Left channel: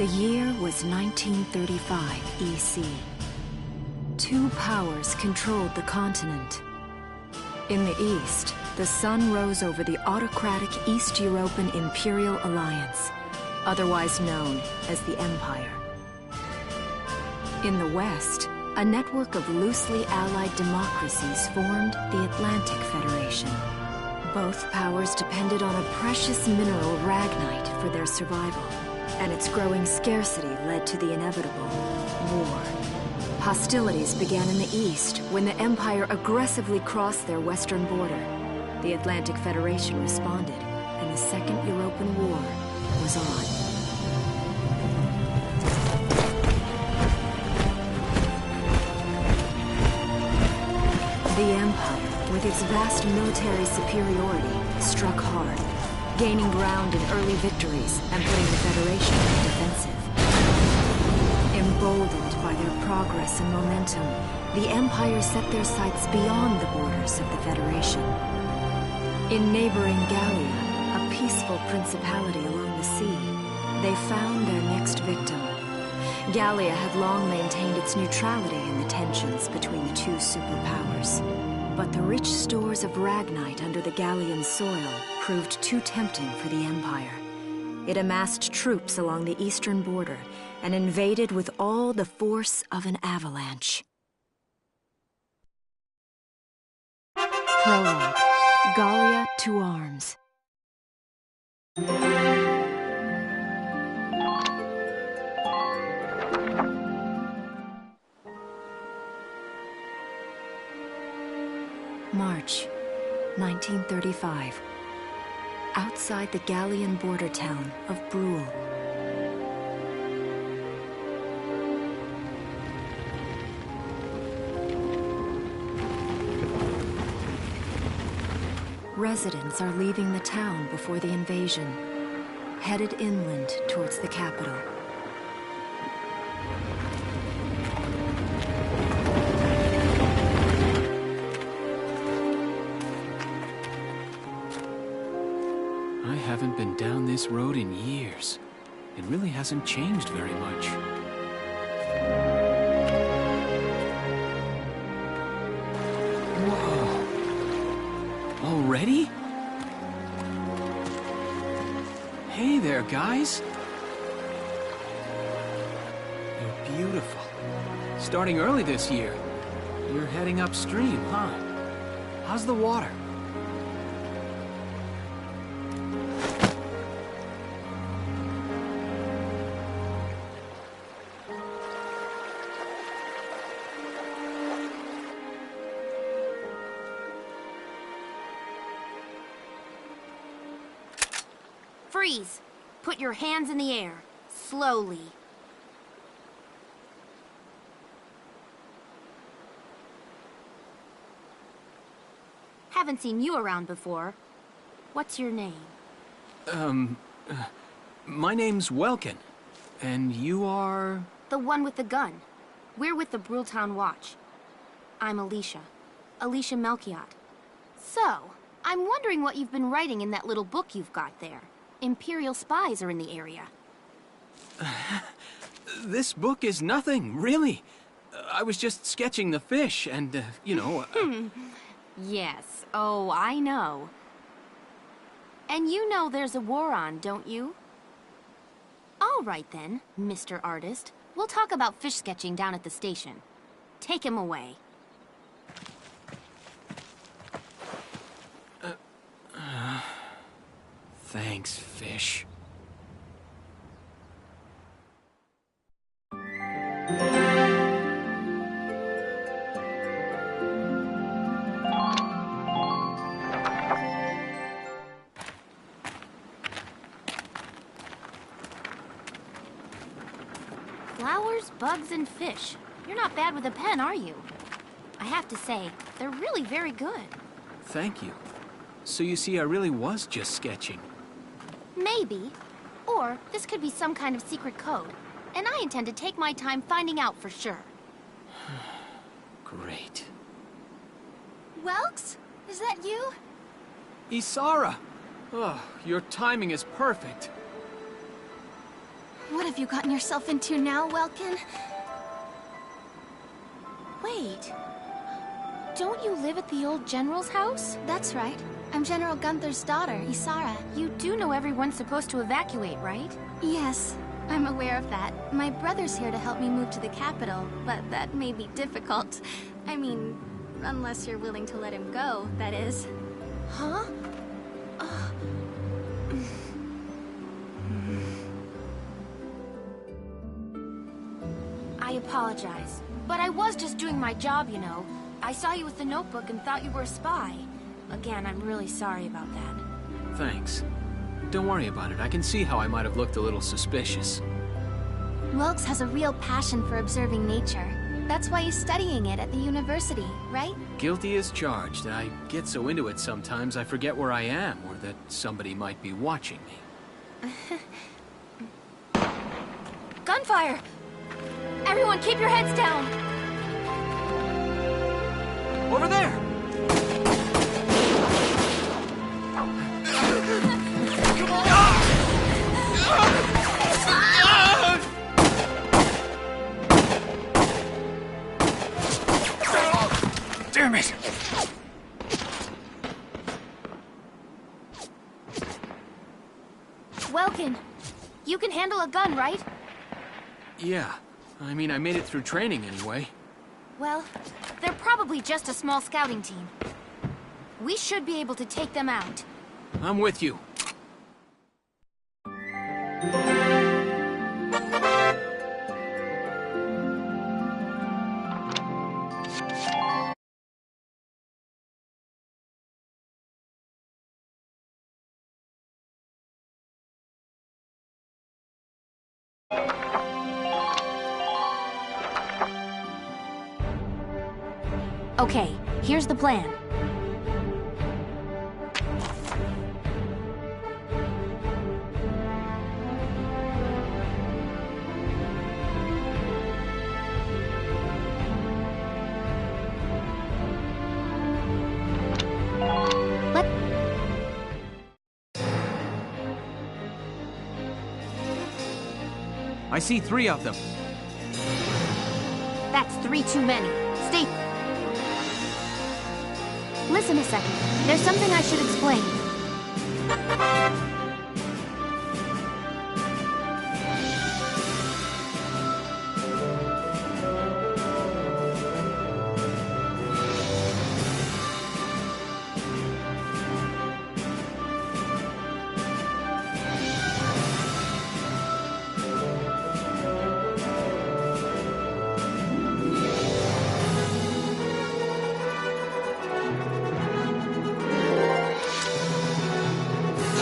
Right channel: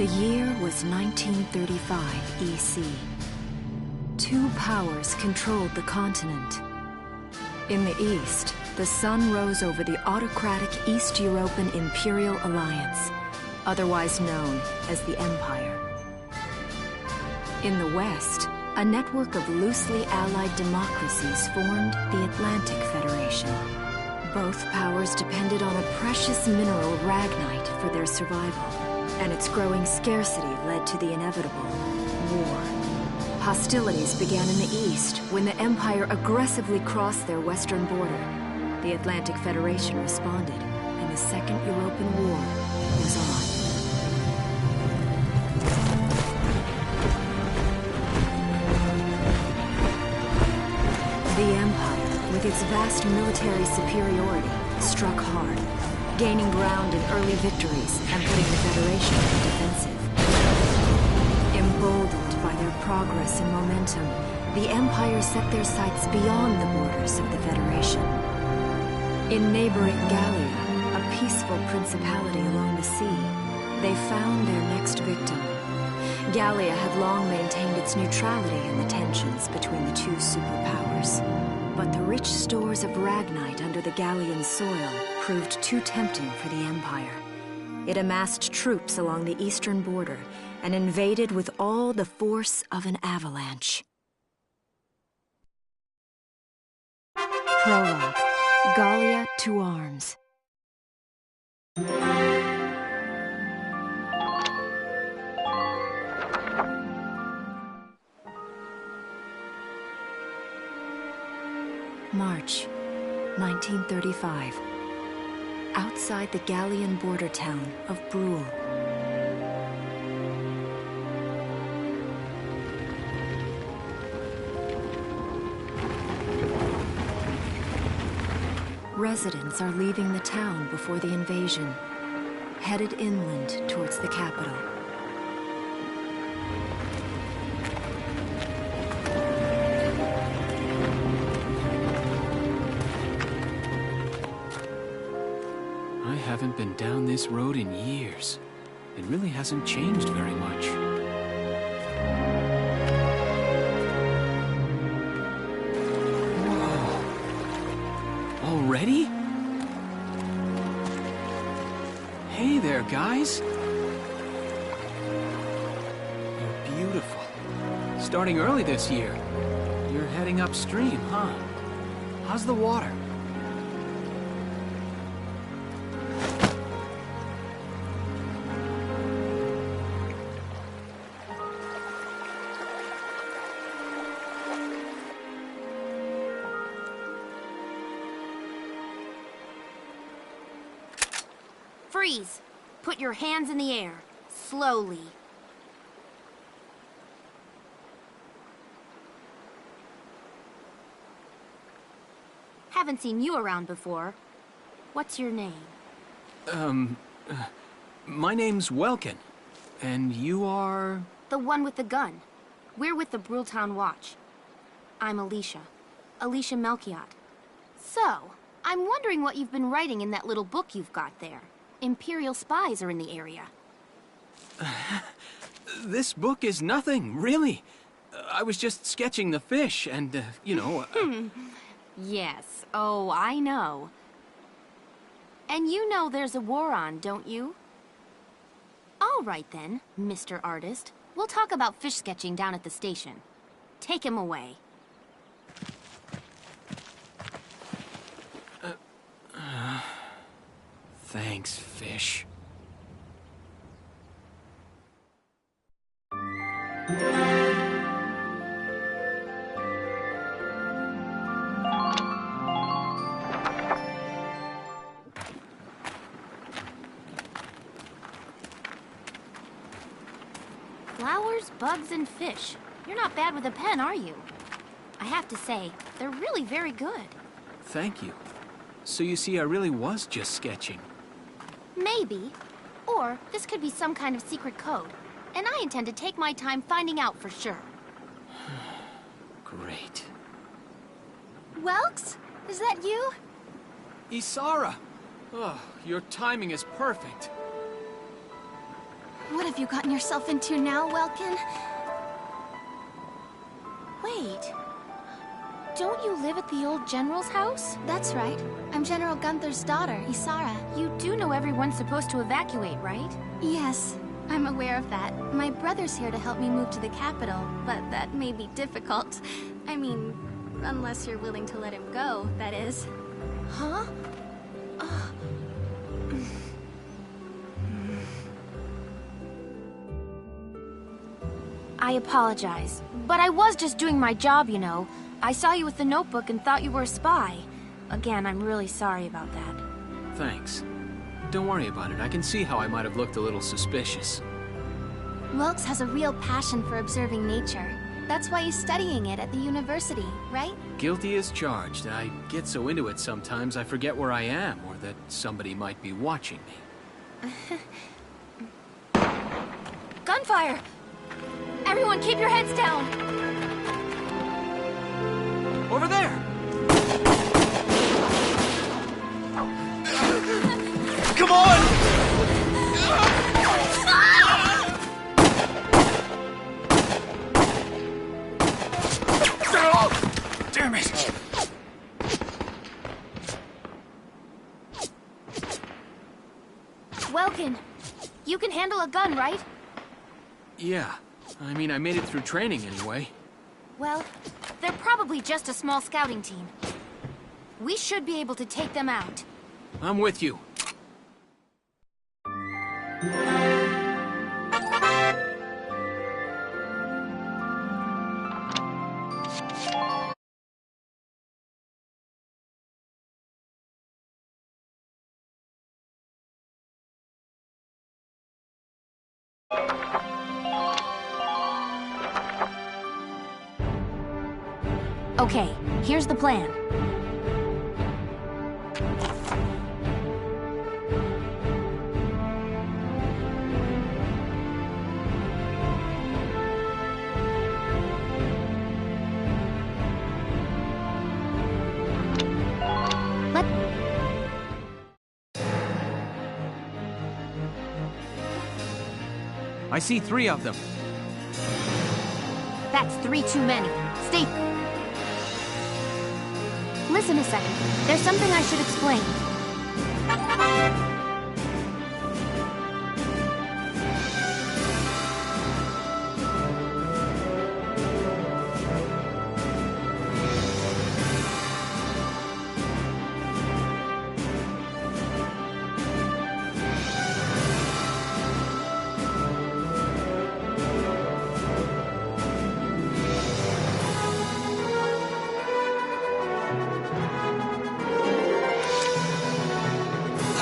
The year was 1935 EC. Two powers controlled the continent. In the east, the sun rose over the autocratic East European Imperial Alliance, otherwise known as the Empire. In the west, a network of loosely allied democracies formed the Atlantic Federation. Both powers depended on a precious mineral ragnite for their survival, and its growing scarcity led to the inevitable war. Hostilities began in the east when the Empire aggressively crossed their western border. The Atlantic Federation responded, and the Second European War was on. The Empire, with its vast military superiority, struck hard, gaining ground in early victories and putting the Federation on the defensive. Emboldened by their progress and momentum, the Empire set their sights beyond the borders of the Federation. In neighboring Gallia, a peaceful principality along the sea, they found their next victim. Gallia had long maintained its neutrality in the tensions between the two superpowers. But the rich stores of ragnite under the Gallian soil proved too tempting for the Empire. It amassed troops along the eastern border and invaded with all the force of an avalanche. Prologue. Gallia to arms. March, 1935. Outside the Gallian border town of Brule. Residents are leaving the town before the invasion, headed inland towards the capital. I haven't been down this road in years. It really hasn't changed very much. Whoa! Already? Hey there, guys! You're beautiful. Starting early this year. You're heading upstream, huh? How's the water? Freeze! Put your hands in the air. Slowly. Haven't seen you around before. What's your name? My name's Welkin. And you are... The one with the gun. We're with the Bruletown Watch. I'm Alicia. Alicia Melchiot. So, I'm wondering what you've been writing in that little book you've got there. Imperial spies are in the area. This book is nothing, really. I was just sketching the fish and, you know... Yes. Oh, I know. And you know there's a war on, don't you? All right then, Mr. Artist. We'll talk about fish sketching down at the station. Take him away. Thanks, fish. Flowers, bugs, and fish. You're not bad with a pen, are you? I have to say, they're really very good. Thank you. So you see, I really was just sketching. Maybe. Or this could be some kind of secret code. And I intend to take my time finding out for sure. Great. Welks? Is that you? Isara! Oh, your timing is perfect. What have you gotten yourself into now, Welkin? Wait. Don't you live at the old general's house? That's right. I'm General Gunther's daughter, Isara. You do know everyone's supposed to evacuate, right? Yes, I'm aware of that. My brother's here to help me move to the capital, but that may be difficult. I mean, unless you're willing to let him go, that is. Huh? I apologize, but I was just doing my job, you know. I saw you with the notebook and thought you were a spy. Again, I'm really sorry about that. Thanks. Don't worry about it. I can see how I might have looked a little suspicious. Welks has a real passion for observing nature. That's why he's studying it at the university, right? Guilty as charged. I get so into it sometimes I forget where I am, or that somebody might be watching me. Gunfire! Everyone keep your heads down! Over there! Come on! Damn it! Welkin, you can handle a gun, right? Yeah. I mean, I made it through training anyway. Well, they're probably just a small scouting team. We should be able to take them out. I'm with you. Okay, here's the plan. I see 3 of them. That's 3 too many. Stay... Listen a second. There's something I should explain.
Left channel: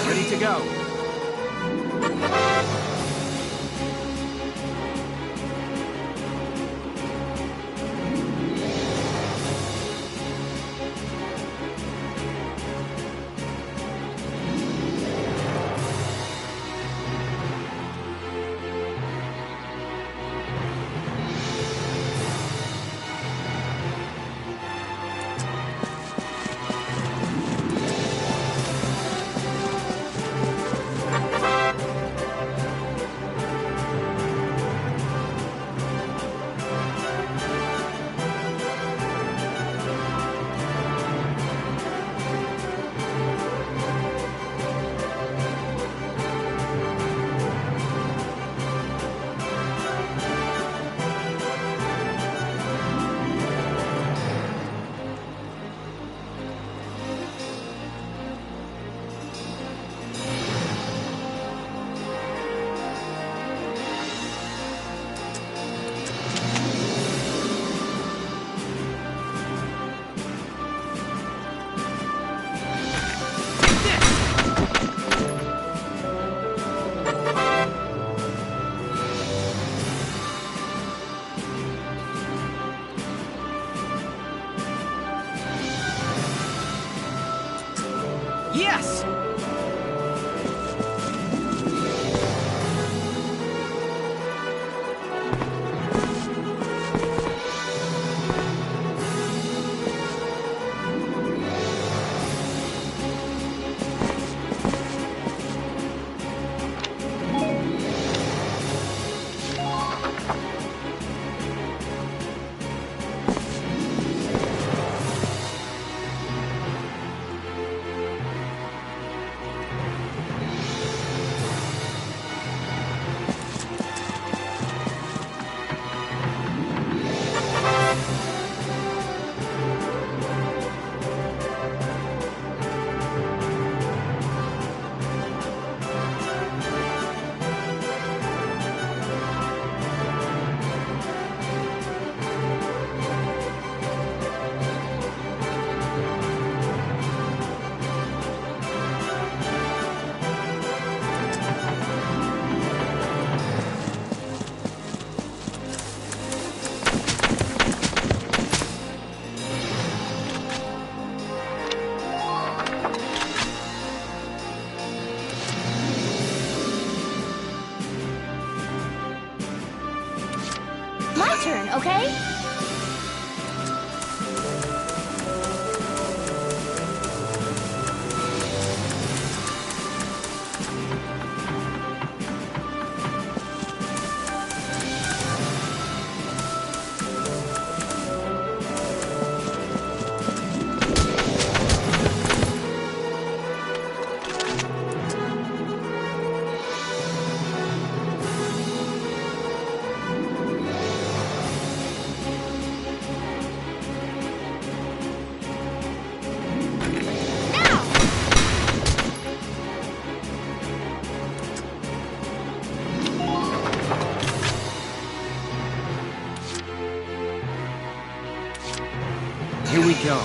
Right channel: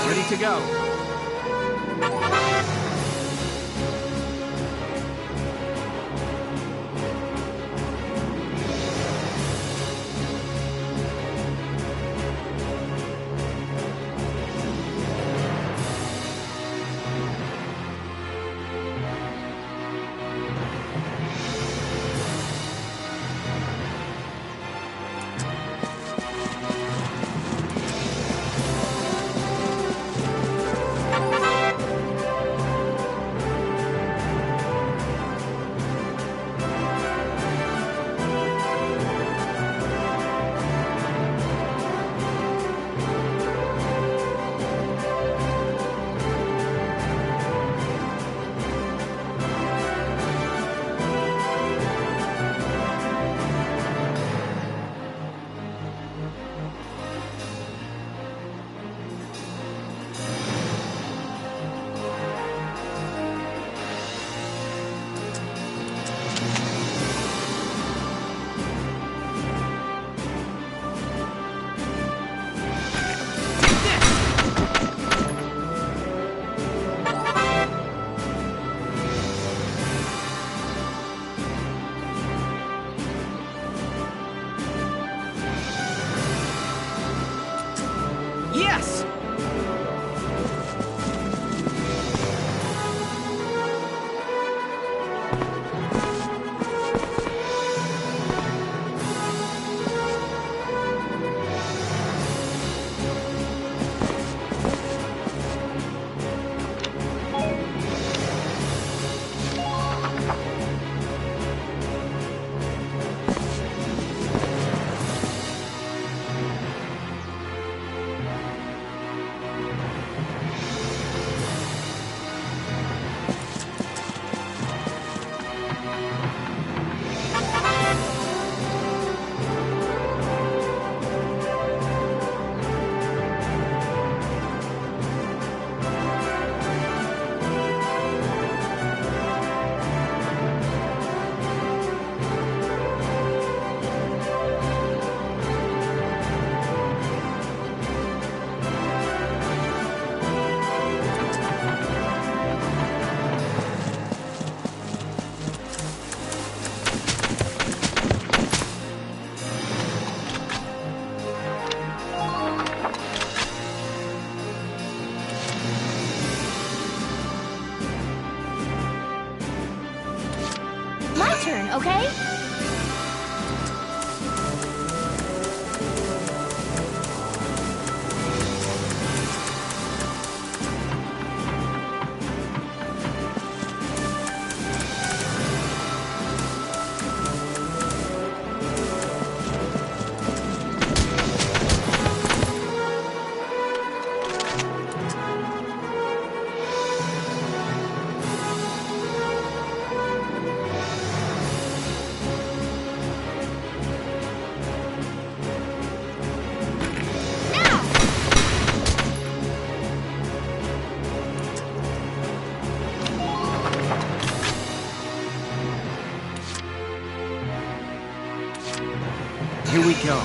Ready to go. Yes! Here we go.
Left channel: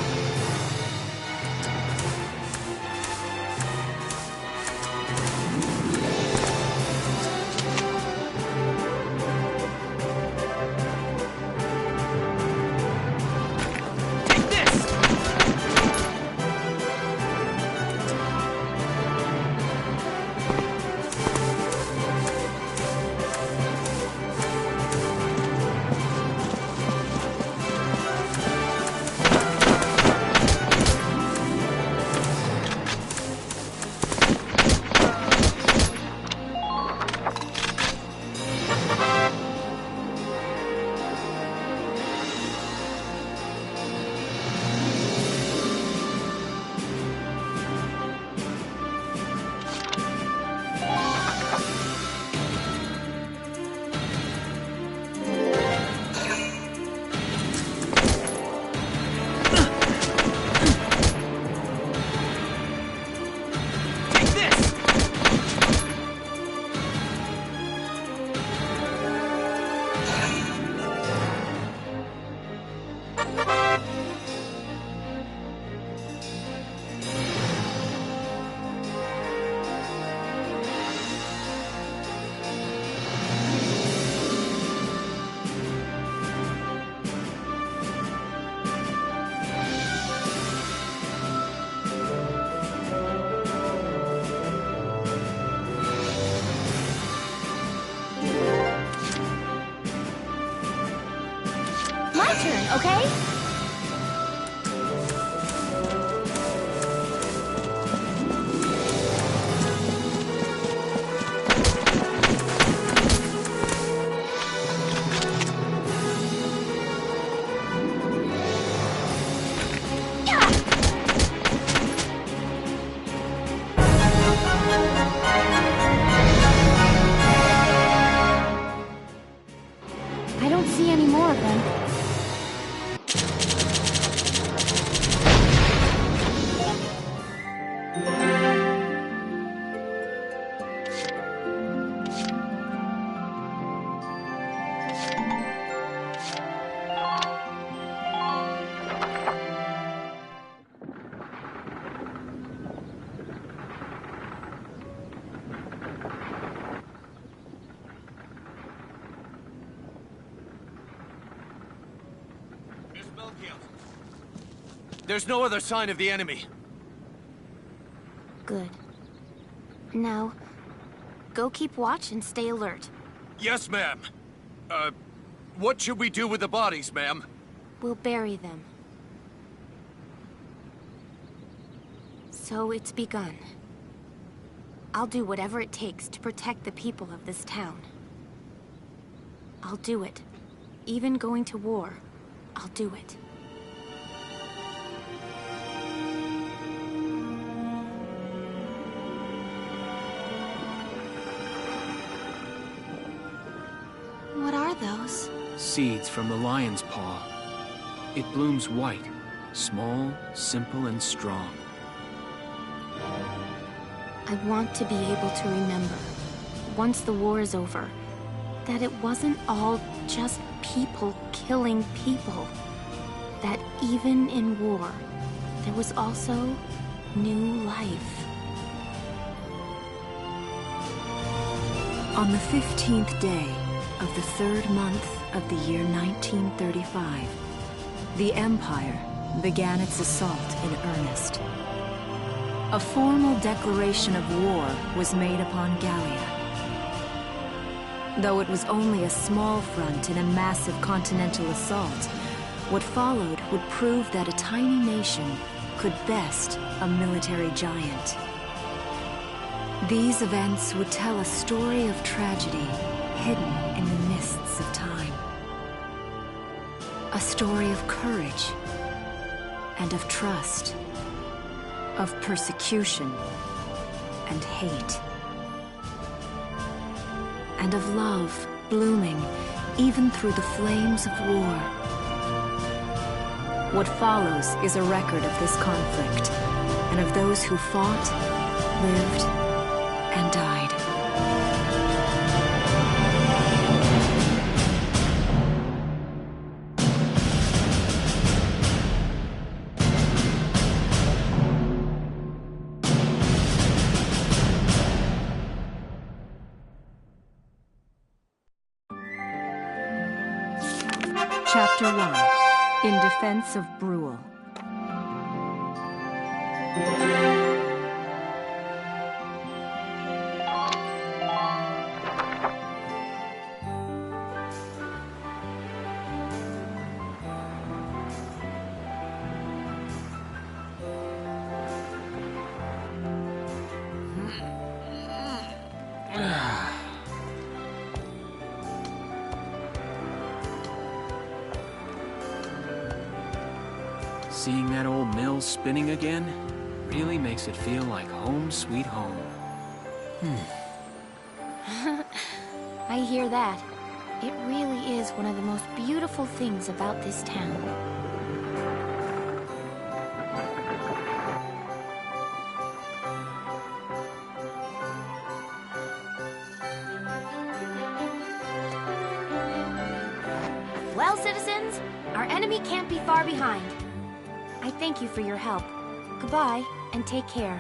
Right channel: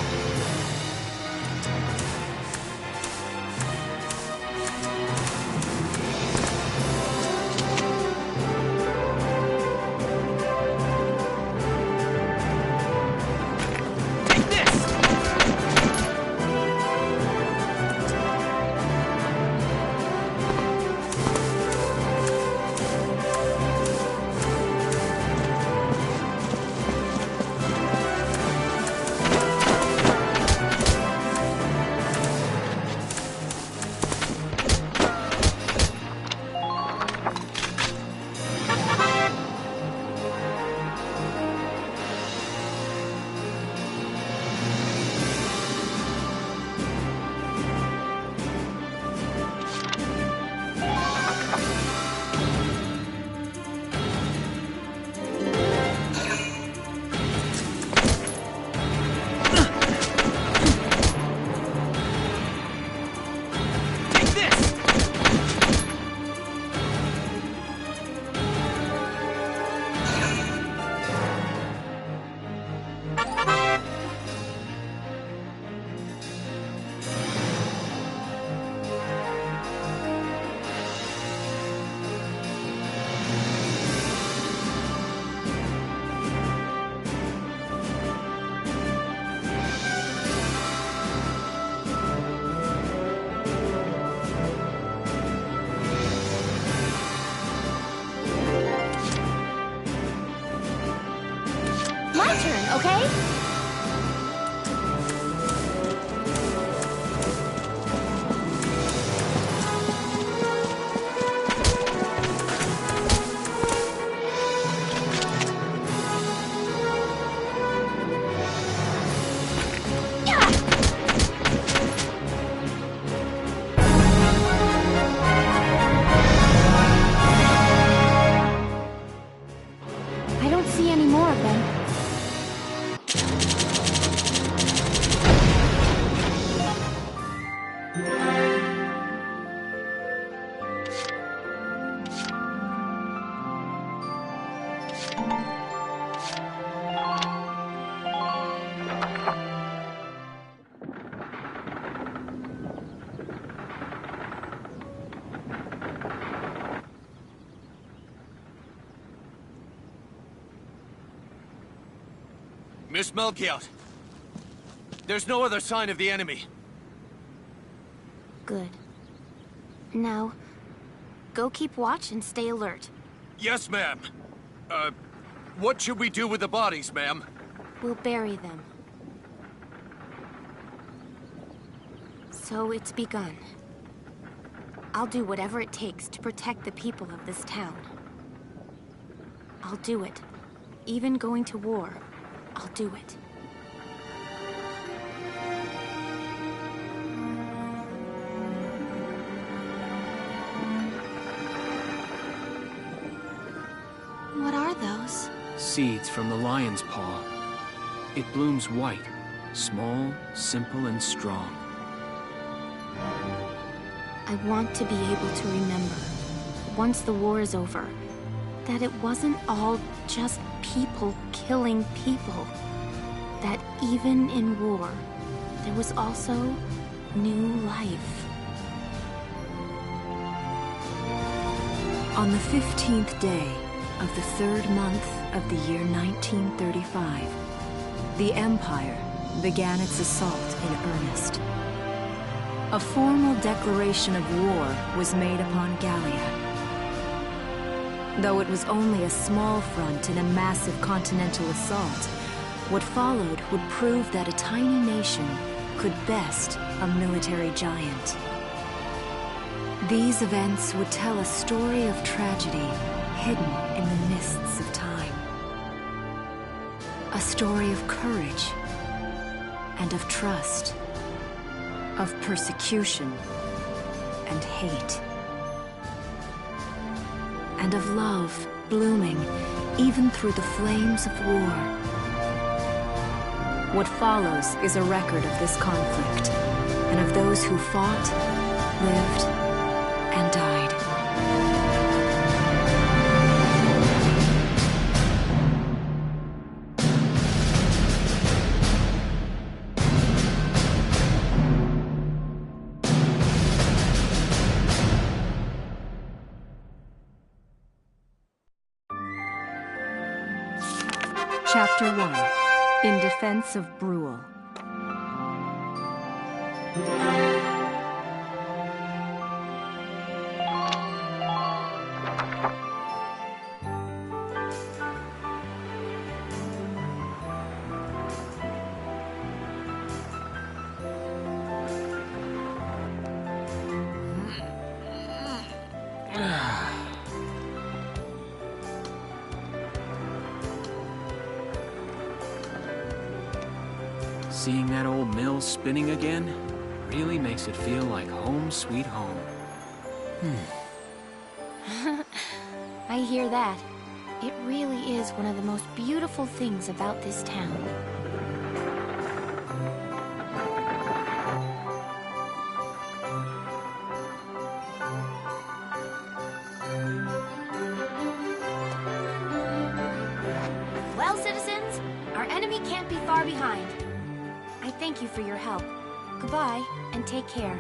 My turn, okay? I don't see any more of them. Miss Melchiot, there's no other sign of the enemy. Good. Now, go keep watch and stay alert. Yes, ma'am. What should we do with the bodies, ma'am? We'll bury them. So it's begun. I'll do whatever it takes to protect the people of this town. I'll do it. Even going to war, I'll do it. What are those? Seeds from the lion's paw. It blooms white, small, simple, and strong. I want to be able to remember, once the war is over, that it wasn't all just people killing people. That even in war, there was also new life. On the 15th day of the 3rd month of the year 1935, the Empire began its assault in earnest. A formal declaration of war was made upon Gallia. Though it was only a small front in a massive continental assault, what followed would prove that a tiny nation could best a military giant. These events would tell a story of tragedy hidden in the mists of time. A story of courage and of trust, of persecution and hate, and of love blooming even through the flames of war. What follows is a record of this conflict, and of those who fought, lived, and died. Chapter 1. In Defense of Brule. Seeing that old mill spinning again really makes it feel like home sweet home. I hear that. It really is one of the most beautiful things about this town. Well, citizens, our enemy can't be far behind. I thank you for your help. Goodbye, and take care.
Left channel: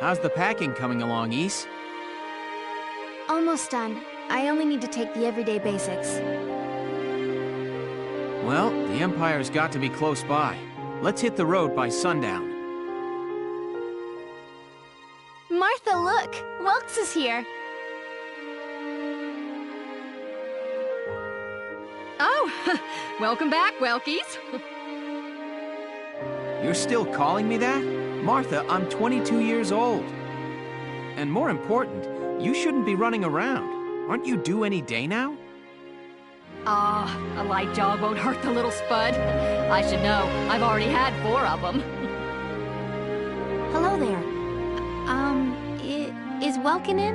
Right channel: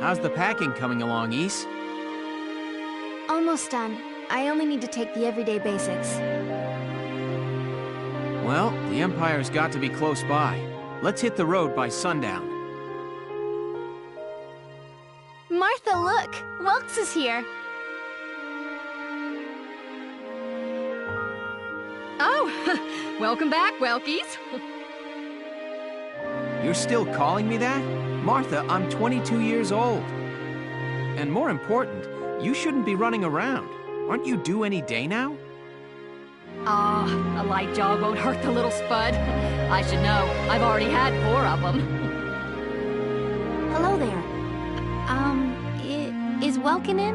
How's the packing coming along, Ys? Almost done. I only need to take the everyday basics. Well, the Empire's got to be close by. Let's hit the road by sundown. Martha, look! Welks is here! Oh, welcome back, Welkies. You're still calling me that? Martha, I'm 22 years old. And more important, you shouldn't be running around. Aren't you due any day now? A light jog won't hurt the little spud. I should know. I've already had 4 of them. Hello there. Is Welkin in?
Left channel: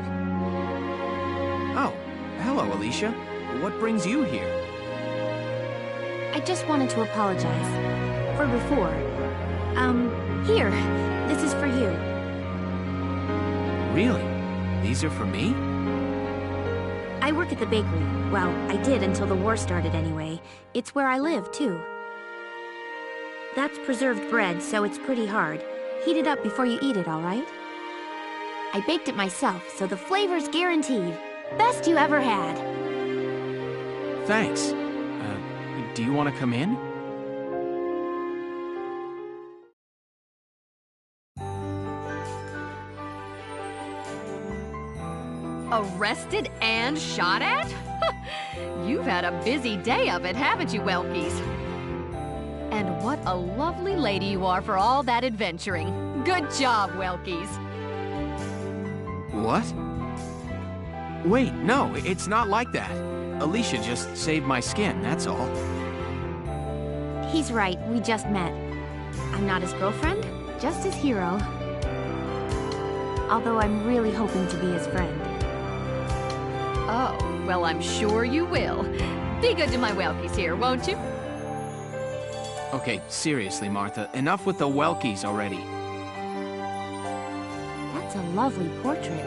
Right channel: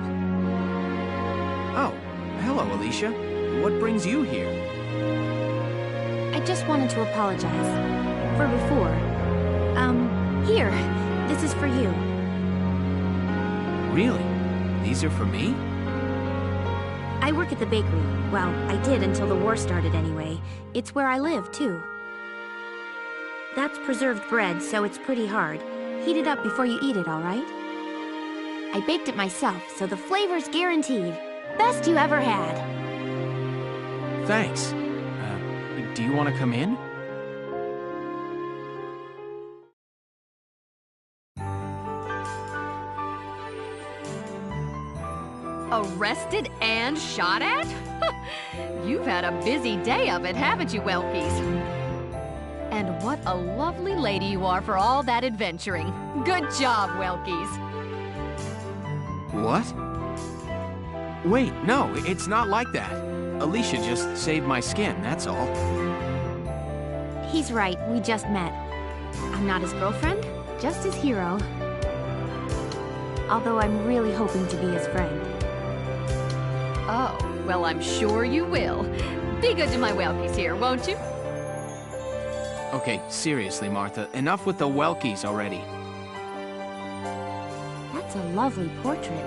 Oh, hello, Alicia. What brings you here? I just wanted to apologize. For before. Here. This is for you. Really? These are for me? I work at the bakery. Well, I did until the war started anyway. It's where I live, too. That's preserved bread, so it's pretty hard. Heat it up before you eat it, all right? I baked it myself, so the flavor's guaranteed. Best you ever had. Thanks. Do you want to come in? Arrested and shot at? You've had a busy day of it, haven't you, Welkies? And what a lovely lady you are for all that adventuring. Good job, Welkies. What? Wait, no, it's not like that. Alicia just saved my skin, that's all. He's right, we just met. I'm not his girlfriend, just his hero. Although I'm really hoping to be his friend. Oh, well, I'm sure you will. Be good to my Welkies here, won't you? Okay, seriously, Martha, enough with the Welkies already. That's a lovely portrait.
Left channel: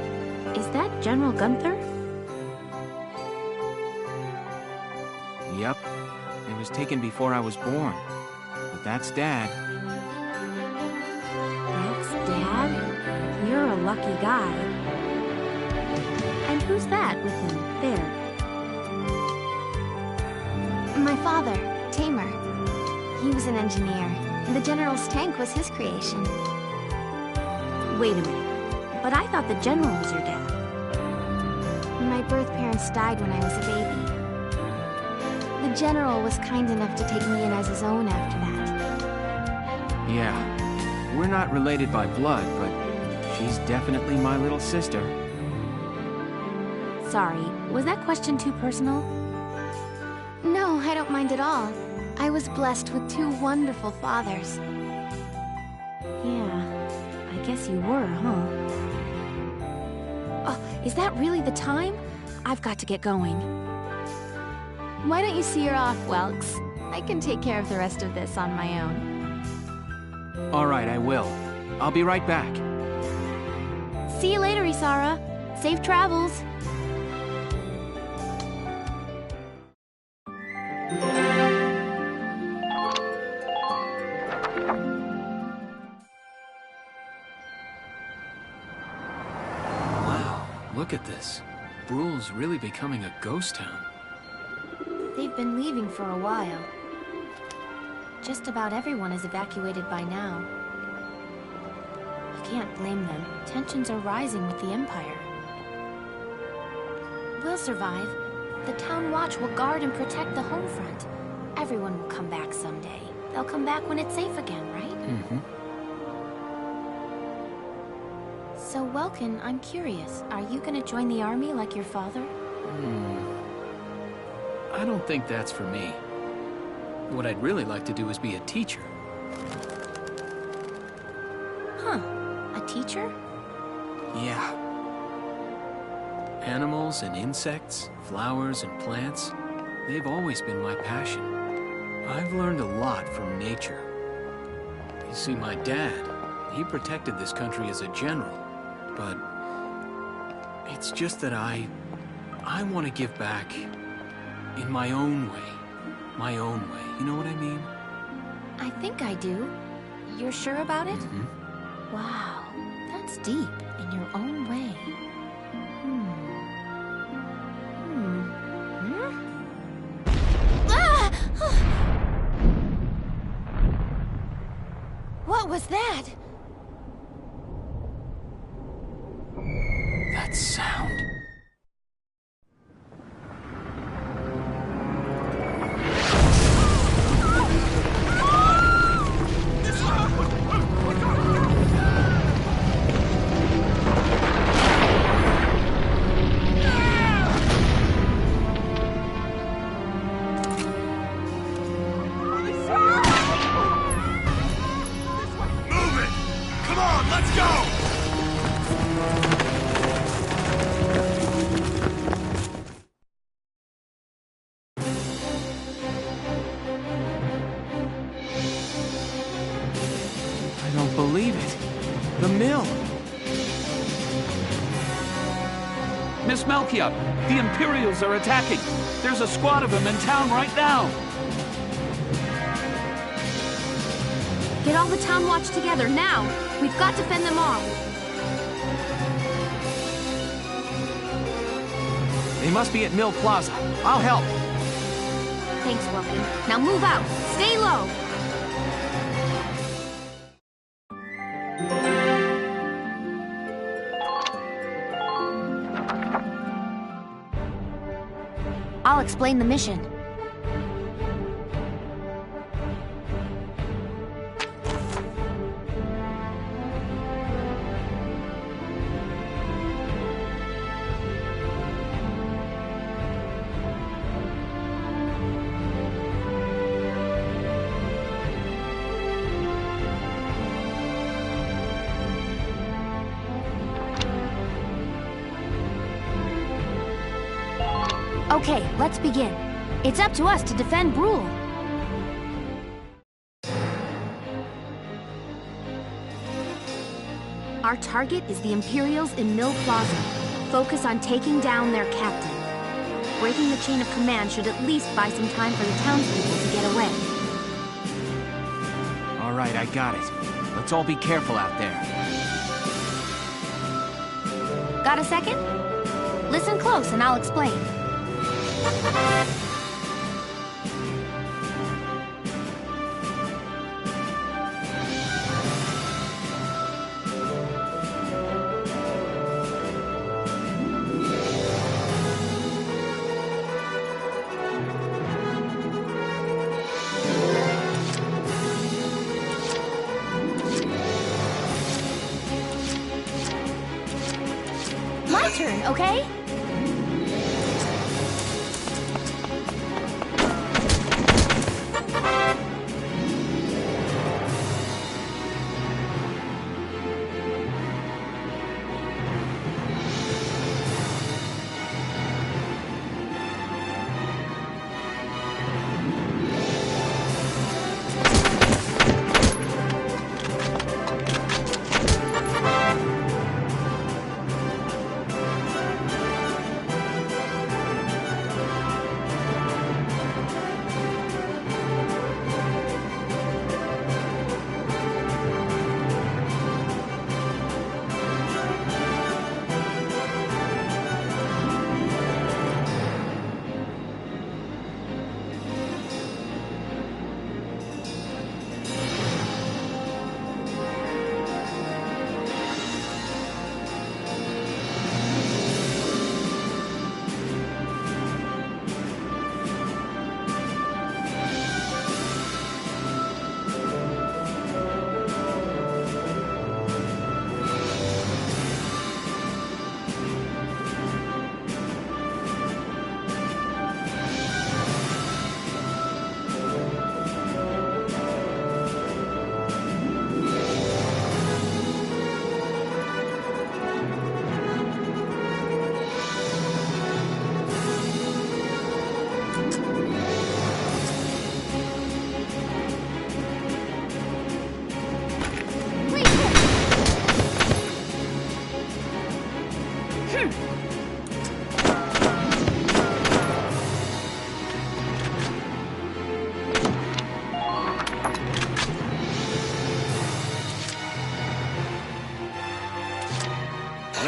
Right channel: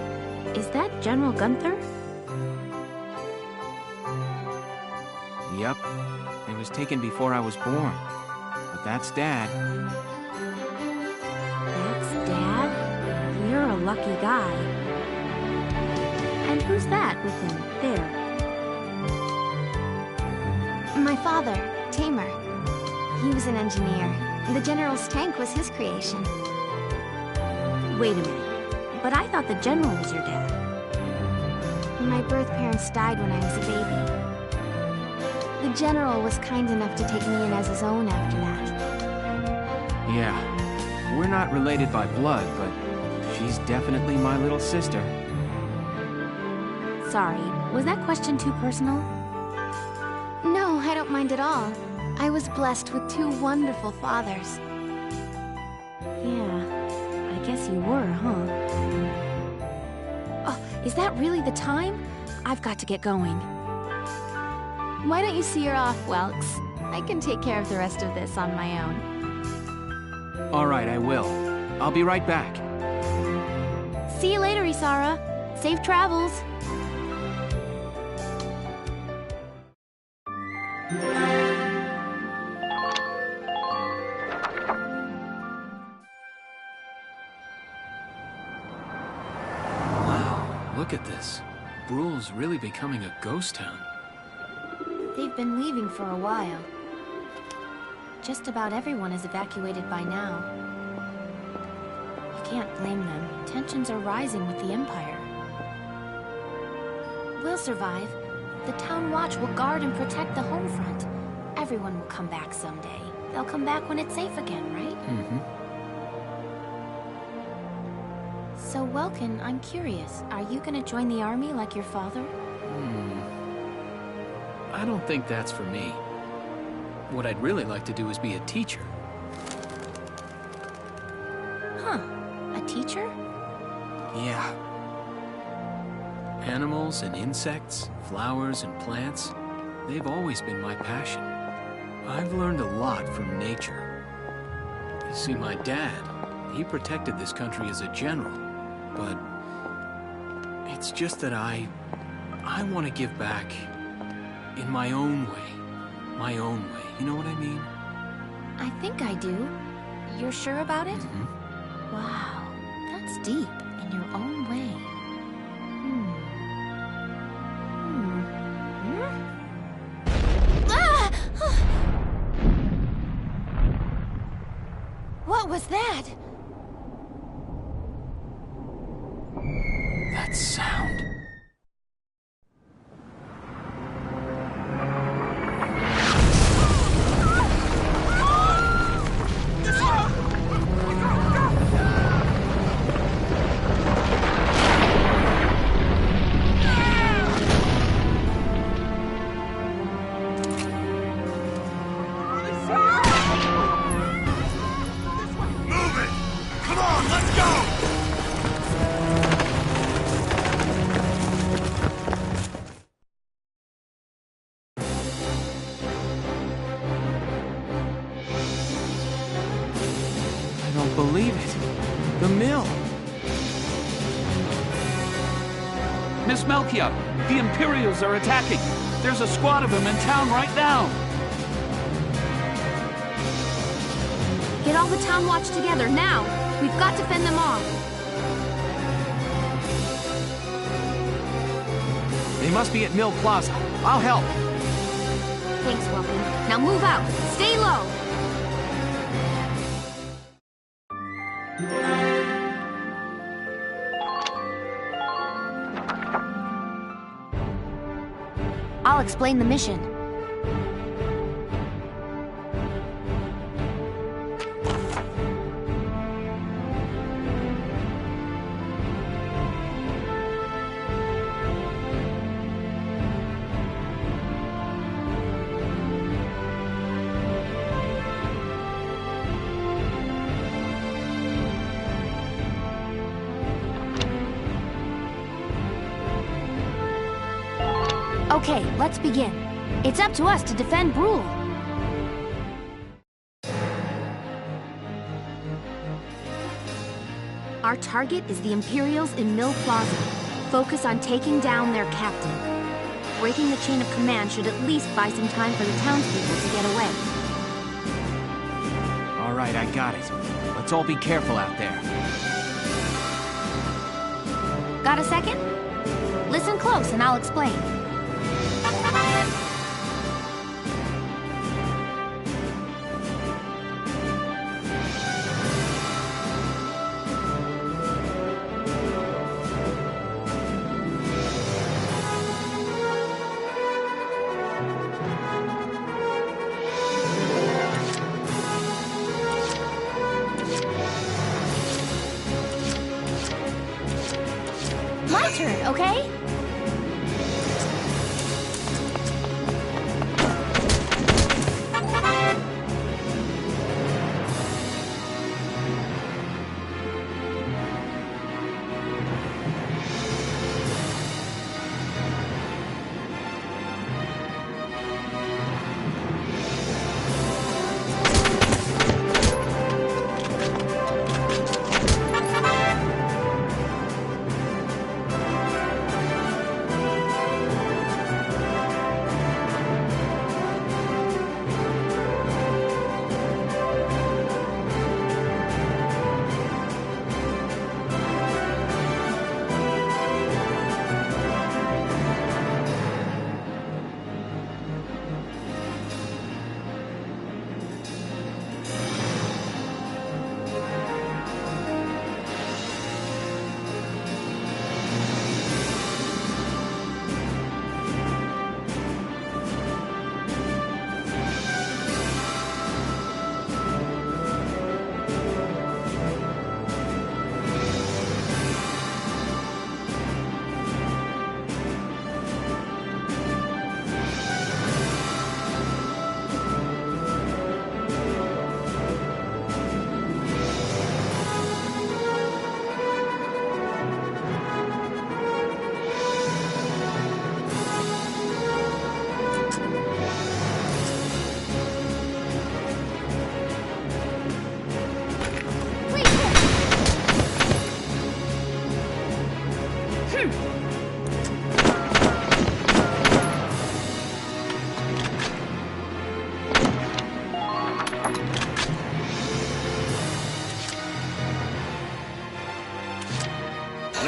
Is that General Gunther? Yep. It was taken before I was born. But that's Dad. That's Dad? You're a lucky guy. And who's that with him, there? My father, Tamer. He was an engineer. The General's tank was his creation. Wait a minute. But I thought the General was your dad. My birth parents died when I was a baby. The General was kind enough to take me in as his own after that. Yeah. We're not related by blood, but she's definitely my little sister. Sorry, was that question too personal? No, I don't mind at all. I was blessed with 2 wonderful fathers. Yeah, I guess you were, huh? Oh, is that really the time? I've got to get going. Why don't you see her off, Welks? I can take care of the rest of this on my own. All right, I will. I'll be right back. See you later, Isara. Safe travels. look at this. Bruhl's really becoming a ghost town. They've been leaving for a while. Just about everyone is evacuated by now. You can't blame them. Tensions are rising with the Empire. We'll survive. The Town Watch will guard and protect the home front. Everyone will come back someday. They'll come back when it's safe again, right? Mm-hmm. So, Welkin, I'm curious. Are you gonna join the army like your father? I don't think that's for me. What I'd really like to do is be a teacher. Huh. A teacher? Yeah. Animals and insects, flowers and plants, they've always been my passion. I've learned a lot from nature. You see, my dad, he protected this country as a general, but it's just that I want to give back in my own way. My own way, you know what I mean? I think I do. You're sure about it? Mm-hmm. Wow, that's deep. In your own way. Ah! What was that? That sound. I don't believe it. The mill. Miss Melchior, the Imperials are attacking. There's a squad of them in town right now. Get all the Town Watch together, now! We've got to fend them off! They must be at Mill Plaza. I'll help. Thanks, Welkin. Now move out! Stay low! I'll explain the mission. Okay, let's begin. It's up to us to defend Bruhl. Our target is the Imperials in Mill Plaza. Focus on taking down their captain. Breaking the chain of command should at least buy some time for the townspeople to get away. All right, I got it. Let's all be careful out there. Got a second? Listen close and I'll explain. My turn, okay?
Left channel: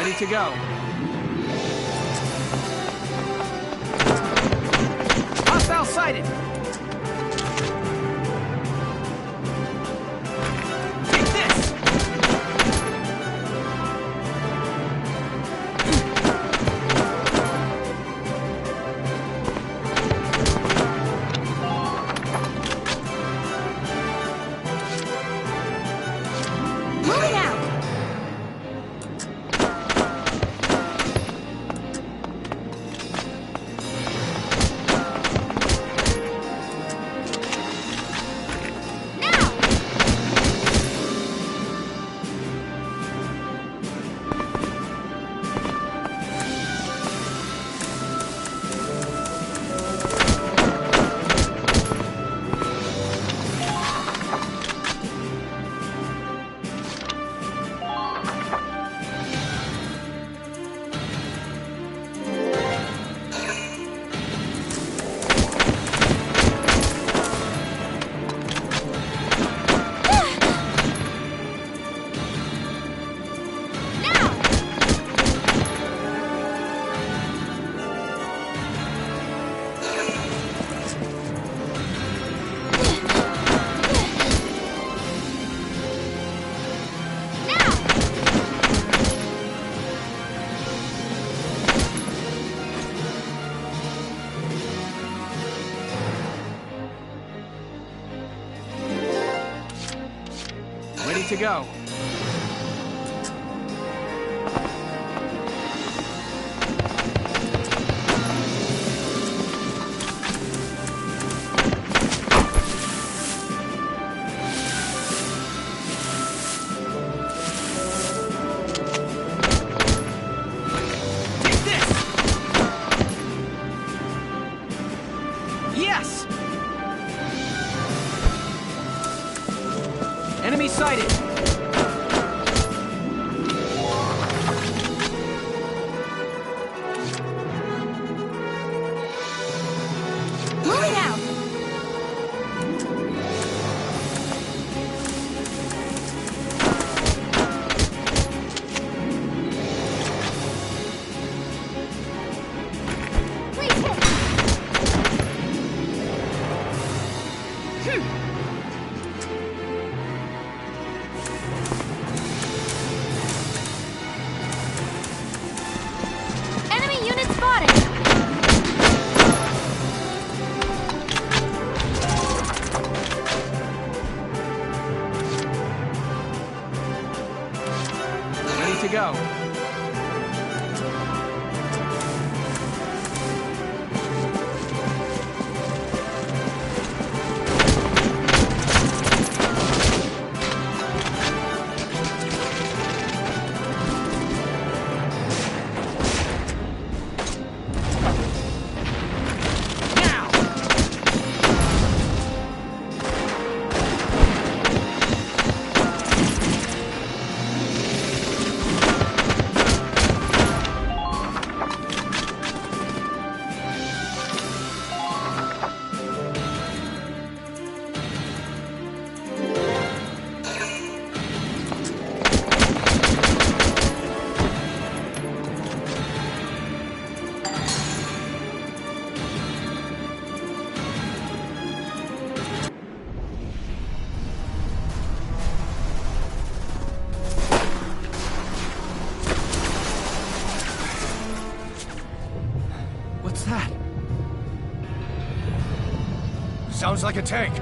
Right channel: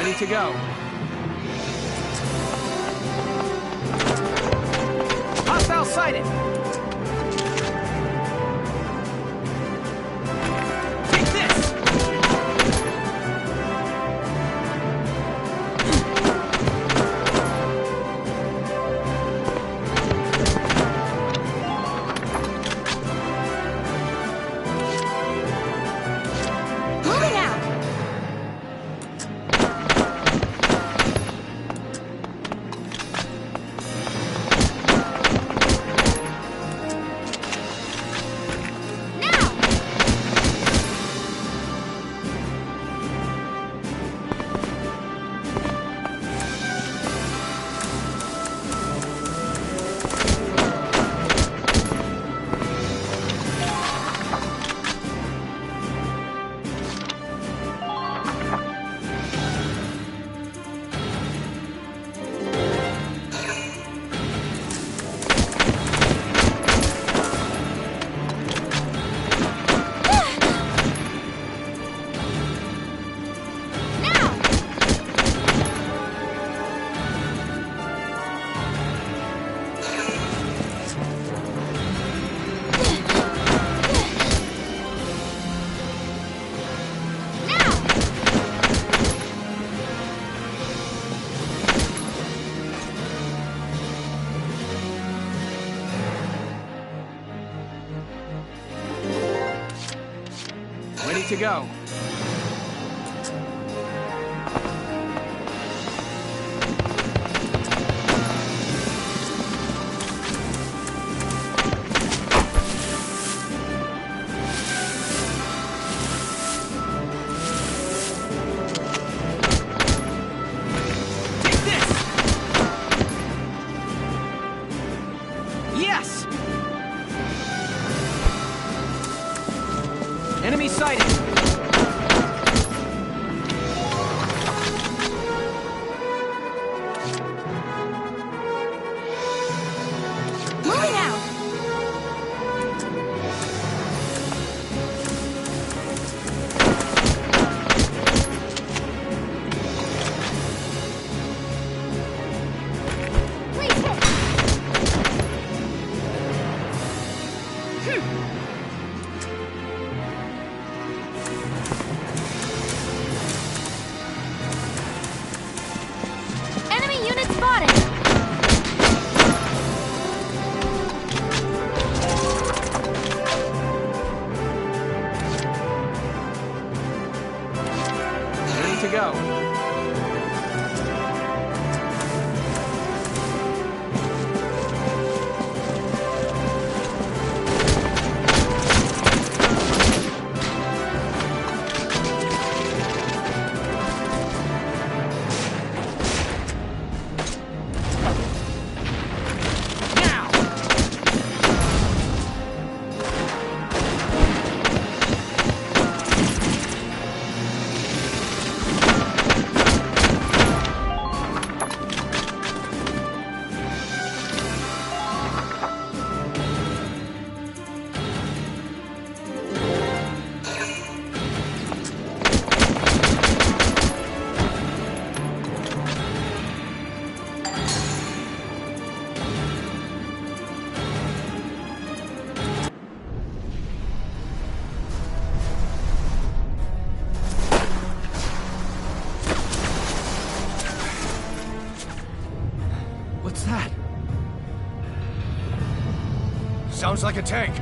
Ready to go. Hostile sighted! Take this! Moving out! Ready to go. Take this! Yes! Enemy sighted! Moving out! Please hit! Enemy unit spotted! Ready to go. Now! What's that? Sounds like a tank.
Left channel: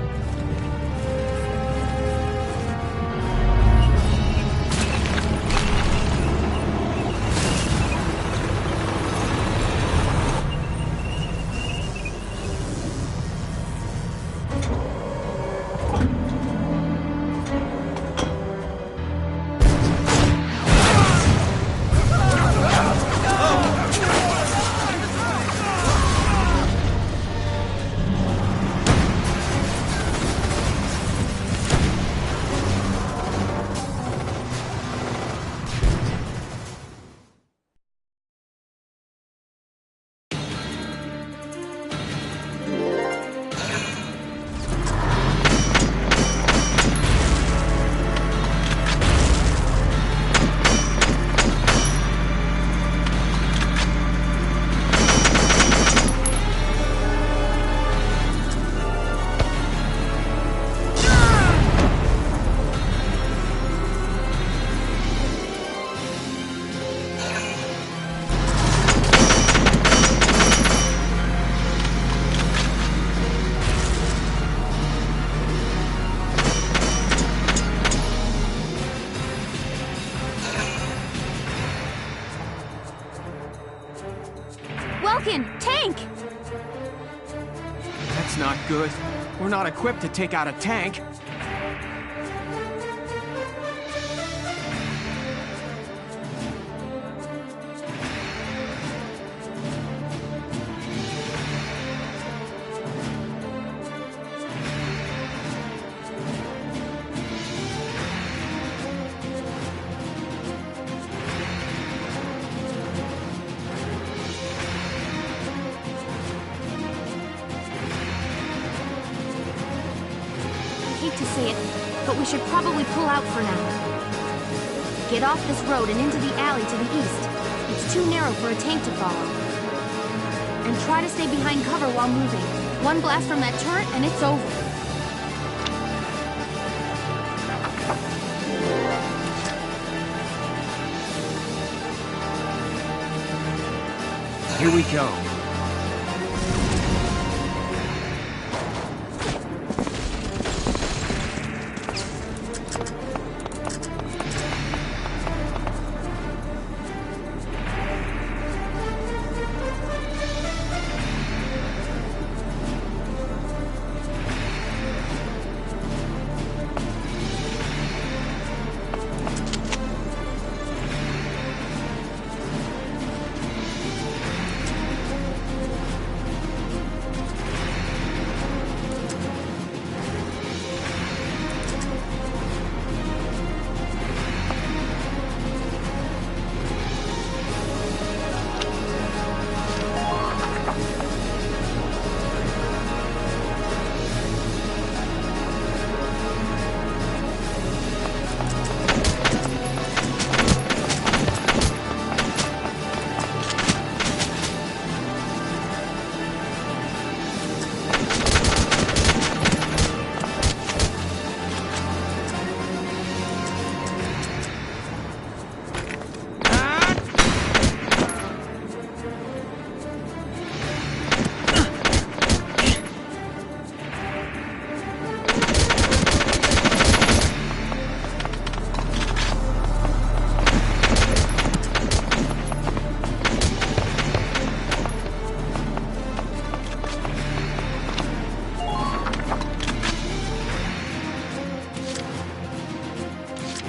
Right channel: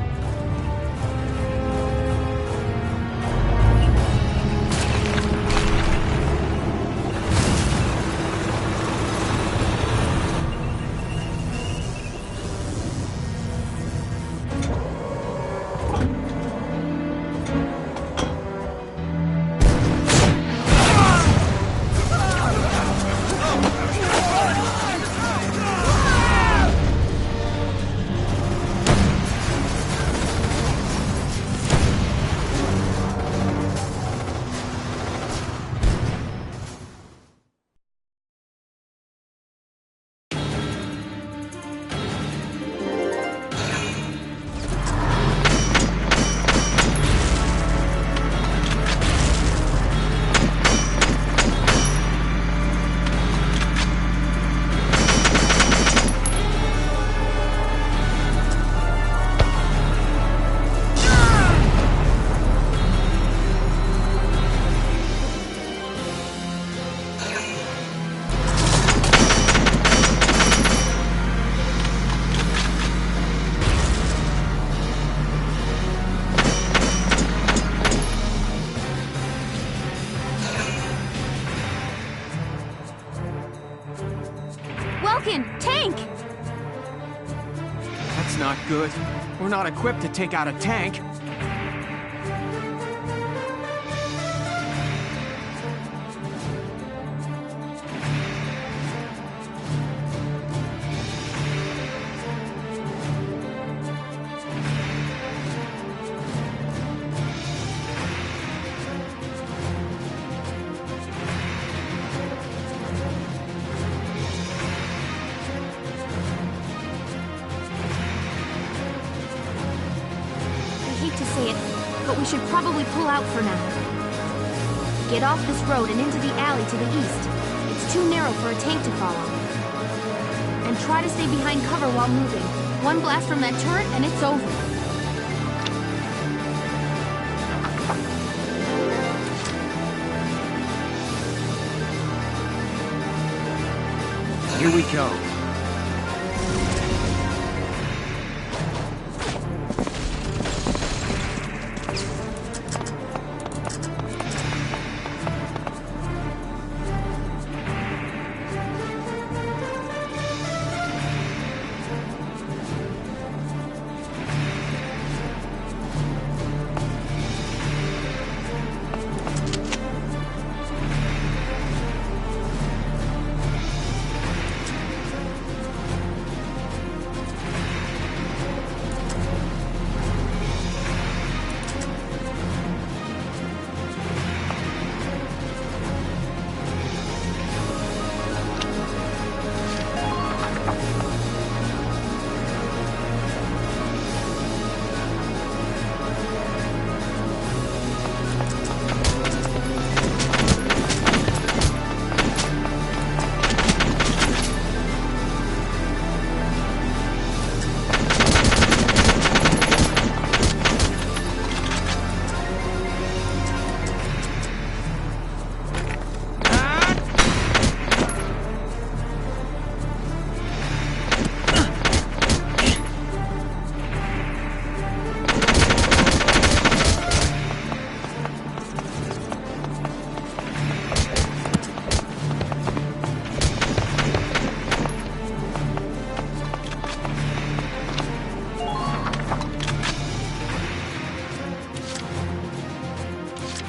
good. We're not equipped to take out a tank. I hate to say it, but we should probably pull out for now. Get off this road and into the alley to the east. It's too narrow for a tank to follow. And try to stay behind cover while moving. One blast from that turret and it's over. Here we go.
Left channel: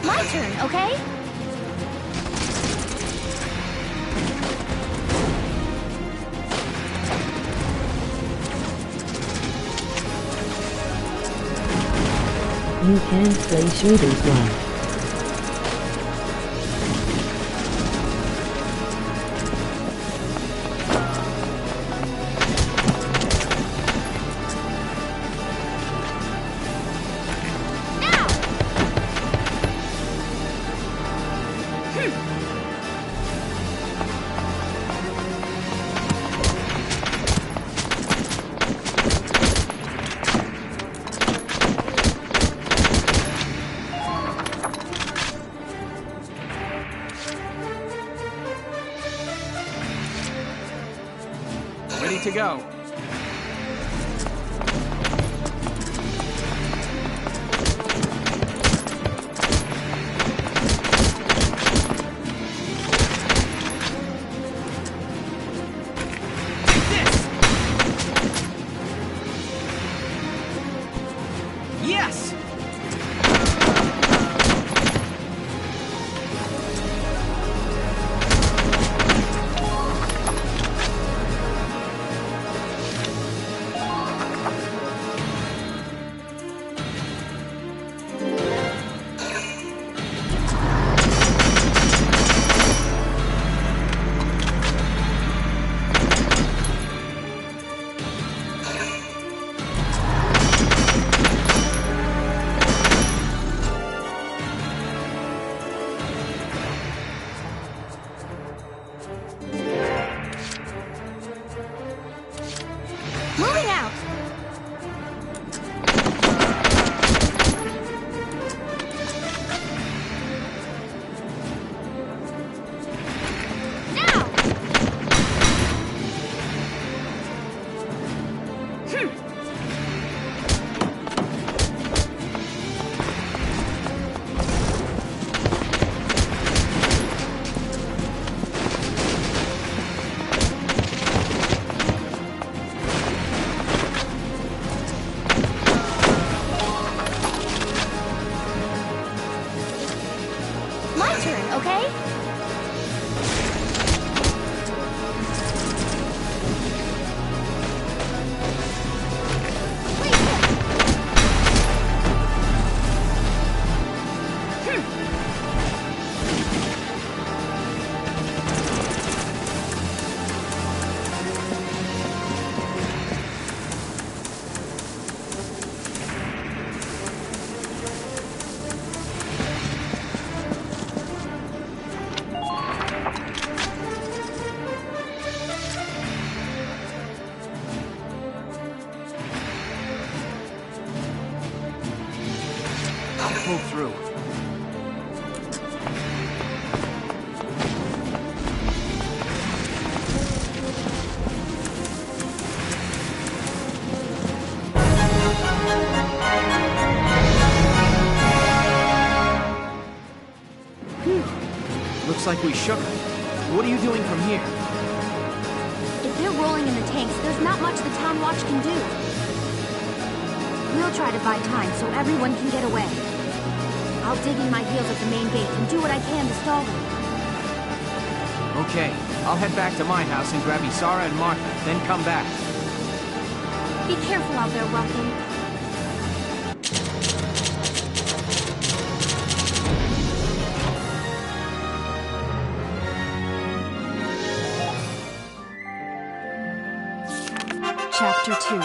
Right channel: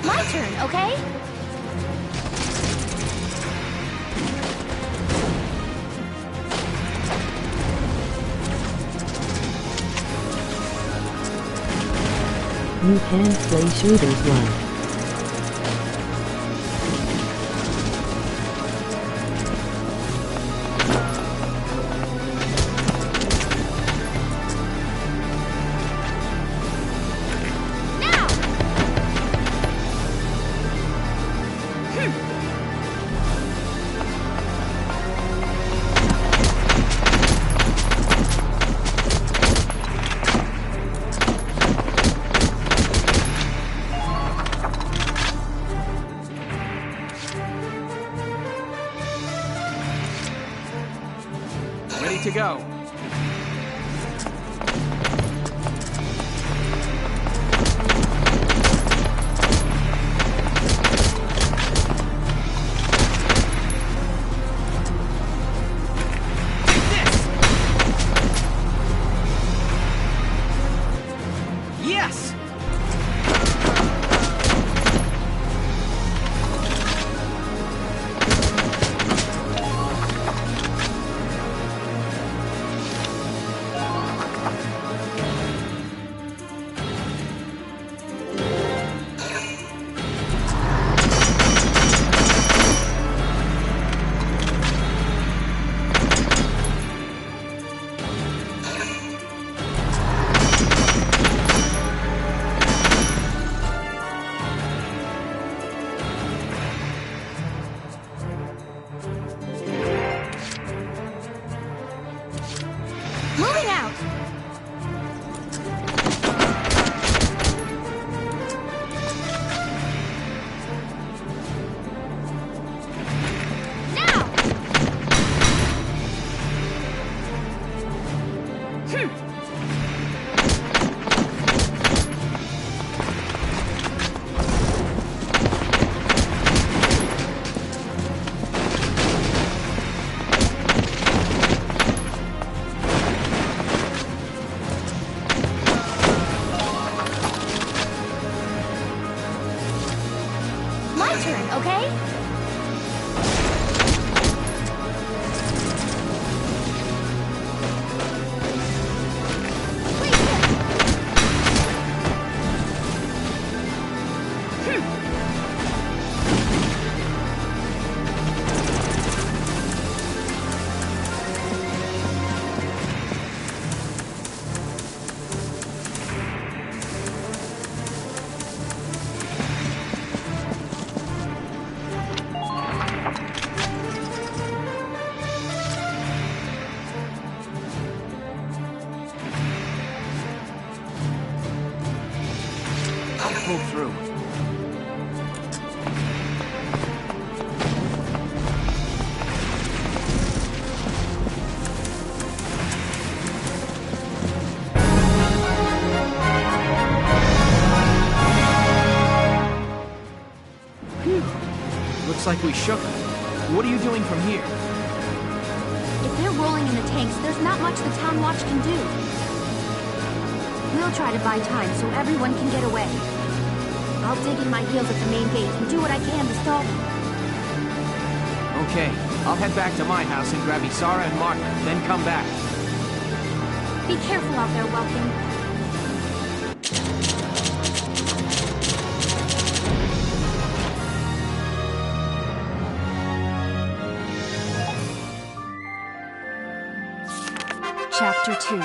My turn, okay? You can play shooters one. Ready to go. Yes! turn, okay? Pull through. Phew. Looks like we shook them. What are you doing from here? If they're rolling in the tanks, there's not much the Town Watch can do. We'll try to buy time so everyone can get away. I'll dig in my heels at the main gate and do what I can to stall them. Okay, I'll head back to my house and grab Isara and Martha, then come back. Be careful out there, Welkin. Chapter 2.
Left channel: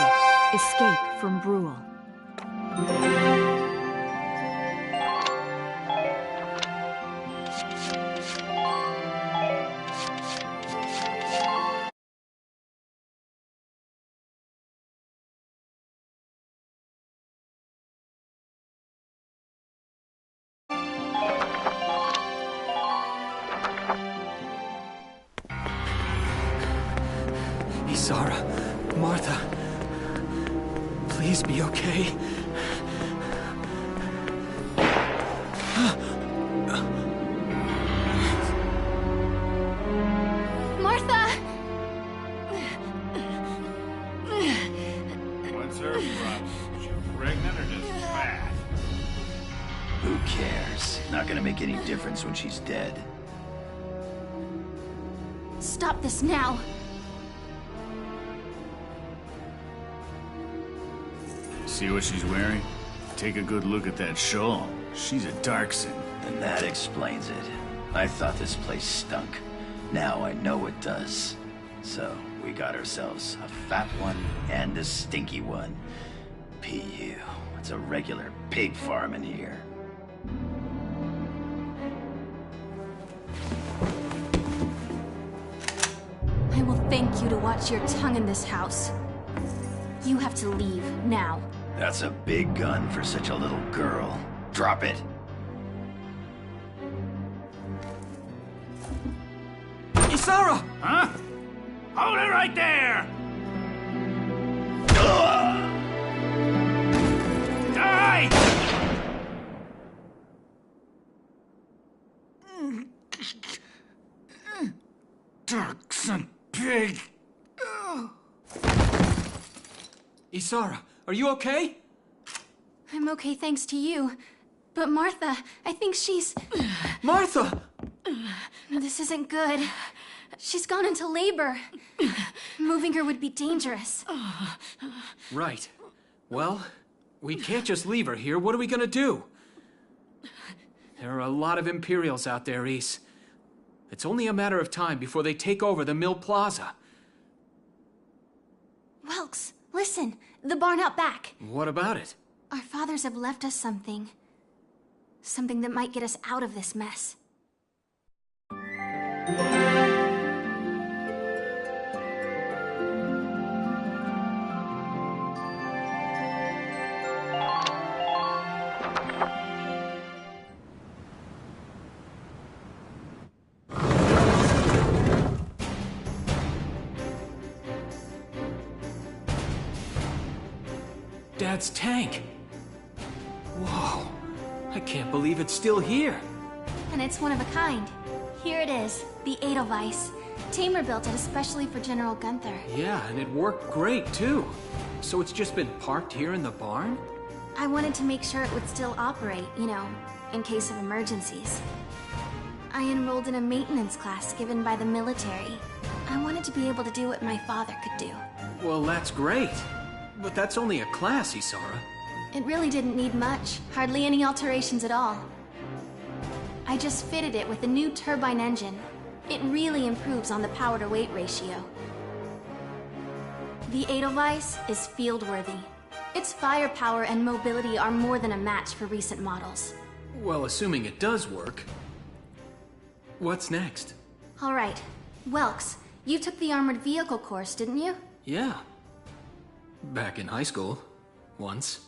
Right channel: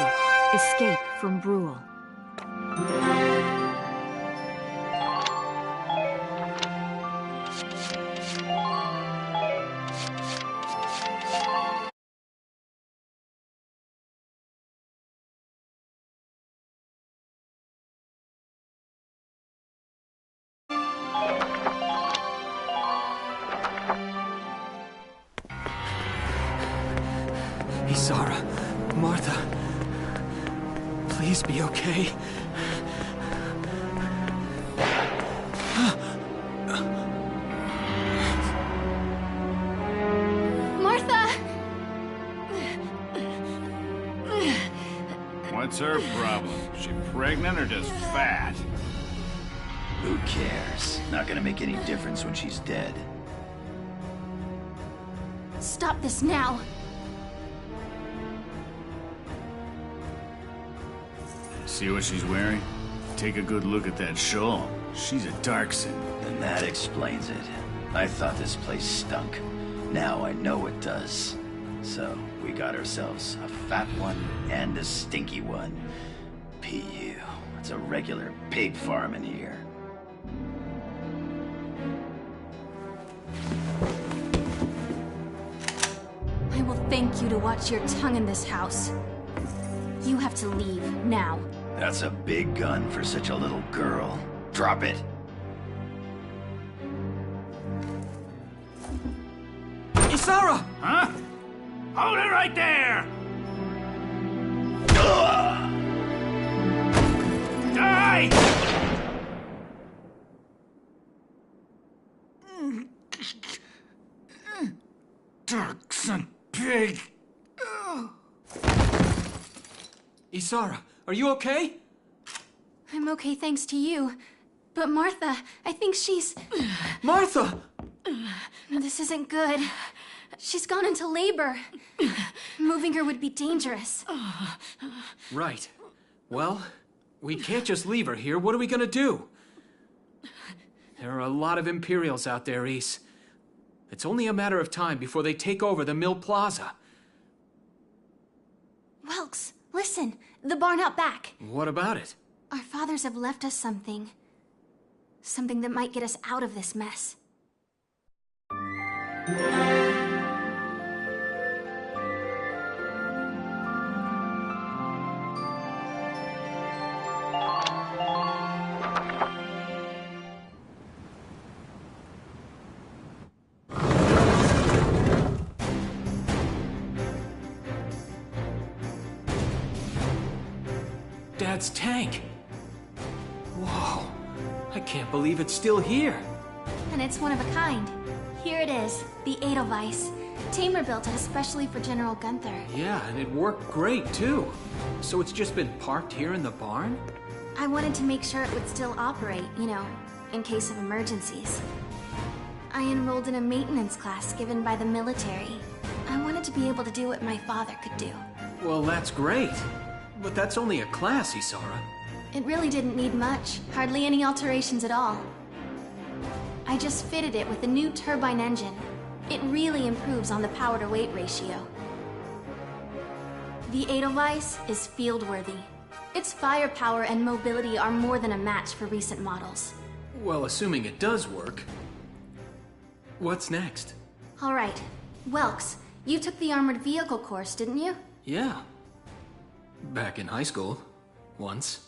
Escape from Brule. Isara, Martha, please be okay. Martha! What's her problem? She pregnant or just fat? Who cares? Not gonna make any difference when she's dead. Stop this now! See what she's wearing? Take a good look at that shawl. She's a Darkson. And that explains it. I thought this place stunk. Now I know it does. So, we got ourselves a fat one and a stinky one. PU. It's a regular pig farm in here. I will thank you to watch your tongue in this house. You have to leave, now. That's a big gun for such a little girl. Drop it. Isara! Huh? Hold it right there! Die! Darkson pig! Isara, are you okay? I'm okay thanks to you. But Martha, I think she's... Martha! This isn't good. She's gone into labor. Moving her would be dangerous. Right. Well, we can't just leave her here. What are we gonna do? There are a lot of Imperials out there, Ys. It's only a matter of time before they take over the Mill Plaza. Welks, listen. The barn out back. What about it? Our fathers have left us something. Something that might get us out of this mess. Dad's tank. Whoa. I can't believe it's still here. And it's one of a kind. Here it is, the Edelweiss. Tamer built it especially for General Gunther. Yeah, and it worked great, too. So it's just been parked here in the barn? I wanted to make sure it would still operate, you know, in case of emergencies. I enrolled in a maintenance class given by the military. I wanted to be able to do what my father could do. Well, that's great. But that's only a class, Isara. It really didn't need much. Hardly any alterations at all. I just fitted it with a new turbine engine. It really improves on the power-to-weight ratio. The Edelweiss is field-worthy. Its firepower and mobility are more than a match for recent models. Well, assuming it does work. What's next? All right. Welks, you took the armored vehicle course, didn't you? Yeah. Back in high school. Once.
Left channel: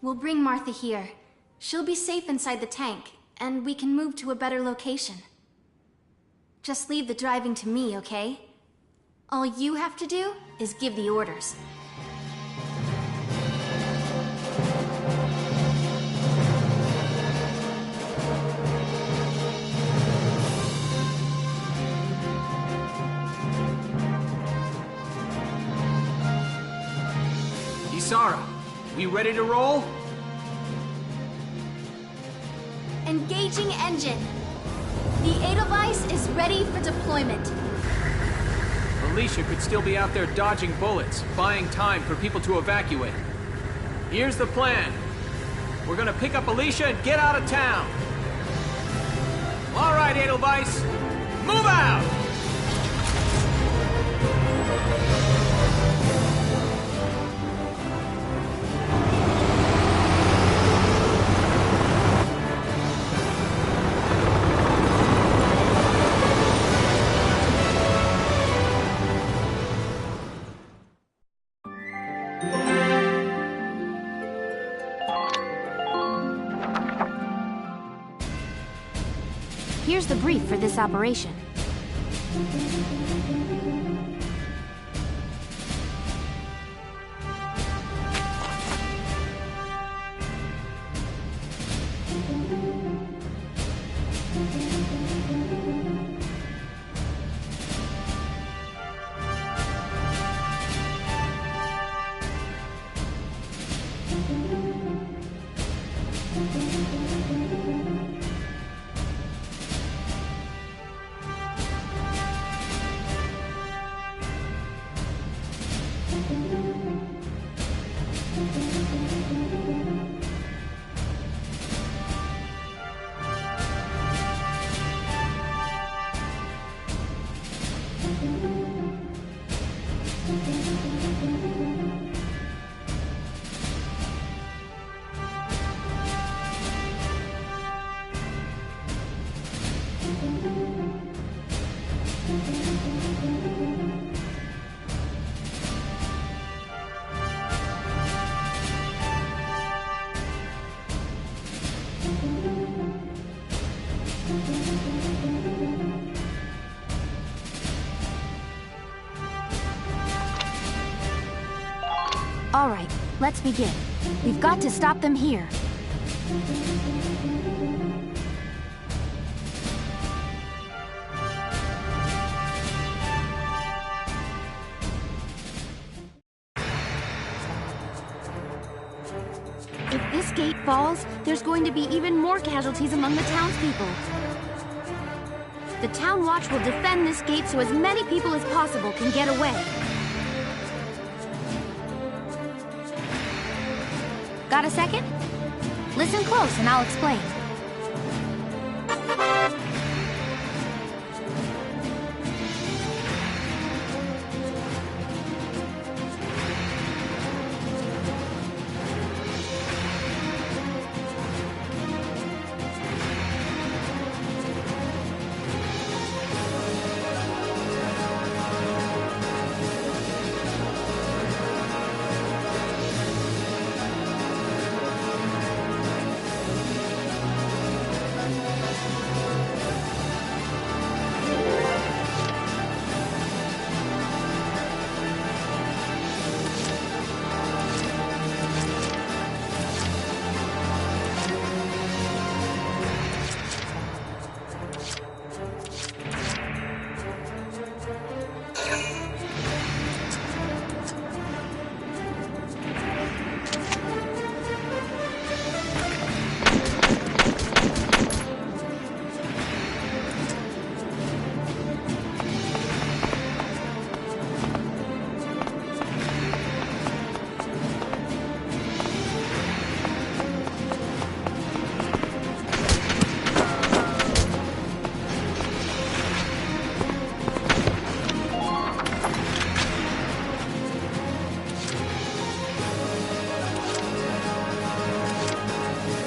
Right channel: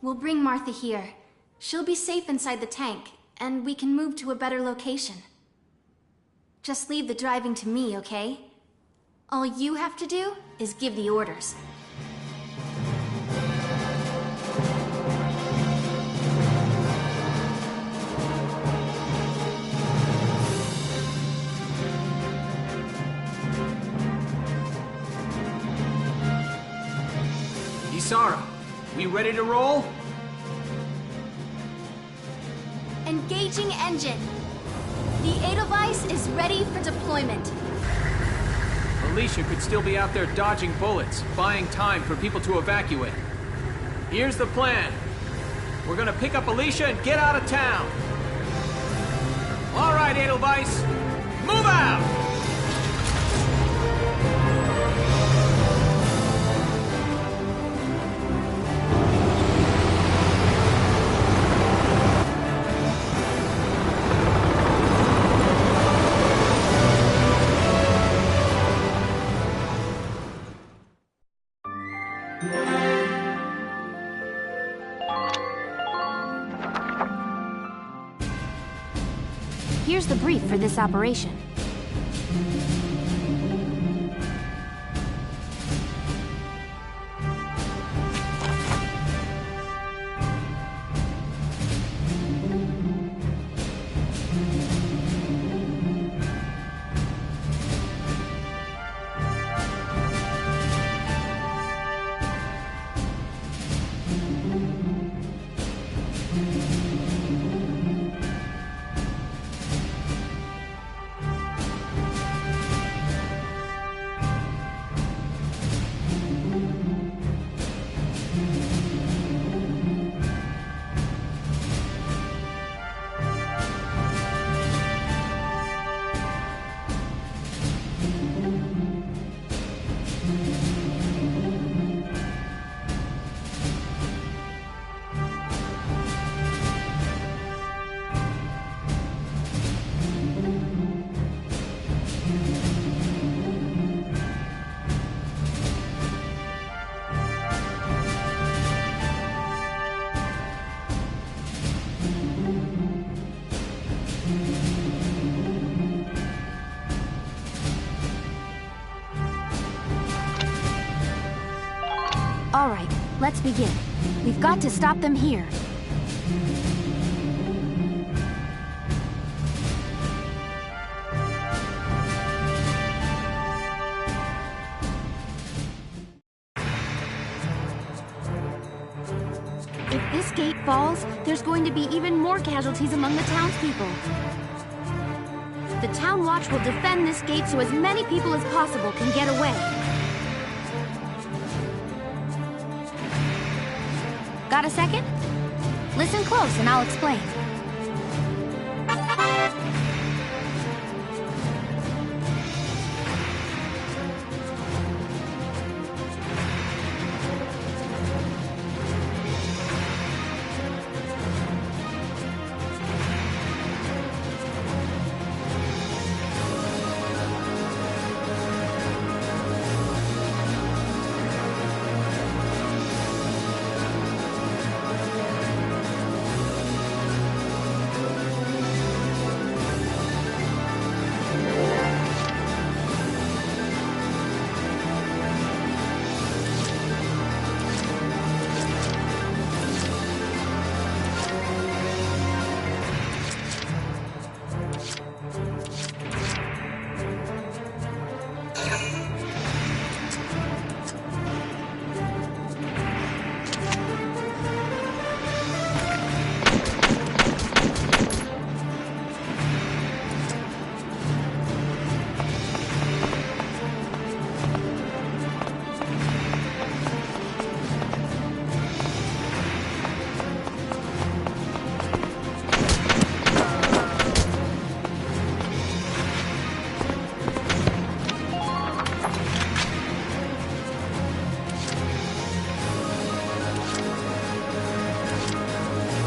We'll bring Martha here. She'll be safe inside the tank, and we can move to a better location. Just leave the driving to me, okay? All you have to do is give the orders. Isara, we ready to roll? Engaging engine. The Edelweiss is ready for deployment. Alicia could still be out there dodging bullets, buying time for people to evacuate. Here's the plan. We're gonna pick up Alicia and get out of town. All right, Edelweiss, move out! Here's the brief for this operation. All right, let's begin. We've got to stop them here. If this gate falls, there's going to be even more casualties among the townspeople. The Town Watch will defend this gate so as many people as possible can get away. Got a second? Listen close and I'll explain.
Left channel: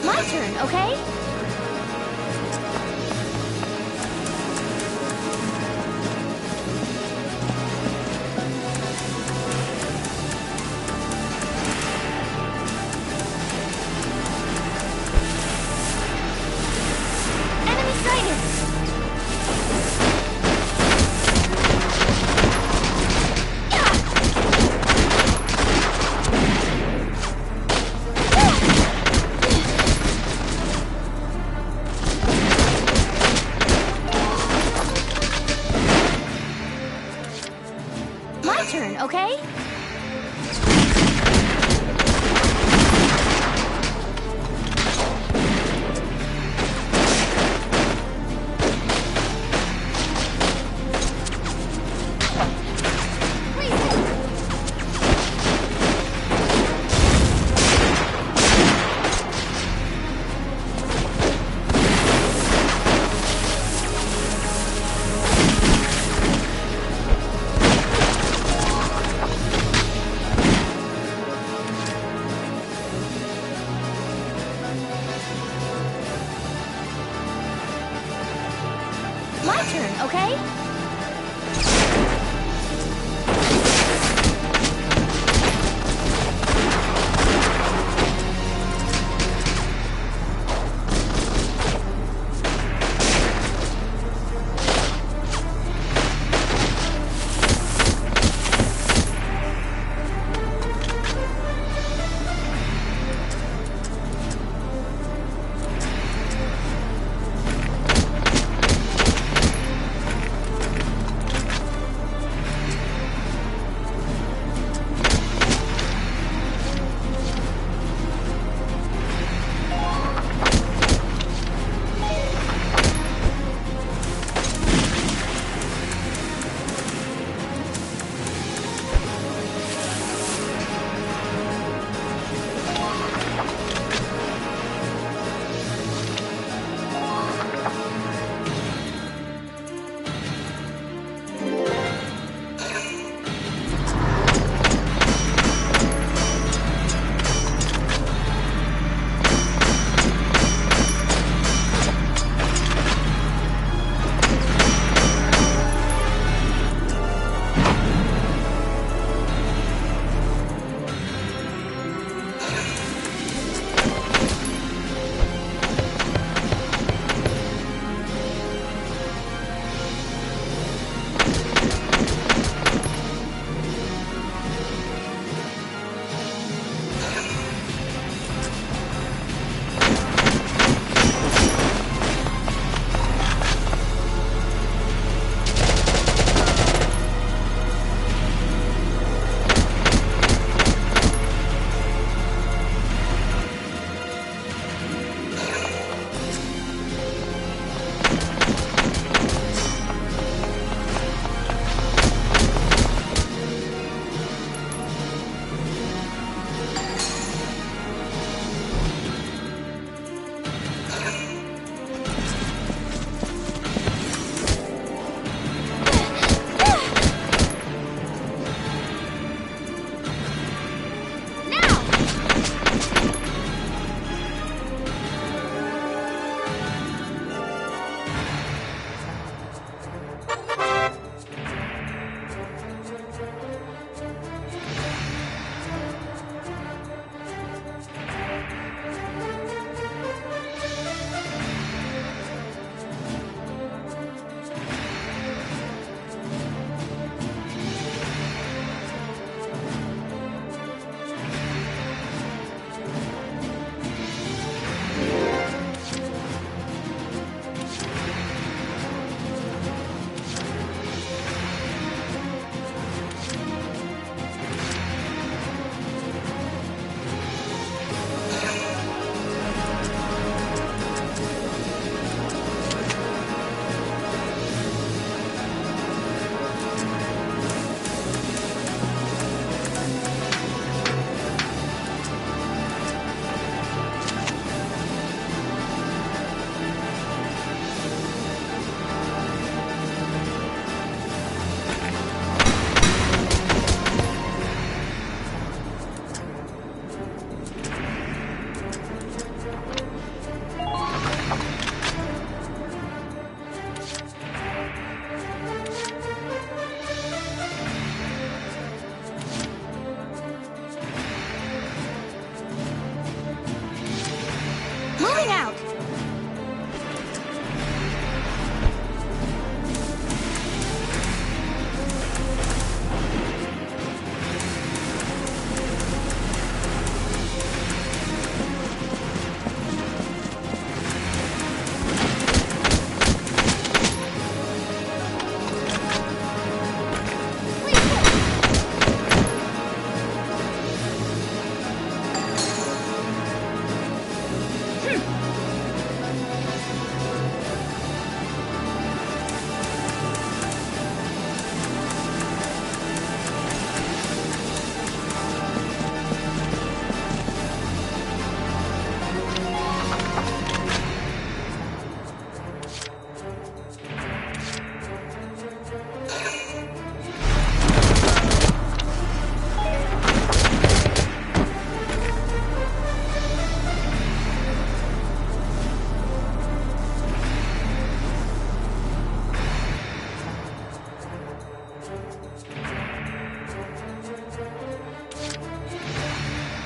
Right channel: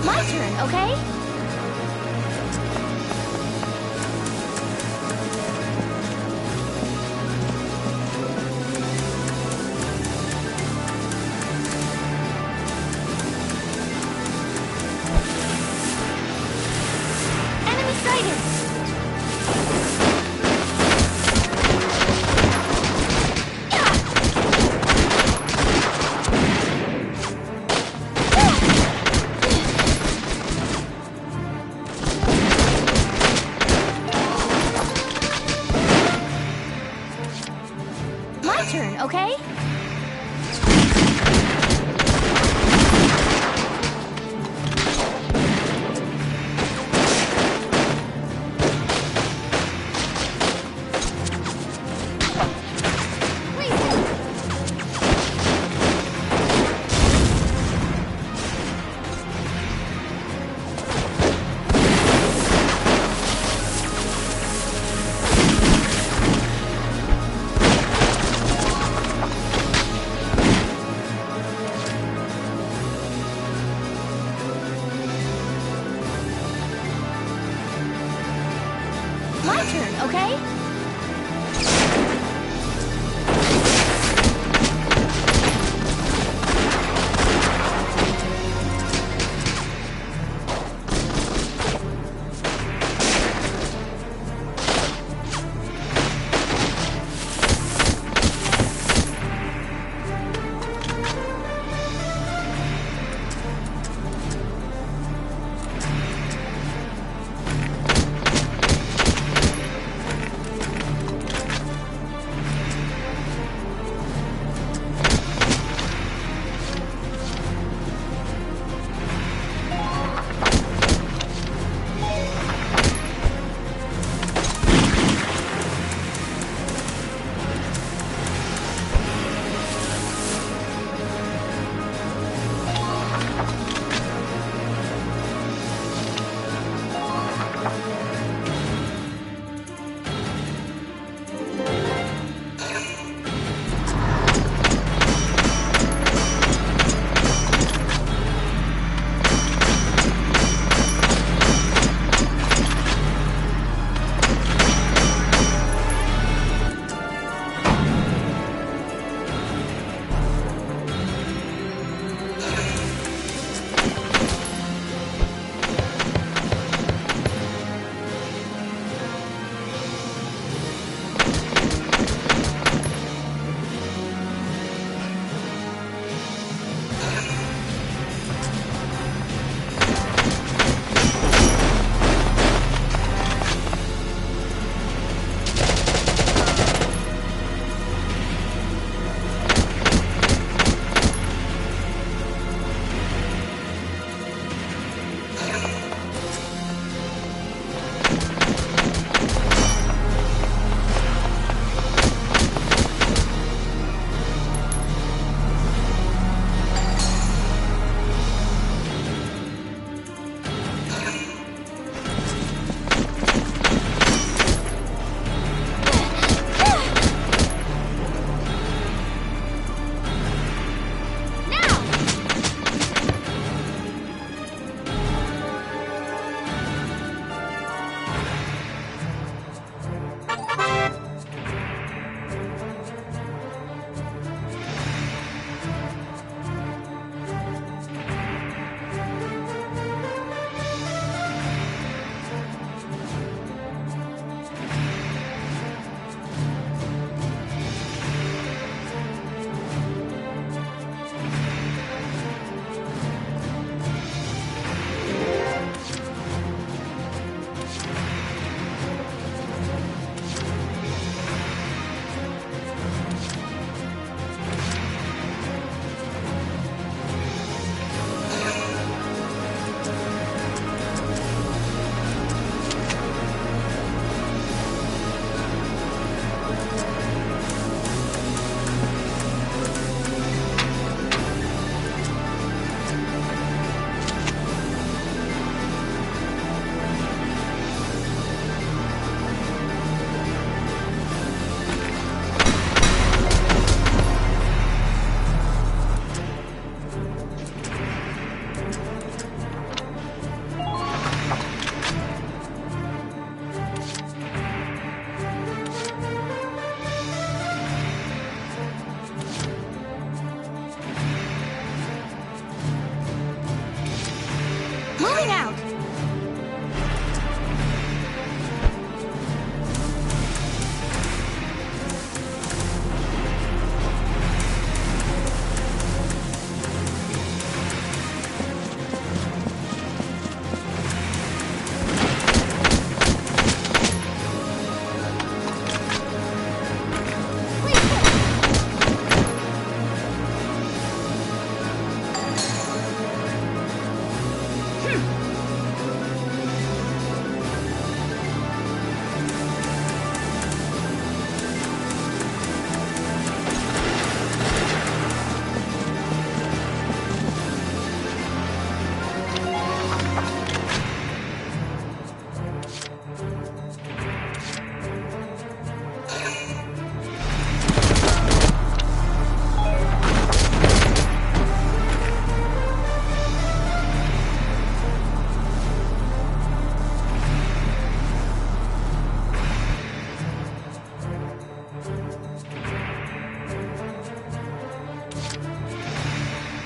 My turn, okay? Enemy sighted! My turn, okay? My turn, okay?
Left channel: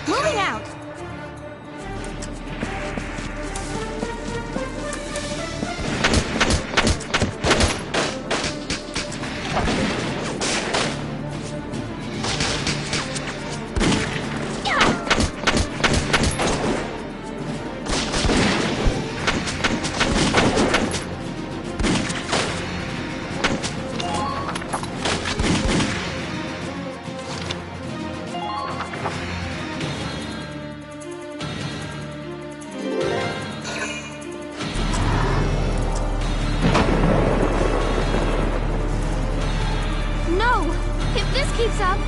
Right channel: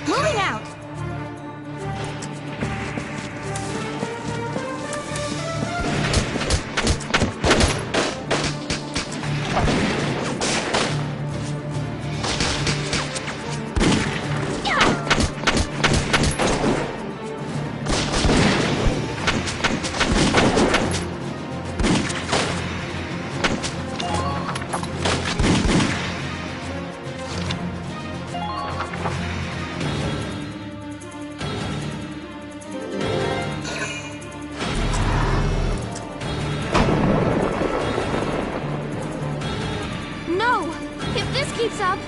Moving out! No! If this keeps up...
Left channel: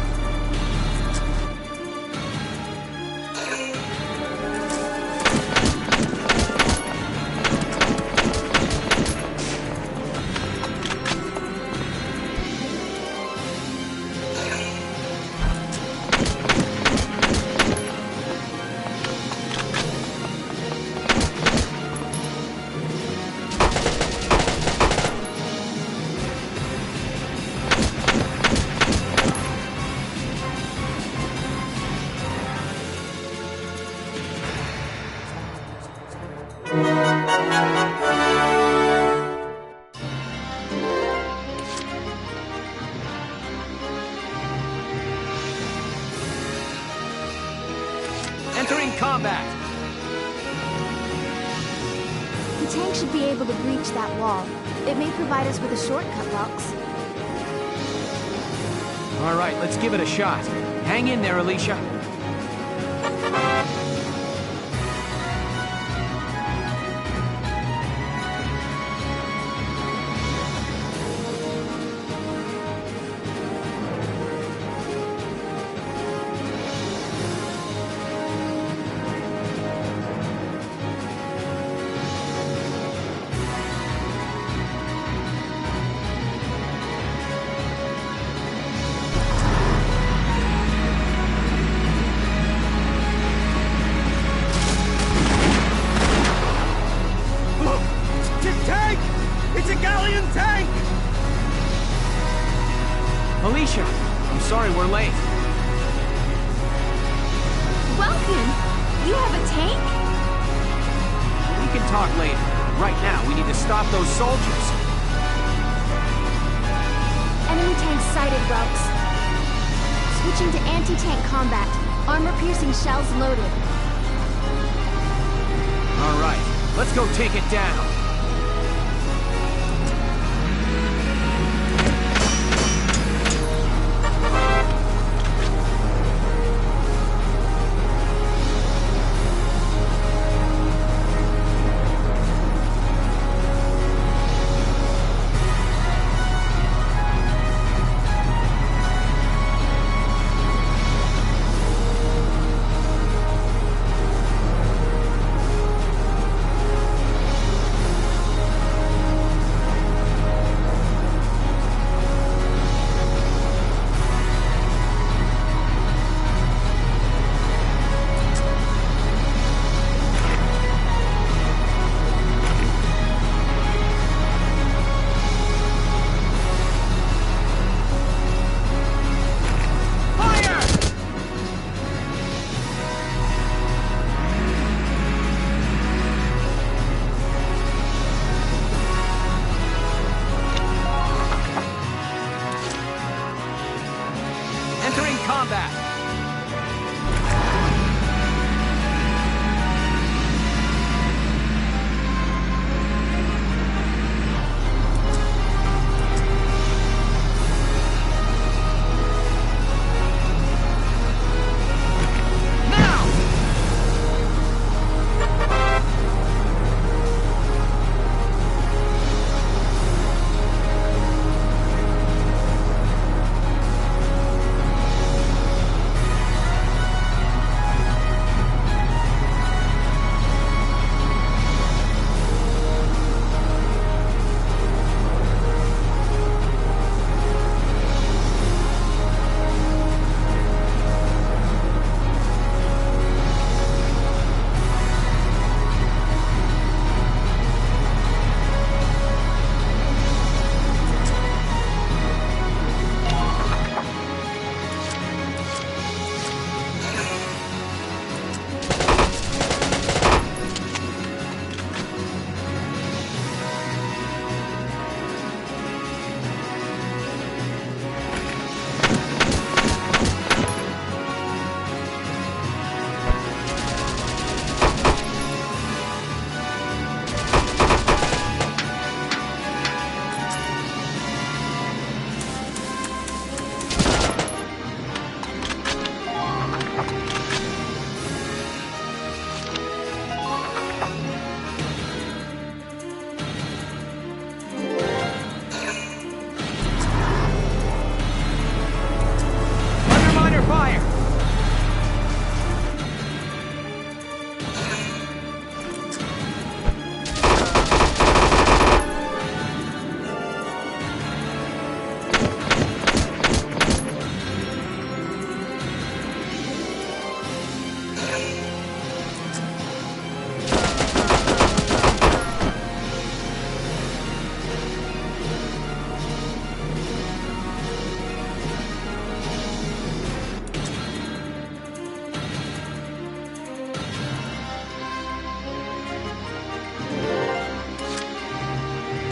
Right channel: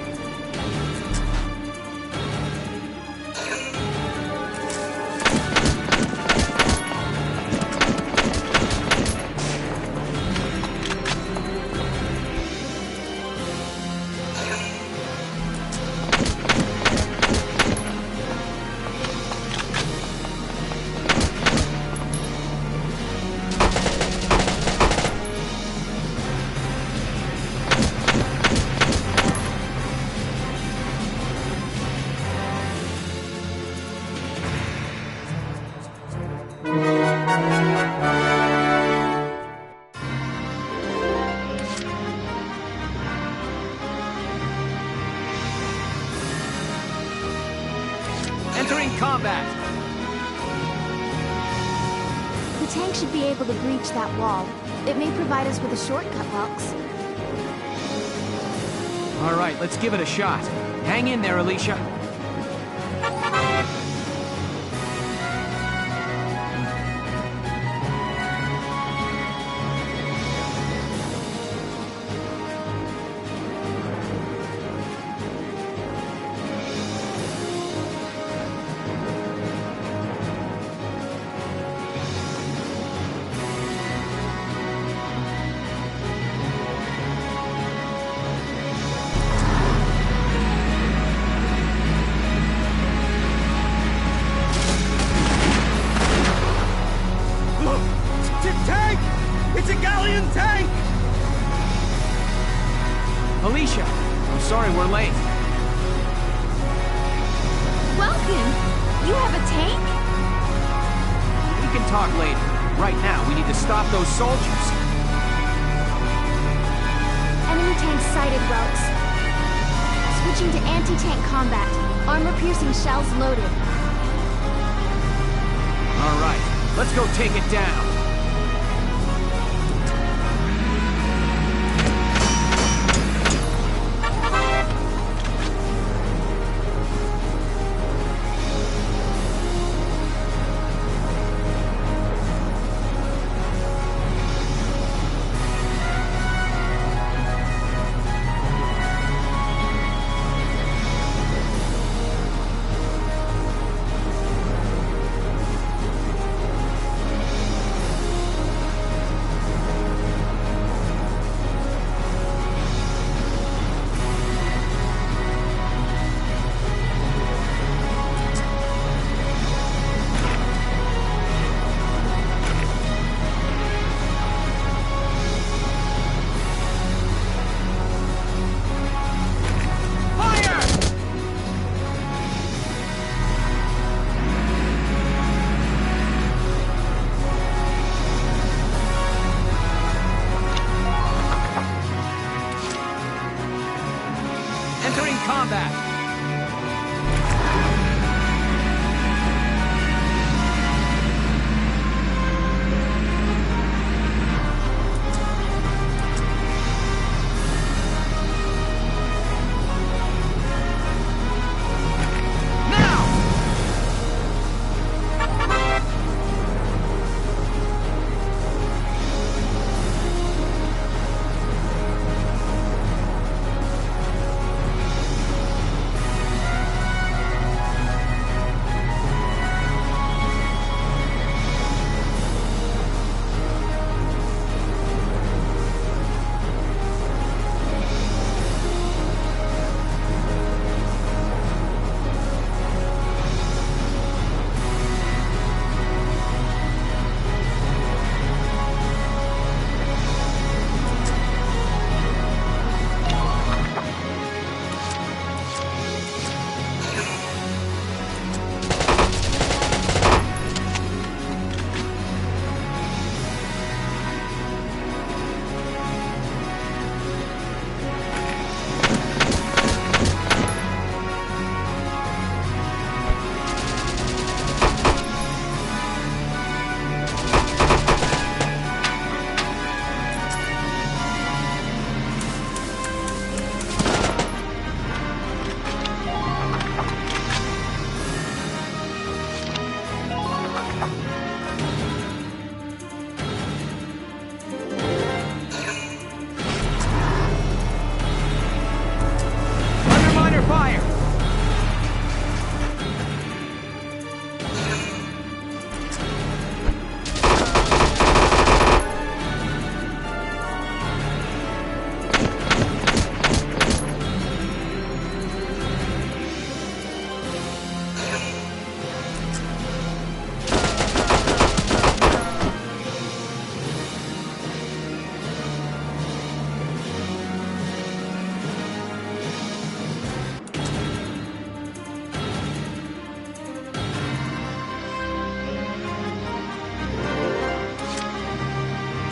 Entering combat! The tank should be able to breach that wall. It may provide us with a shortcut, Welks. All right, let's give it a shot. Hang in there, Alicia. Alicia, I'm sorry we're late. Welkin, you have a tank? We can talk later. Right now, we need to stop those soldiers. Enemy tank sighted, Welks. Switching to anti-tank combat. Armor-piercing shells loaded. All right, let's go take it down.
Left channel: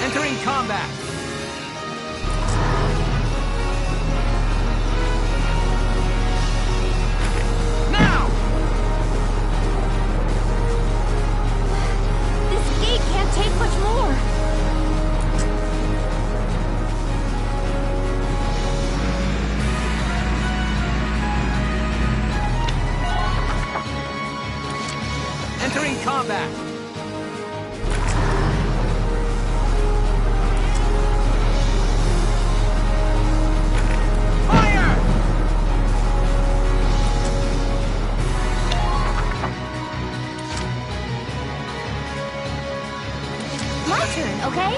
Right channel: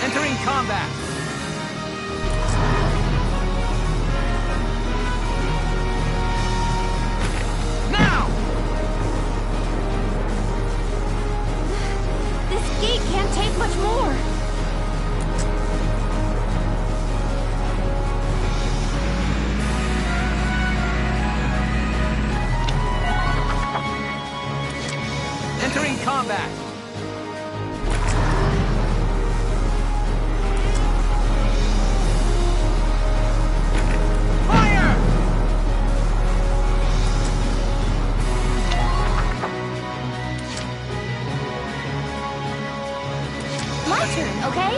Entering combat! Now! This gate can't take much more. Entering combat! Fire! My turn, okay?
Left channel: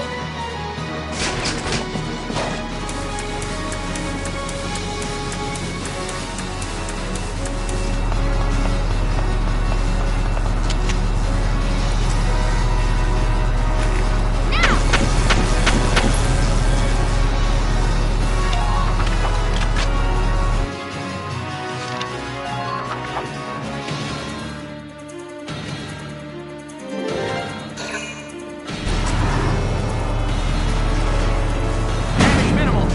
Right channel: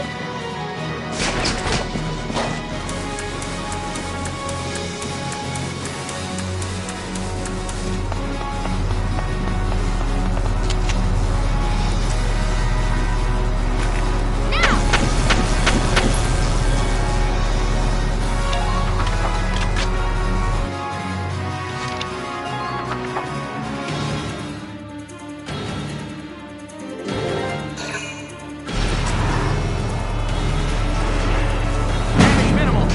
Damage minimal!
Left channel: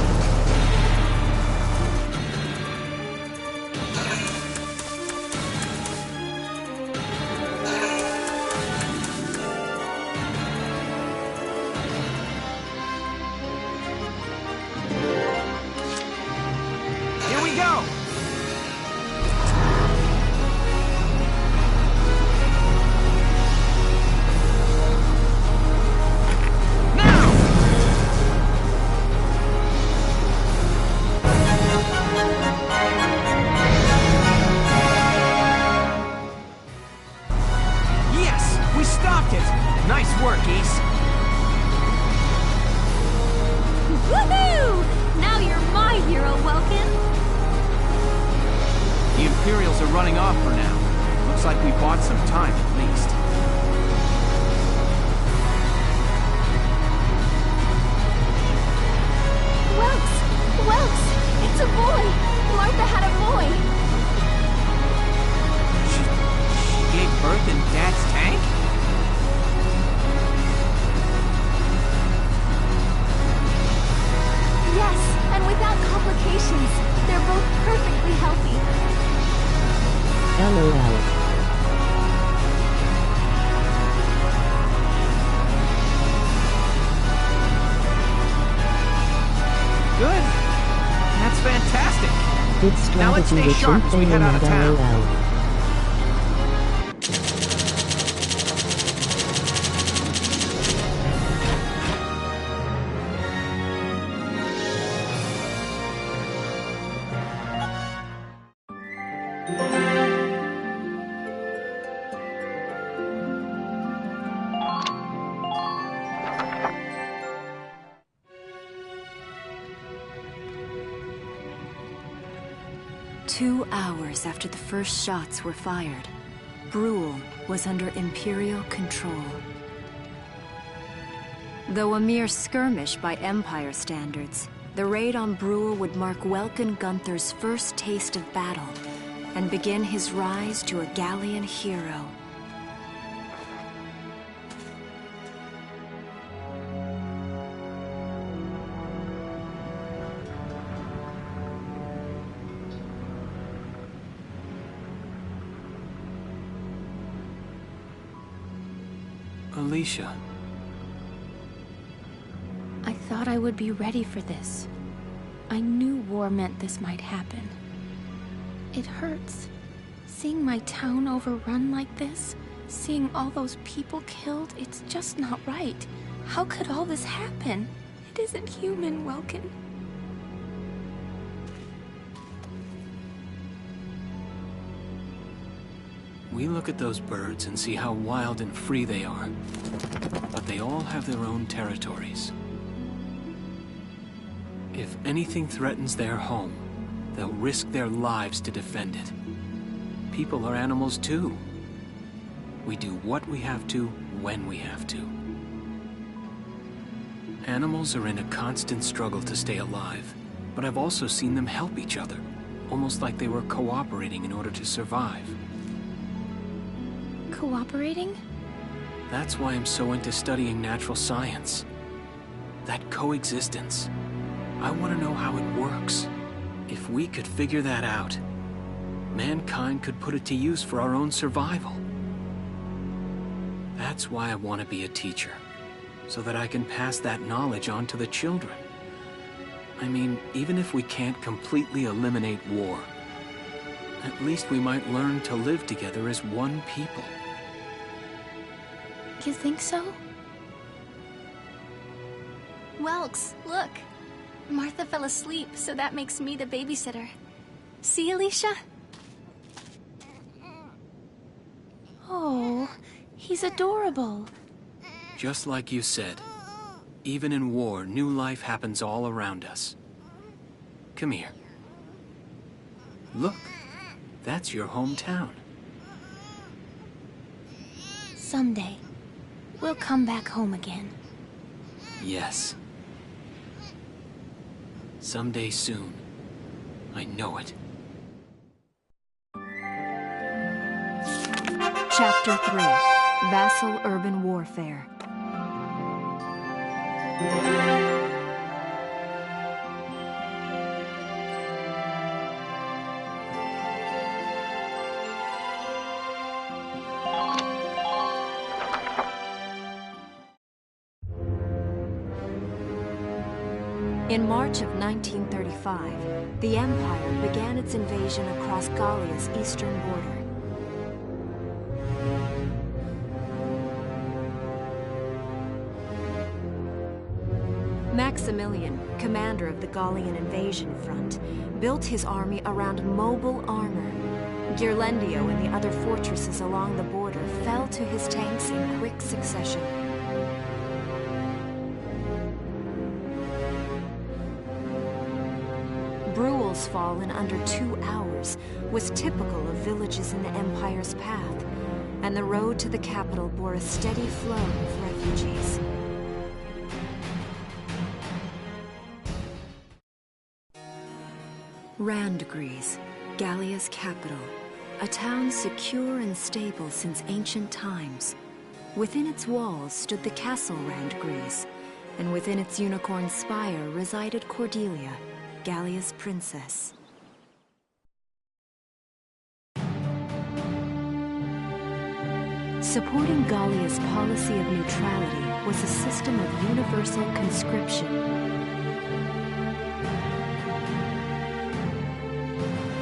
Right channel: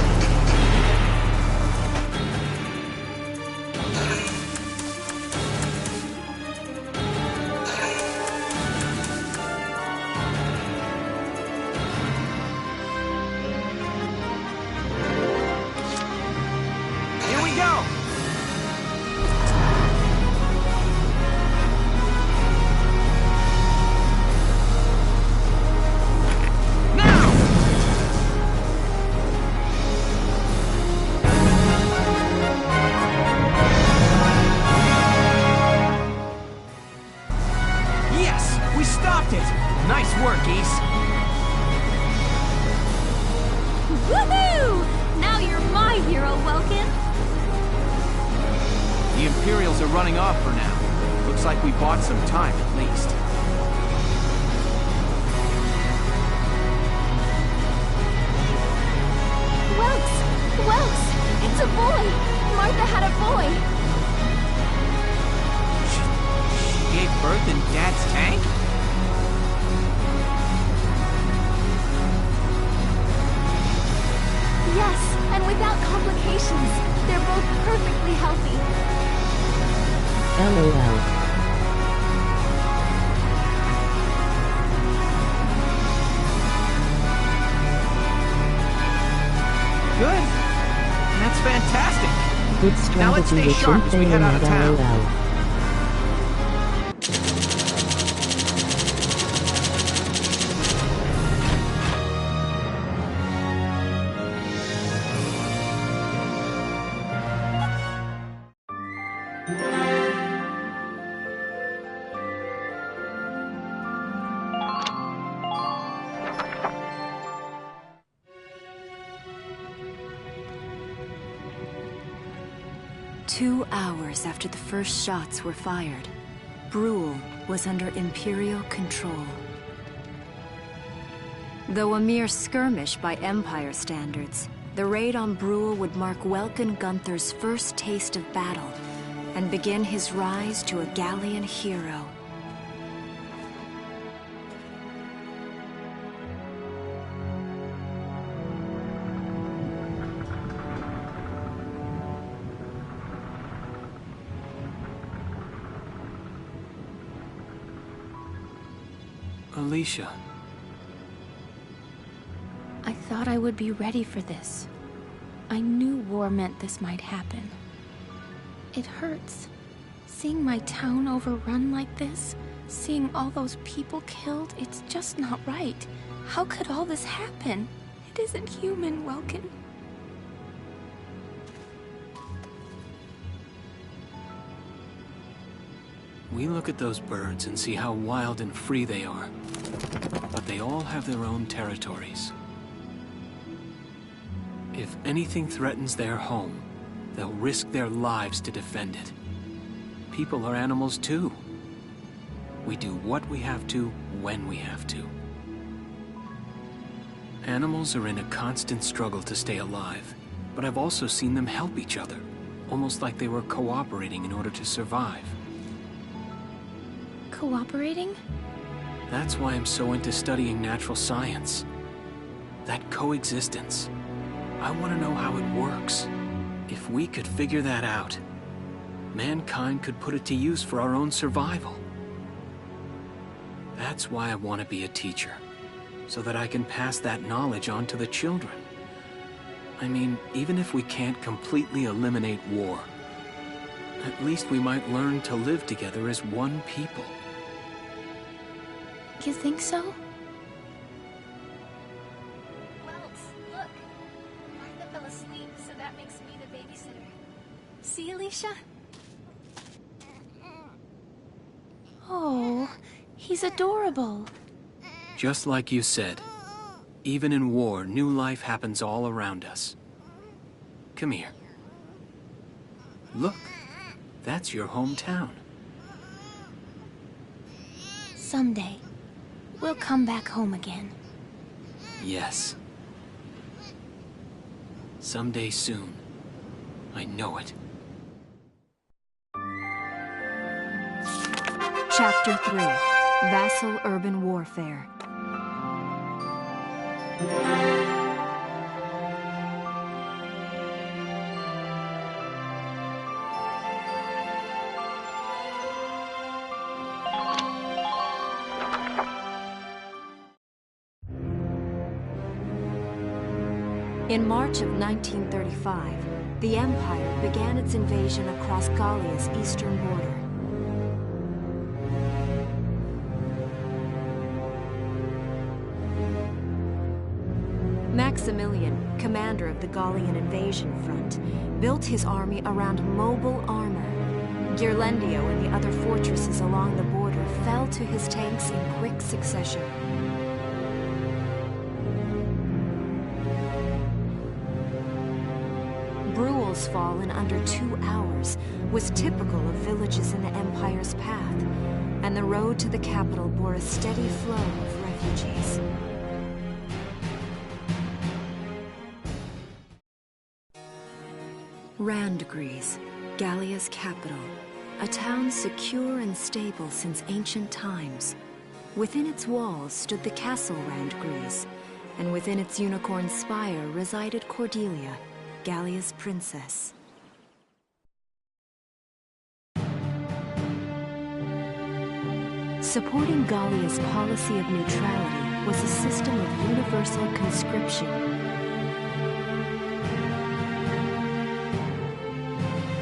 Here we go! Now! Yes! We stopped it! Nice work, Ace. Woohoo! Now you're my hero, Welkin. The Imperials are running off for now. Looks like we bought some time at least. Welks! It's a boy! Martha had a boy! She gave birth in Dad's tank? Yes, and without complications. They're both perfectly healthy. LOL. Good. That's fantastic. Good Now let's strategy stay with sharp as we something head out of town. LOL. Two hours after the first shots were fired, Brule was under Imperial control. Though a mere skirmish by Empire standards, the raid on Brule would mark Welkin Gunther's first taste of battle and begin his rise to a Gallian hero. Alicia. I thought I would be ready for this. I knew war meant this might happen. It hurts. Seeing my town overrun like this, seeing all those people killed, it's just not right. How could all this happen? It isn't human, Welkin. We look at those birds and see how wild and free they are. But they all have their own territories. If anything threatens their home, they'll risk their lives to defend it. People are animals too. We do what we have to, when we have to. Animals are in a constant struggle to stay alive, but I've also seen them help each other, almost like they were cooperating in order to survive. Cooperating? That's why I'm so into studying natural science. that coexistence. I want to know how it works. If we could figure that out, mankind could put it to use for our own survival. That's why I want to be a teacher, so that I can pass that knowledge on to the children. I mean, even if we can't completely eliminate war, at least we might learn to live together as one people. You think so? Welks, look. Martha fell asleep, so that makes me the babysitter. See, Alicia? Oh, he's adorable. Just like you said, even in war, new life happens all around us. Come here. Look, that's your hometown. Someday, we'll come back home again. Yes. Someday soon. I know it. Chapter 3. Vassal Urban Warfare. In March of 1935, the Empire began its invasion across Gallia's eastern border. Maximilian, commander of the Gallian invasion front, built his army around mobile armor. Ghirlandaio and the other fortresses along the border fell to his tanks in quick succession. Bruhl's fall in under 2 hours was typical of villages in the Empire's path, and the road to the capital bore a steady flow of refugees. Randgries, Gallia's capital, a town secure and stable since ancient times. Within its walls stood the castle Randgries, and within its unicorn spire resided Cordelia, Gallia's princess. Supporting Gallia's policy of neutrality was a system of universal conscription.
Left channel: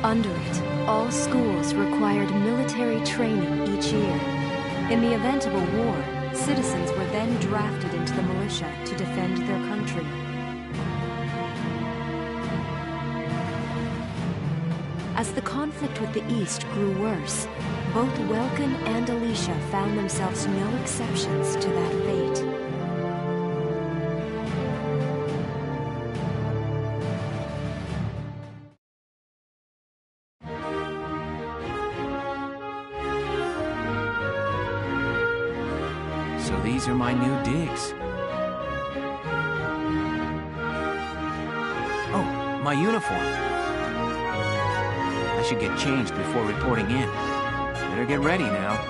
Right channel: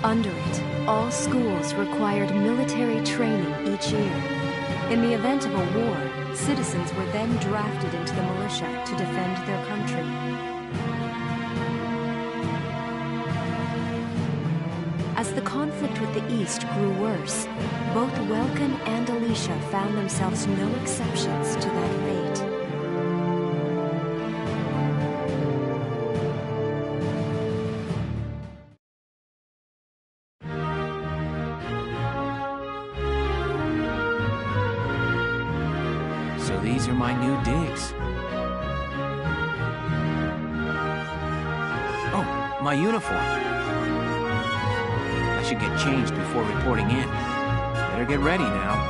Under it, all schools required military training each year. In the event of a war, citizens were then drafted into the militia to defend their country. As the conflict with the East grew worse, both Welkin and Alicia found themselves no exceptions to that fate. So these are my new digs. Oh, my uniform. I should get changed before reporting in. Better get ready now.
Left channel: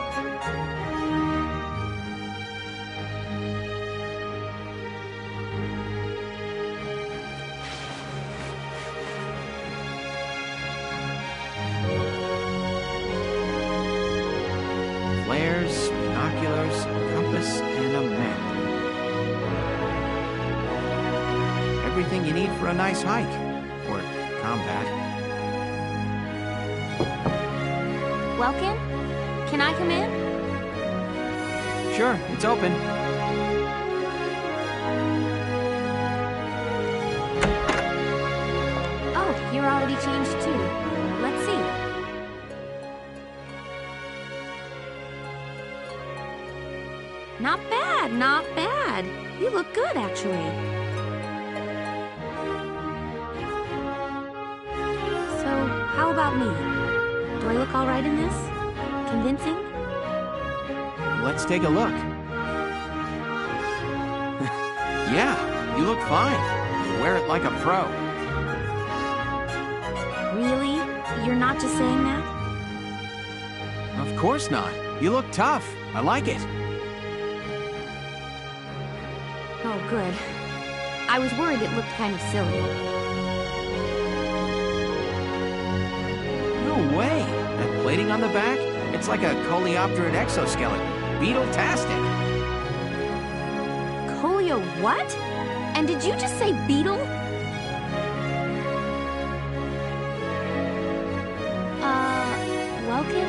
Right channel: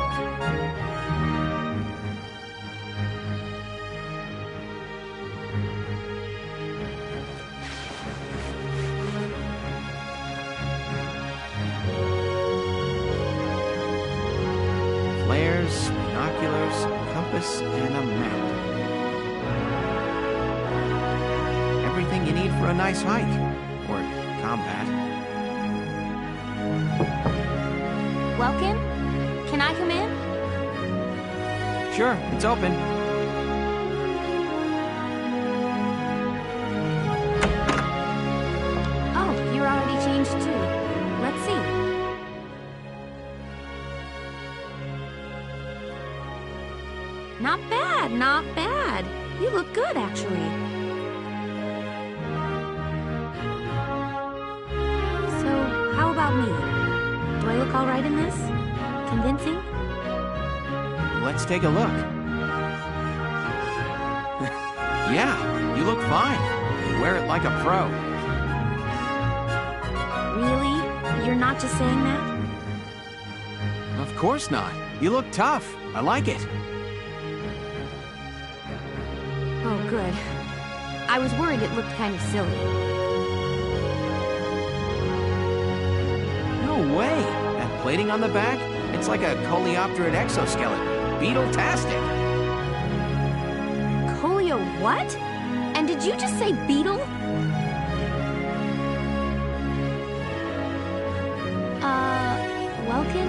Flares, binoculars, compass, and a map. Everything you need for a nice hike. Or combat. Welkin? Can I come in? Sure, it's open. Oh, you're already changed too. Let's see. Not bad, not bad. You look good, actually. So, how about me? Do I look all right in this? Convincing? Let's take a look. Yeah, you look fine. You wear it like a pro. Really? You're not just saying that? Of course not. You look tough. I like it. Oh, good. I was worried it looked kind of silly. No way! That plating on the back? It's like a coleopterate exoskeleton. Beetle-tastic! Coleo what? And did you just say beetle? Welkin?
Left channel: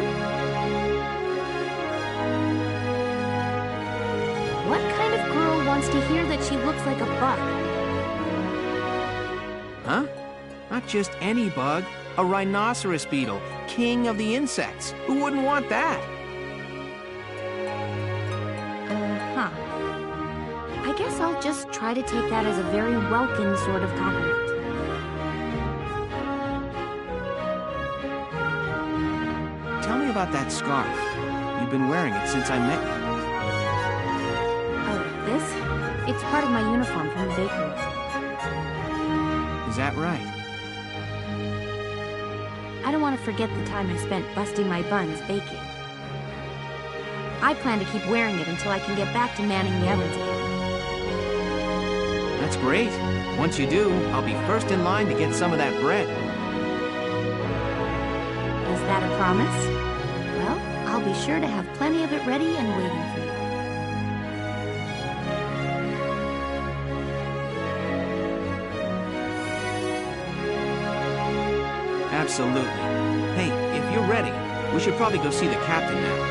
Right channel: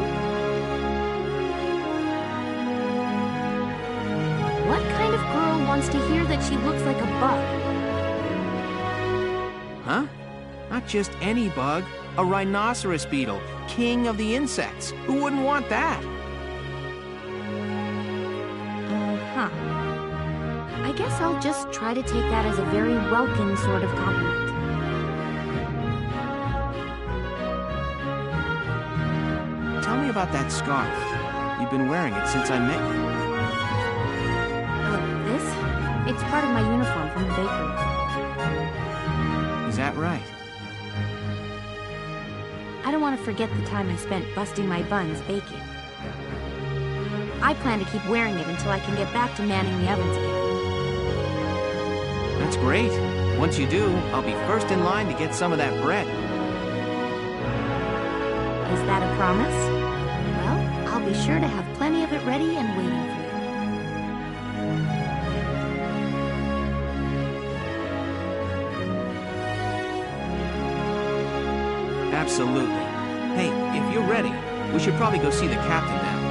What kind of girl wants to hear that she looks like a bug? Huh? Not just any bug. A rhinoceros beetle, king of the insects. Who wouldn't want that? Uh-huh. I guess I'll just try to take that as a very Welkin sort of compliment. Tell me about that scarf. You've been wearing it since I met you. Oh, this? It's part of my uniform from the bakery. Is that right? I don't want to forget the time I spent busting my buns baking. I plan to keep wearing it until I can get back to manning the ovens again. That's great. Once you do, I'll be first in line to get some of that bread. Is that a promise? Well, I'll be sure to have plenty of it ready and waiting for you. Absolutely. Hey, if you're ready, we should probably go see the captain now.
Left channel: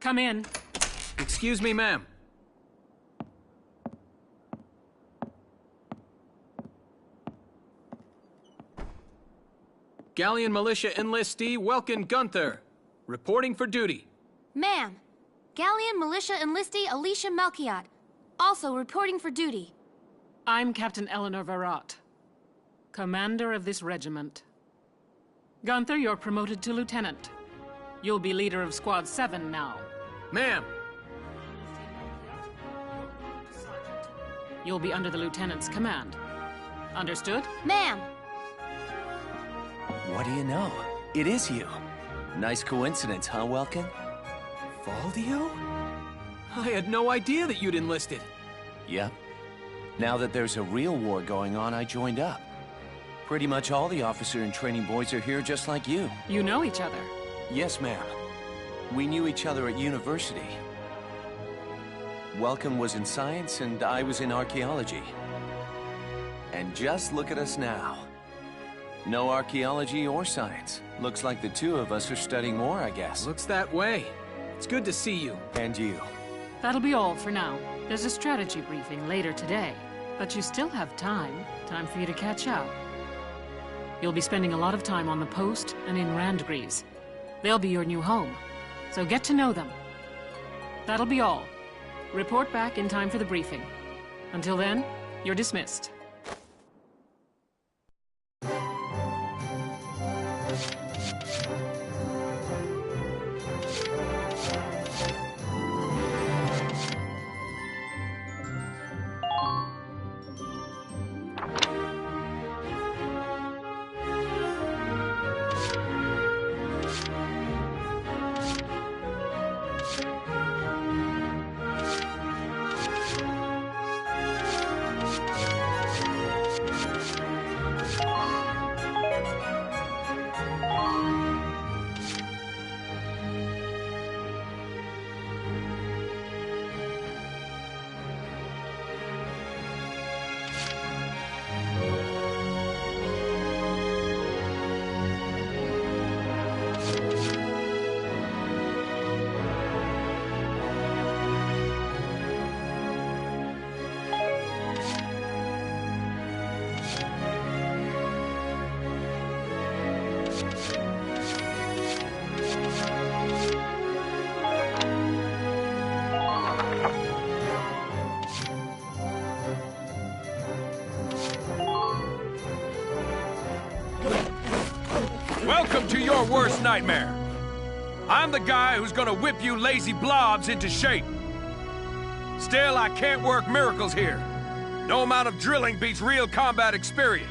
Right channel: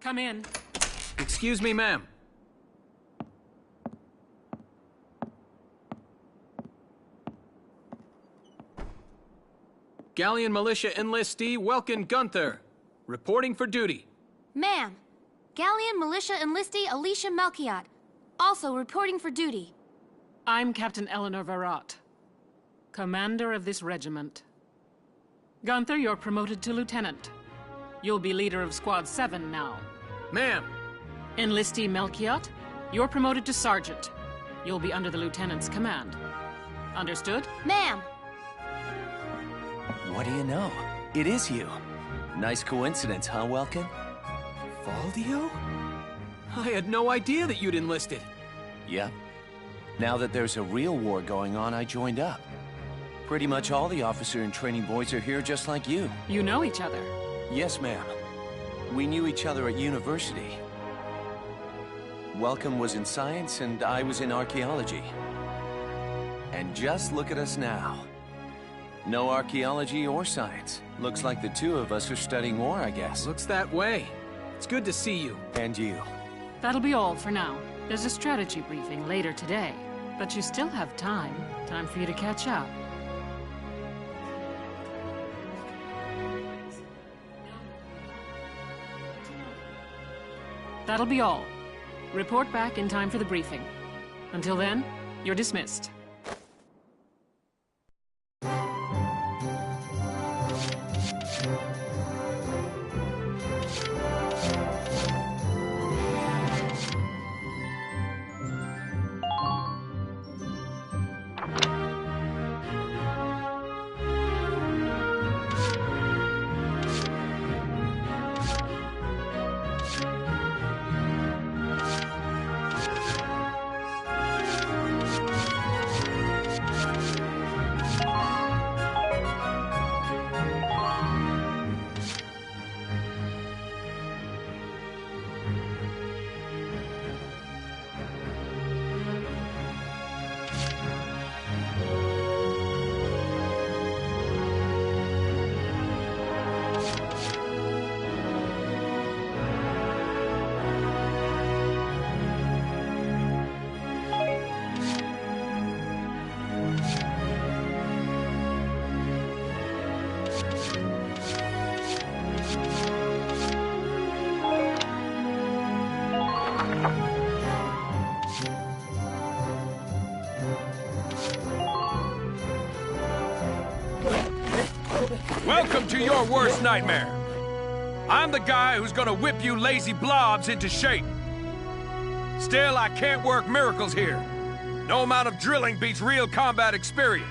Come in. Excuse me, ma'am. Galleon Militia Enlistee Welkin Gunther, reporting for duty. Ma'am, Galleon Militia Enlistee Alicia Melchiot, also reporting for duty. I'm Captain Eleanor Varrot, commander of this regiment. Gunther, you're promoted to lieutenant. You'll be leader of Squad 7 now. Ma'am! Enlistee Melchiot, you're promoted to sergeant. You'll be under the lieutenant's command. Understood? Ma'am! What do you know? It is you. Nice coincidence, huh, Welkin? Valdio? I had no idea that you'd enlisted. Yep. Now that there's a real war going on, I joined up. Pretty much all the officer and training boys are here just like you. You know each other? Yes, ma'am. We knew each other at university. Welkin was in science and I was in archaeology. And just look at us now. No archaeology or science. Looks like the two of us are studying war, I guess. Looks that way. It's good to see you. And you. That'll be all for now. There's a strategy briefing later today. But you still have time. Time for you to catch up. You'll be spending a lot of time on the post and in Randgreaves. They'll be your new home. So get to know them. That'll be all. Report back in time for the briefing. Until then, you're dismissed. Welcome to your worst nightmare. I'm the guy who's gonna whip you lazy blobs into shape. Still, I can't work miracles here. No amount of drilling beats real combat experience.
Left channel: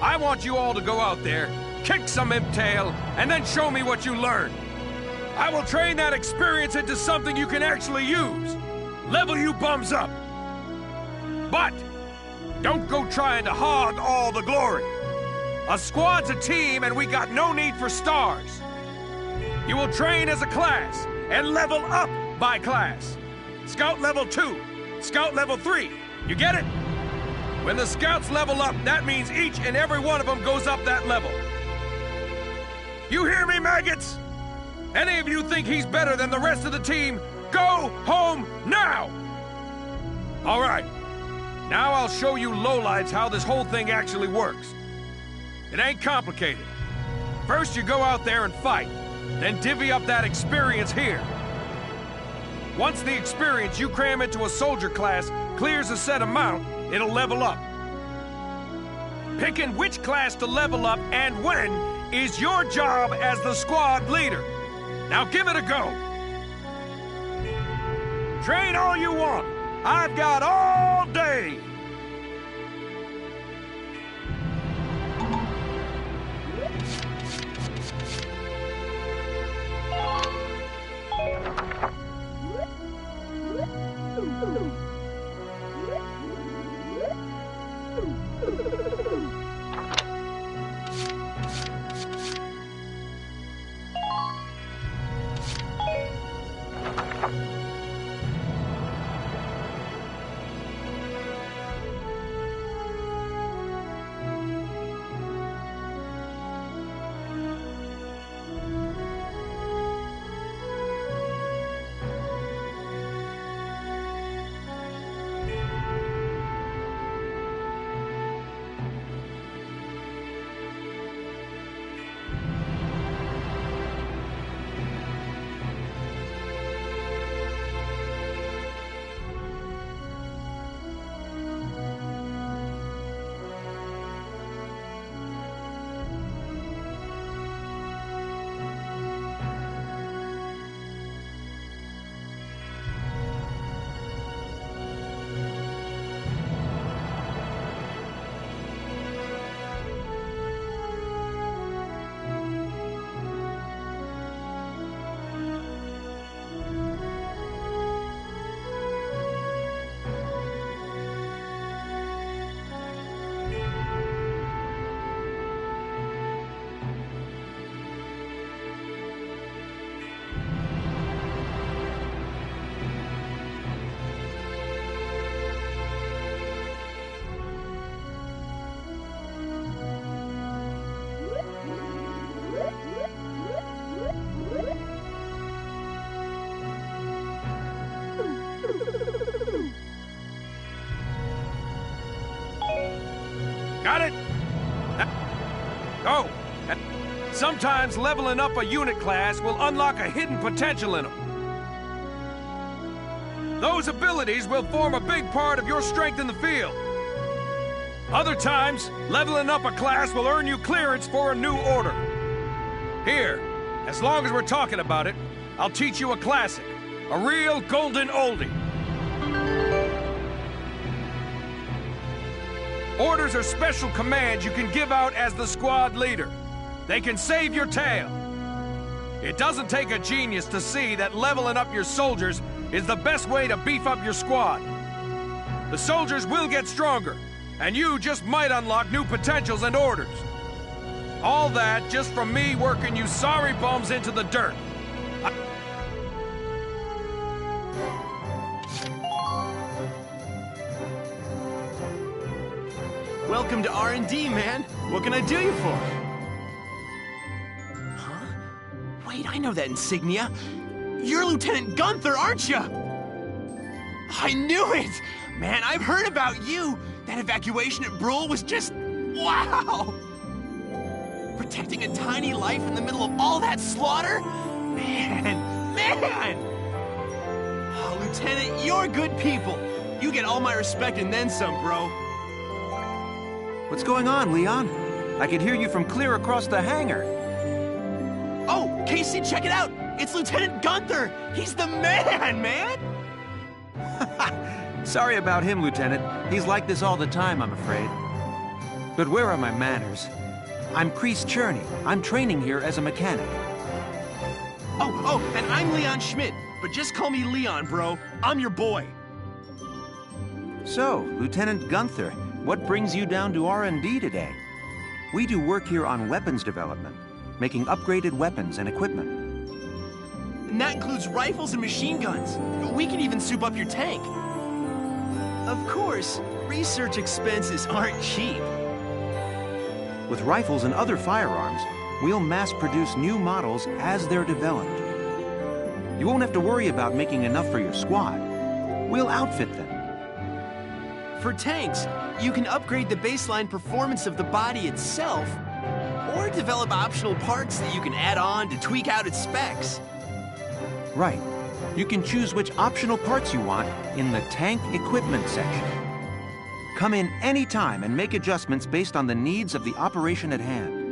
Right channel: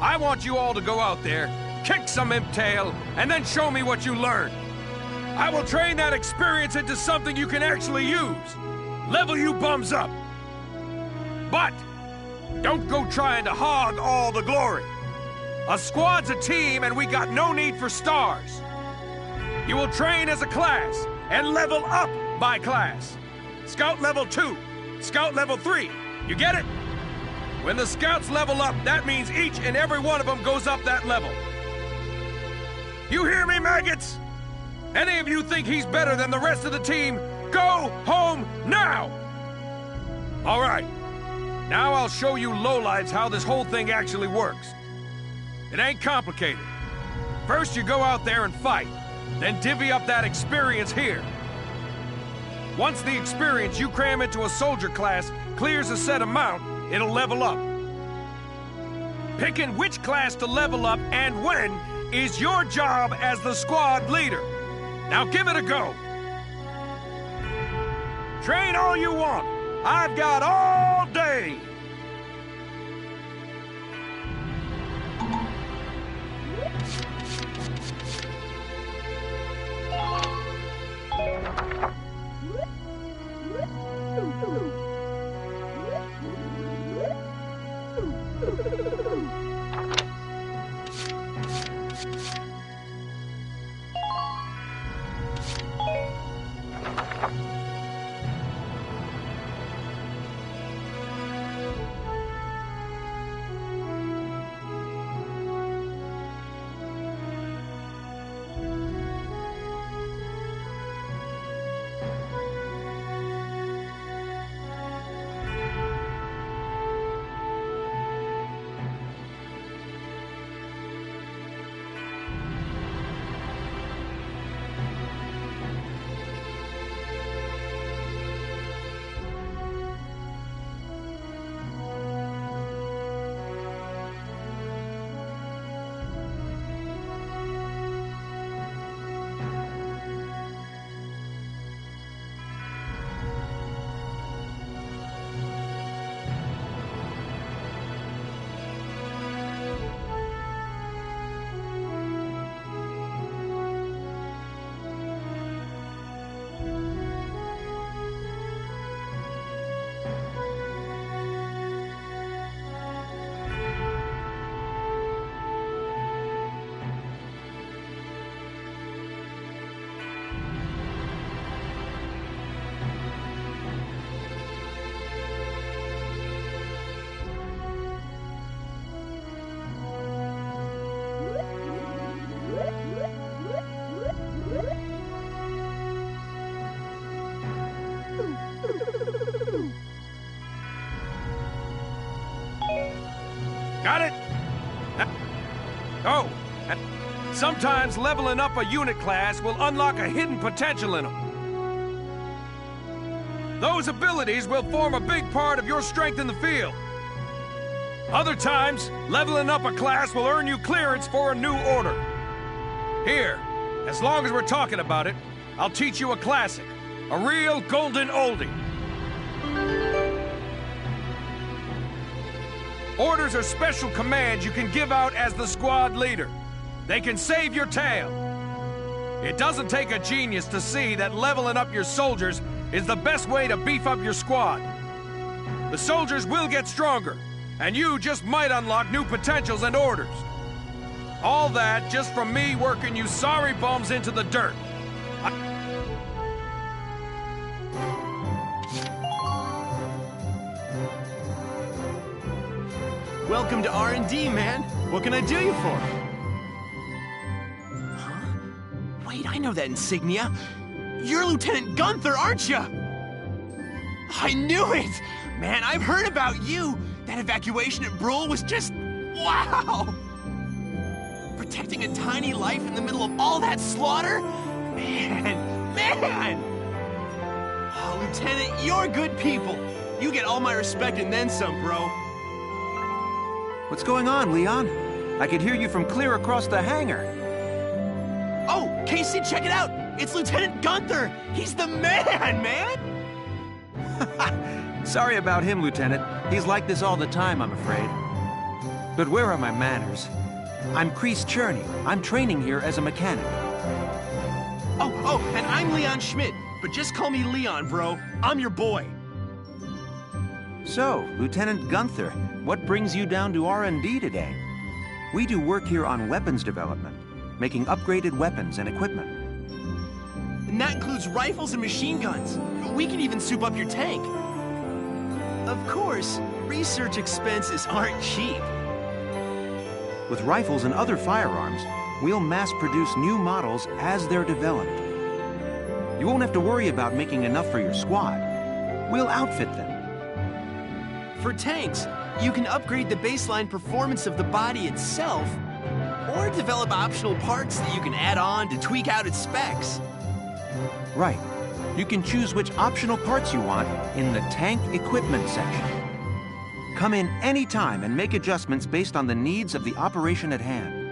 I want you all to go out there, kick some imp tail, and then show me what you learned. I will train that experience into something you can actually use. Level you bums up. But don't go trying to hog all the glory. A squad's a team, and we got no need for stars. You will train as a class, and level up by class. Scout level 2, Scout level 3. You get it? When the Scouts level up, that means each and every one of them goes up that level. You hear me, maggots? Any of you think he's better than the rest of the team, go home now! All right. Now I'll show you lowlights how this whole thing actually works. It ain't complicated. First you go out there and fight, then divvy up that experience here. Once the experience you cram into a soldier class clears a set amount, it'll level up. Picking which class to level up and when is your job as the squad leader. Now give it a go. Train all you want. I've got all day. Got it? Oh, and sometimes leveling up a unit class will unlock a hidden potential in them. Those abilities will form a big part of your strength in the field. Other times, leveling up a class will earn you clearance for a new order. Here, as long as we're talking about it, I'll teach you a classic. A real golden oldie. Orders are special commands you can give out as the squad leader. They can save your tail. It doesn't take a genius to see that leveling up your soldiers is the best way to beef up your squad. The soldiers will get stronger, and you just might unlock new potentials and orders. All that just from me working you sorry bums into the dirt. Welcome to R&D, man. What can I do you for? Huh? Wait, I know that insignia. You're Lieutenant Gunther, aren't you? I knew it! Man, I've heard about you. That evacuation at Brule was just... wow! Protecting a tiny life in the middle of all that slaughter? Man! Oh, Lieutenant, you're good people. You get all my respect and then some, bro. What's going on, Leon? I could hear you from clear across the hangar. Oh, Casey, check it out! It's Lieutenant Gunther! He's the man! Sorry about him, Lieutenant. He's like this all the time, I'm afraid. But where are my manners? I'm Kreese Cherney. I'm training here as a mechanic. Oh, and I'm Leon Schmidt. But just call me Leon, bro. I'm your boy. So, Lieutenant Gunther, what brings you down to R&D today? We do work here on weapons development, making upgraded weapons and equipment. And that includes rifles and machine guns. We can even soup up your tank. Of course, research expenses aren't cheap. With rifles and other firearms, we'll mass-produce new models as they're developed. You won't have to worry about making enough for your squad. We'll outfit them. For tanks, you can upgrade the baseline performance of the body itself, or develop optional parts that you can add on to tweak out its specs. Right. You can choose which optional parts you want in the tank equipment section. Come in any time and make adjustments based on the needs of the operation at hand.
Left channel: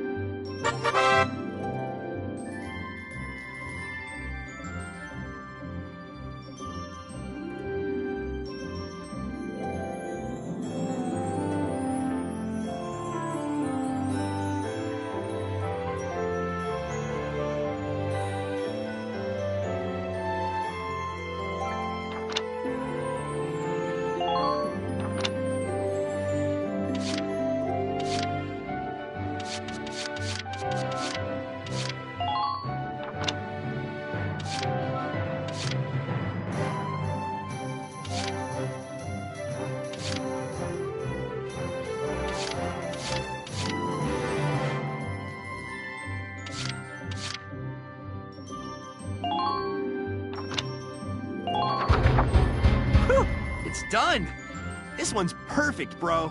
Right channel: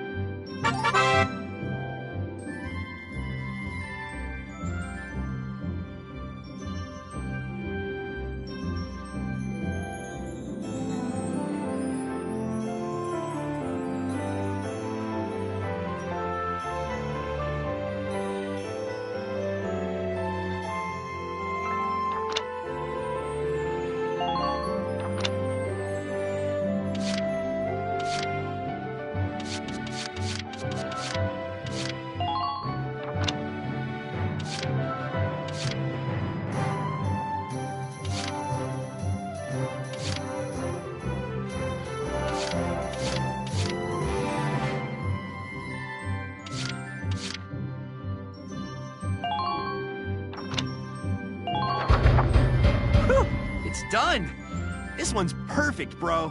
It's done! This one's perfect, bro.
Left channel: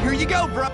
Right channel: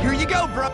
Here you go, bro!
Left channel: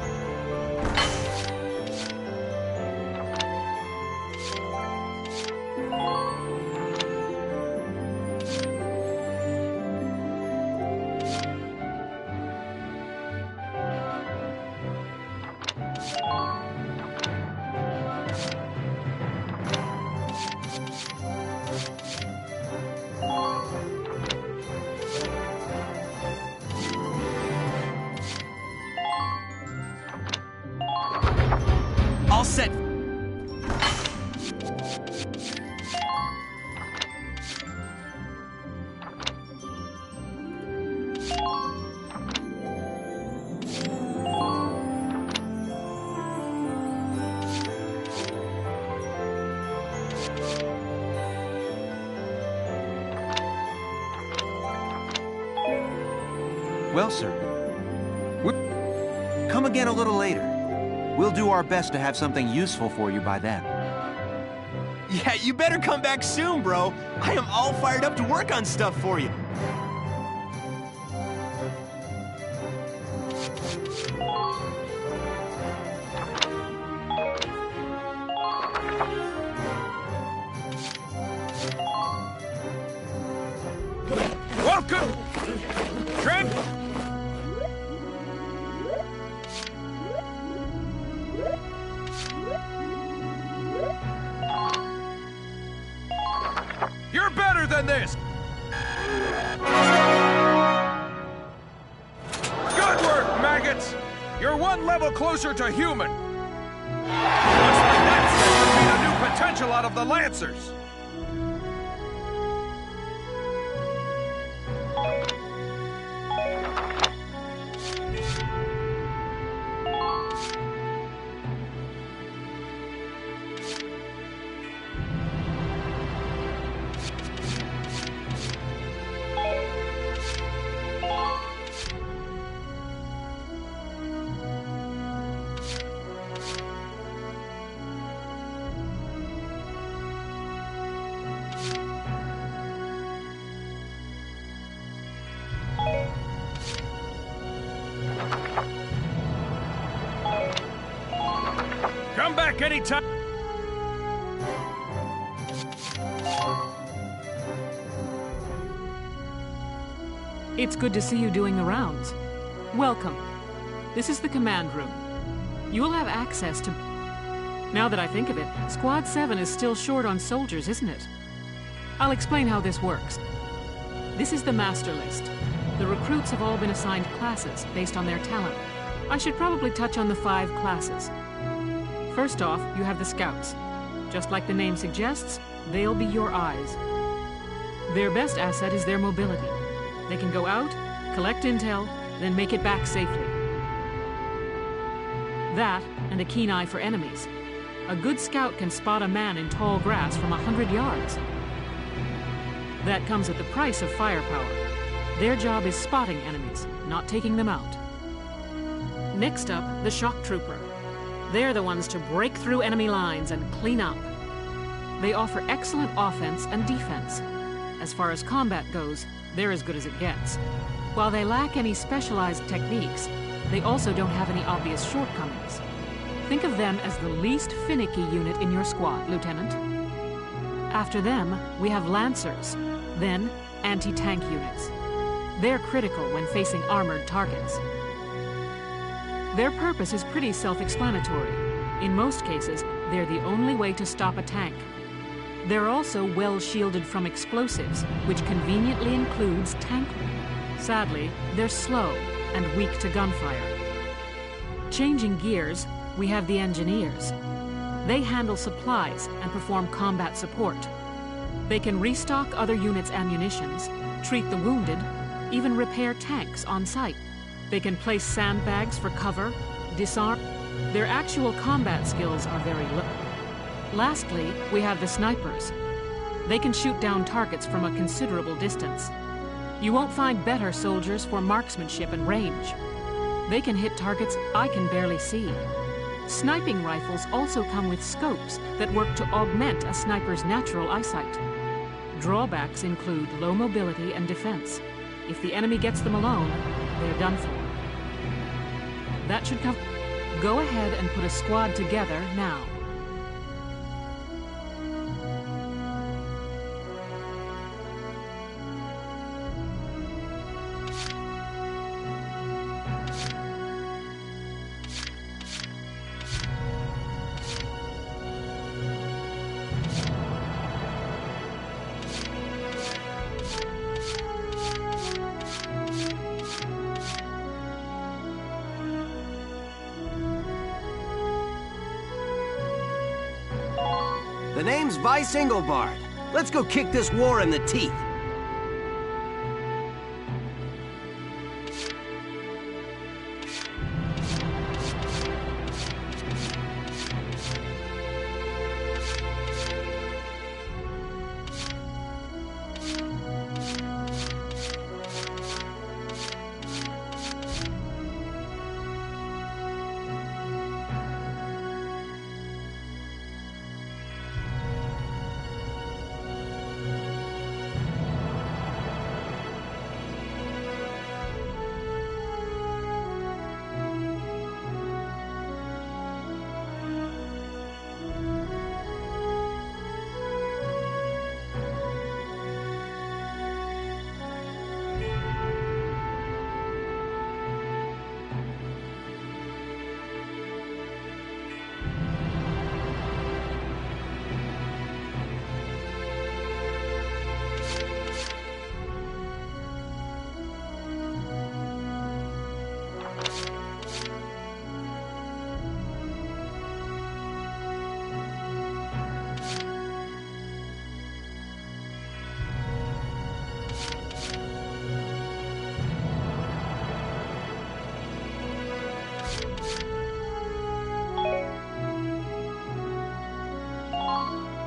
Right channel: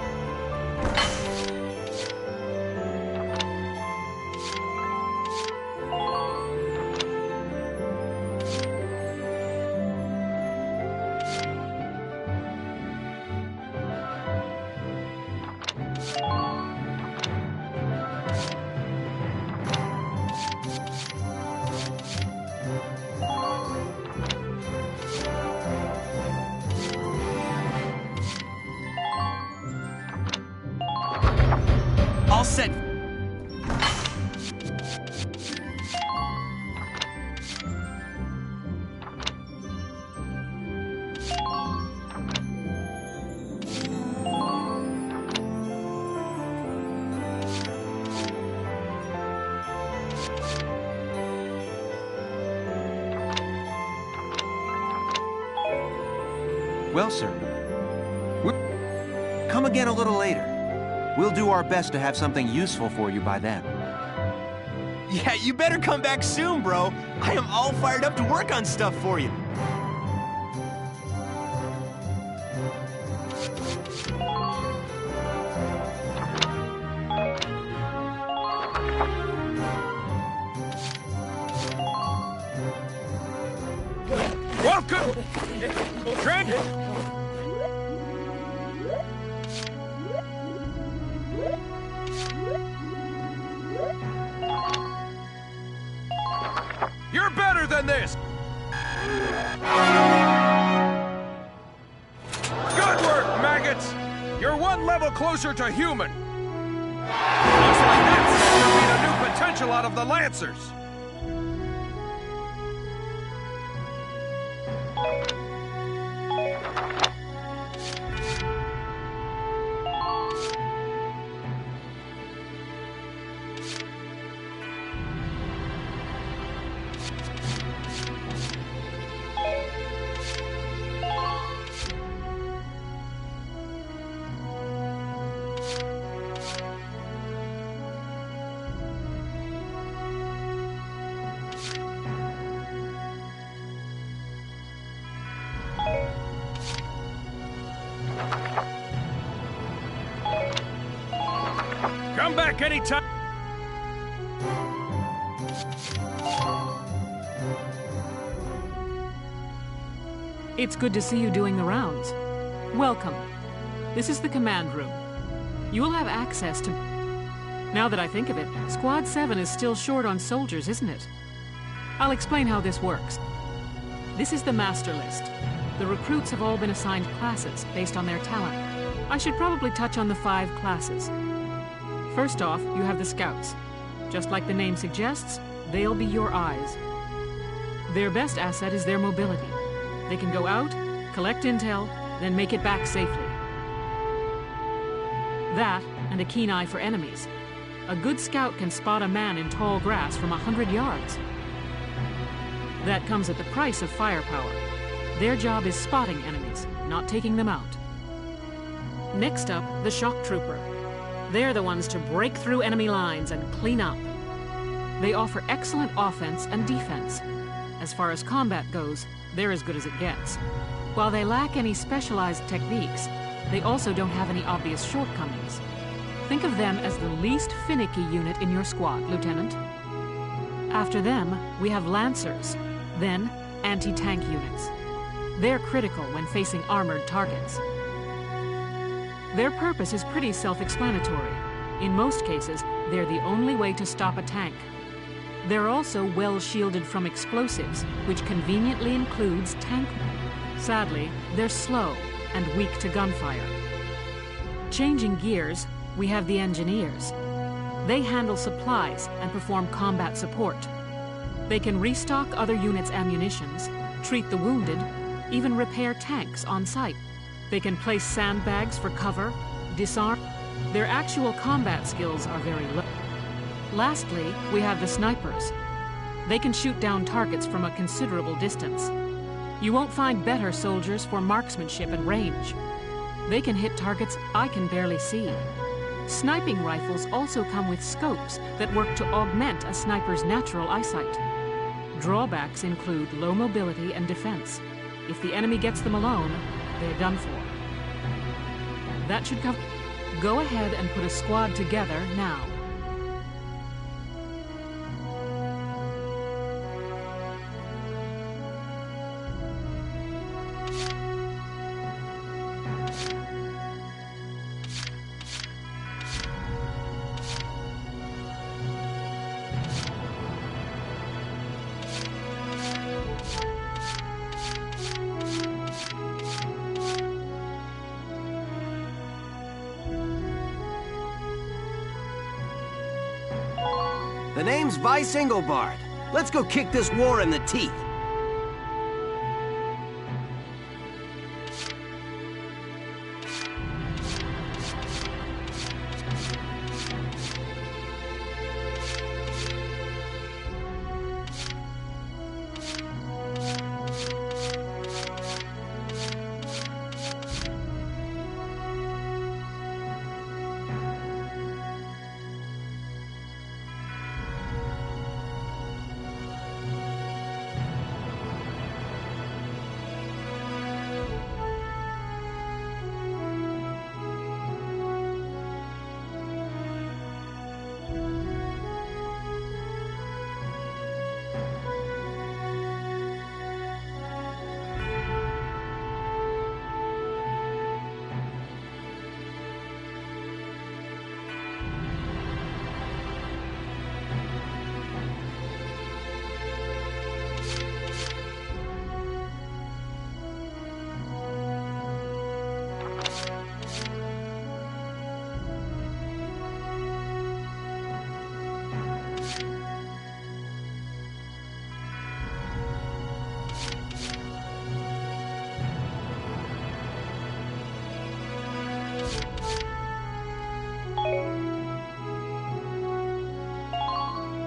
All set. Well, sir, come again a little later. We'll do our best to have something useful for you by then. Yeah, you better come back soon, bro. I am all fired up to work on stuff for you. Welcome! Trent! You're better than this! Good work, maggots! You're one level closer to human. Looks like that sector beat a new potential out of the Lancers. Come back anytime. It's good to see you doing the rounds. Welcome. This is the command room. You will have access to... Now that I think of it, Squad 7 is still short on soldiers, isn't it? I'll explain how this works. This is the master list. The recruits have all been assigned classes based on their talent. I should probably touch on the 5 classes. First off, you have the scouts. Just like the name suggests, they'll be your eyes. Their best asset is their mobility. They can go out, collect intel, then make it back safely. That, and a keen eye for enemies. A good scout can spot a man in tall grass from 100 yards. That comes at the price of firepower. Their job is spotting enemies, not taking them out. Next up, the shock trooper. They're the ones to break through enemy lines and clean up. They offer excellent offense and defense. As far as combat goes, they're as good as it gets. While they lack any specialized techniques, they also don't have any obvious shortcomings. Think of them as the least finicky unit in your squad, Lieutenant. After them, we have Lancers, then anti-tank units. They're critical when facing armored targets. Their purpose is pretty self-explanatory. In most cases, they're the only way to stop a tank. They're also well shielded from explosives, which conveniently includes tank. Sadly, they're slow and weak to gunfire. Changing gears, we have the engineers. They handle supplies and perform combat support. They can restock other units' ammunitions, treat the wounded, even repair tanks on site. They can place sandbags for cover, disarm. Their actual combat skills are very low. Lastly, we have the snipers. They can shoot down targets from a considerable distance. You won't find better soldiers for marksmanship and range. They can hit targets I can barely see. Sniping rifles also come with scopes that work to augment a sniper's natural eyesight. Drawbacks include low mobility and defense. If the enemy gets them alone, they're done for. That should cover. Go ahead and put a squad together now. The name's Vice Engelbart. Let's go kick this war in the teeth.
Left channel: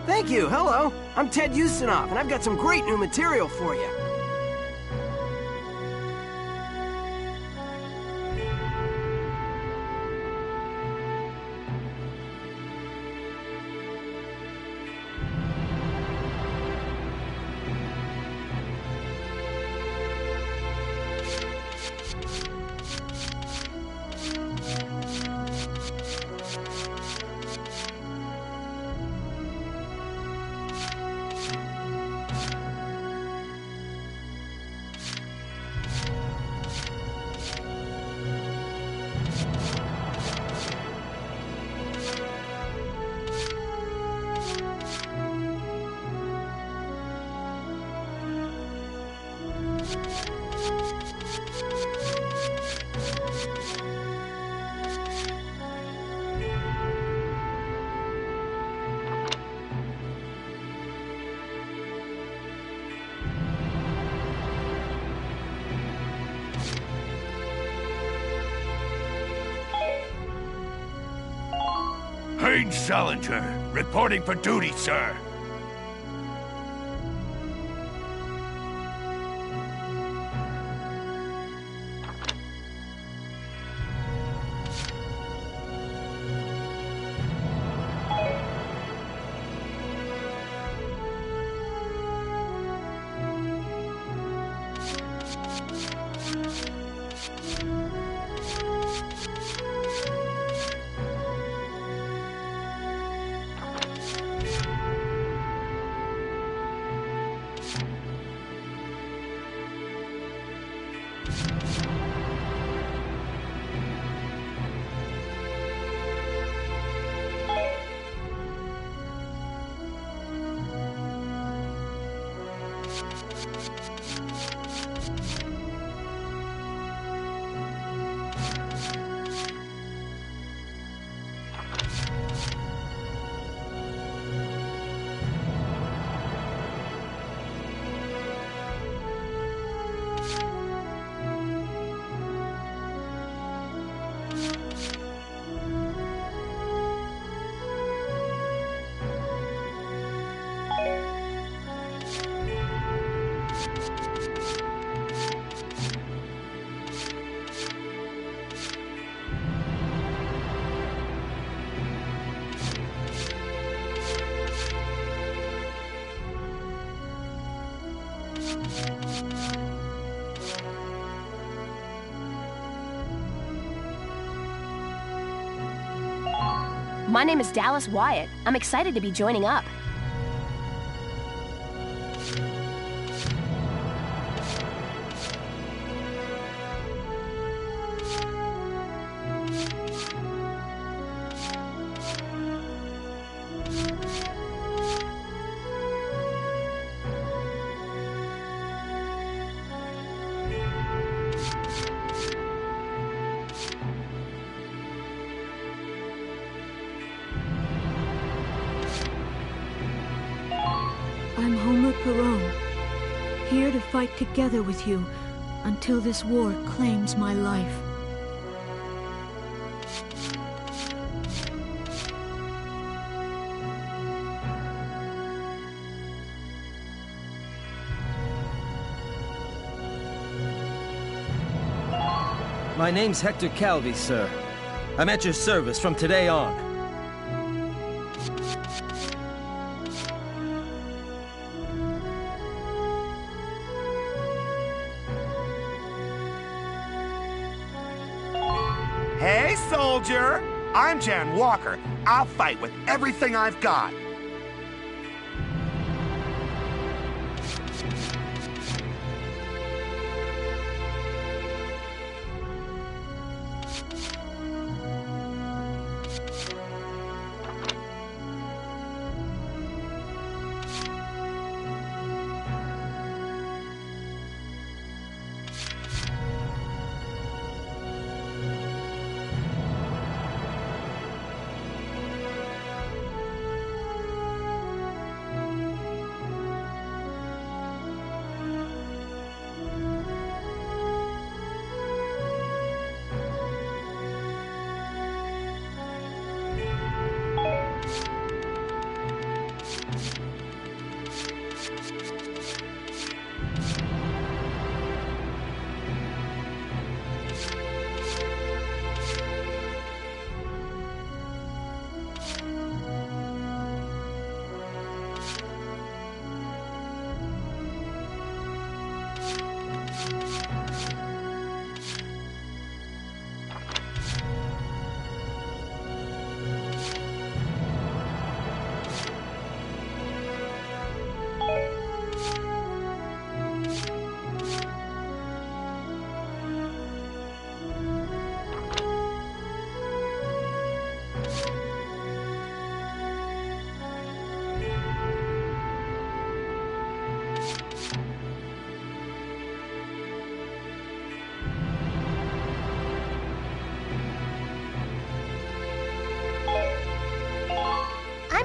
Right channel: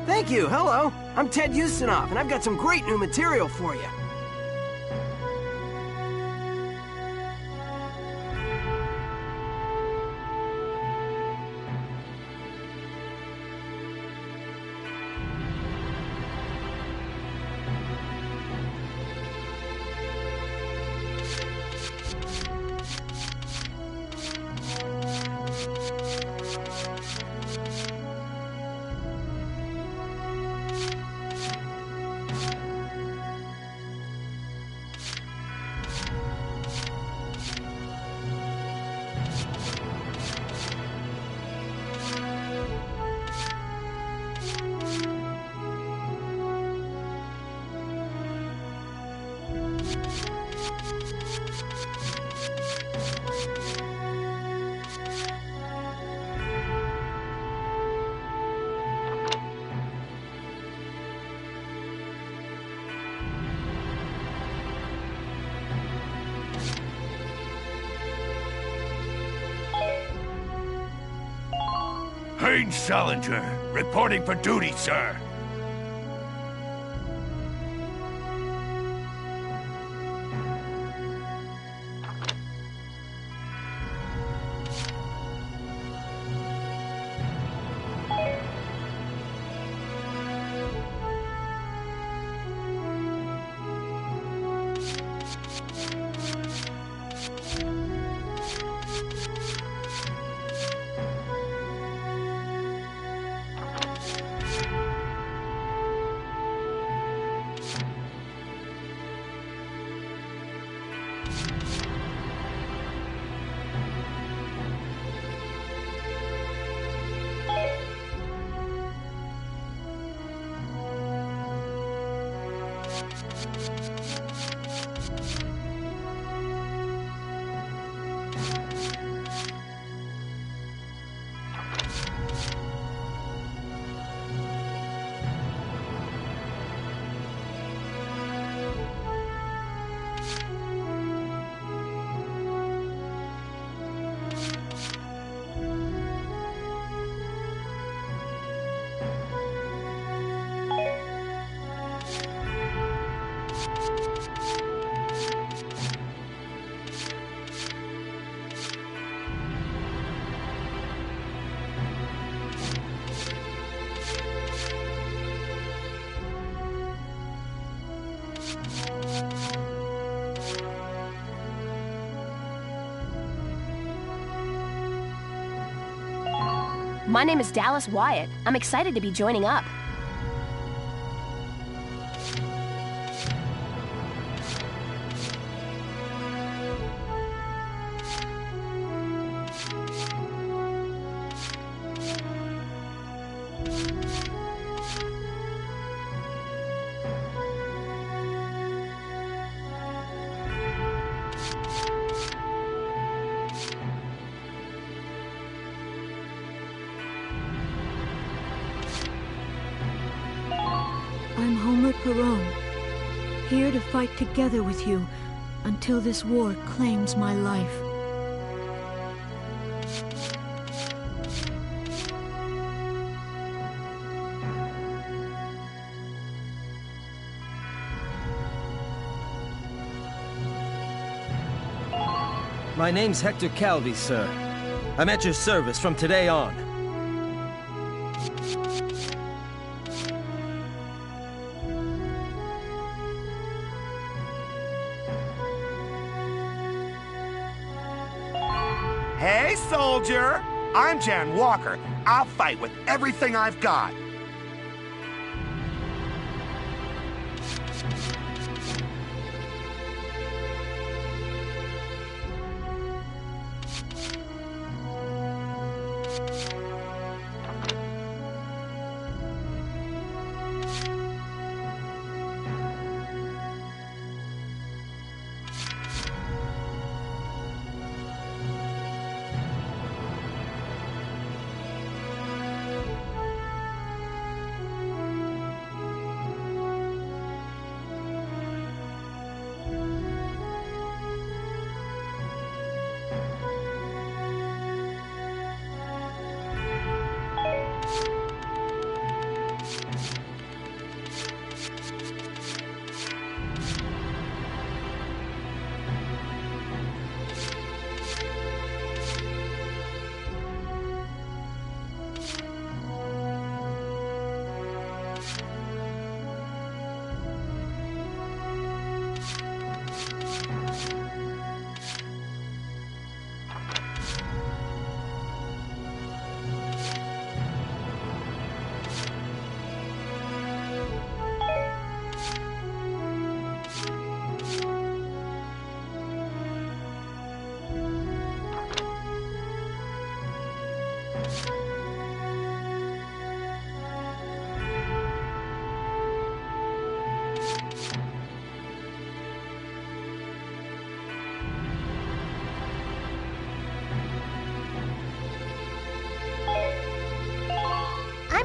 Thank you, hello. I'm Ted Ustinov, and I've got some great new material for you. Haynes Salinger, reporting for duty, sir. My name is Dallas Wyatt. I'm excited to be joining up. I'm Homer Perone, here to fight together with you until this war claims my life. My name's Hector Calvi, sir. I'm at your service from today on. Hey, soldier! I'm Jan Walker. I'll fight with everything I've got.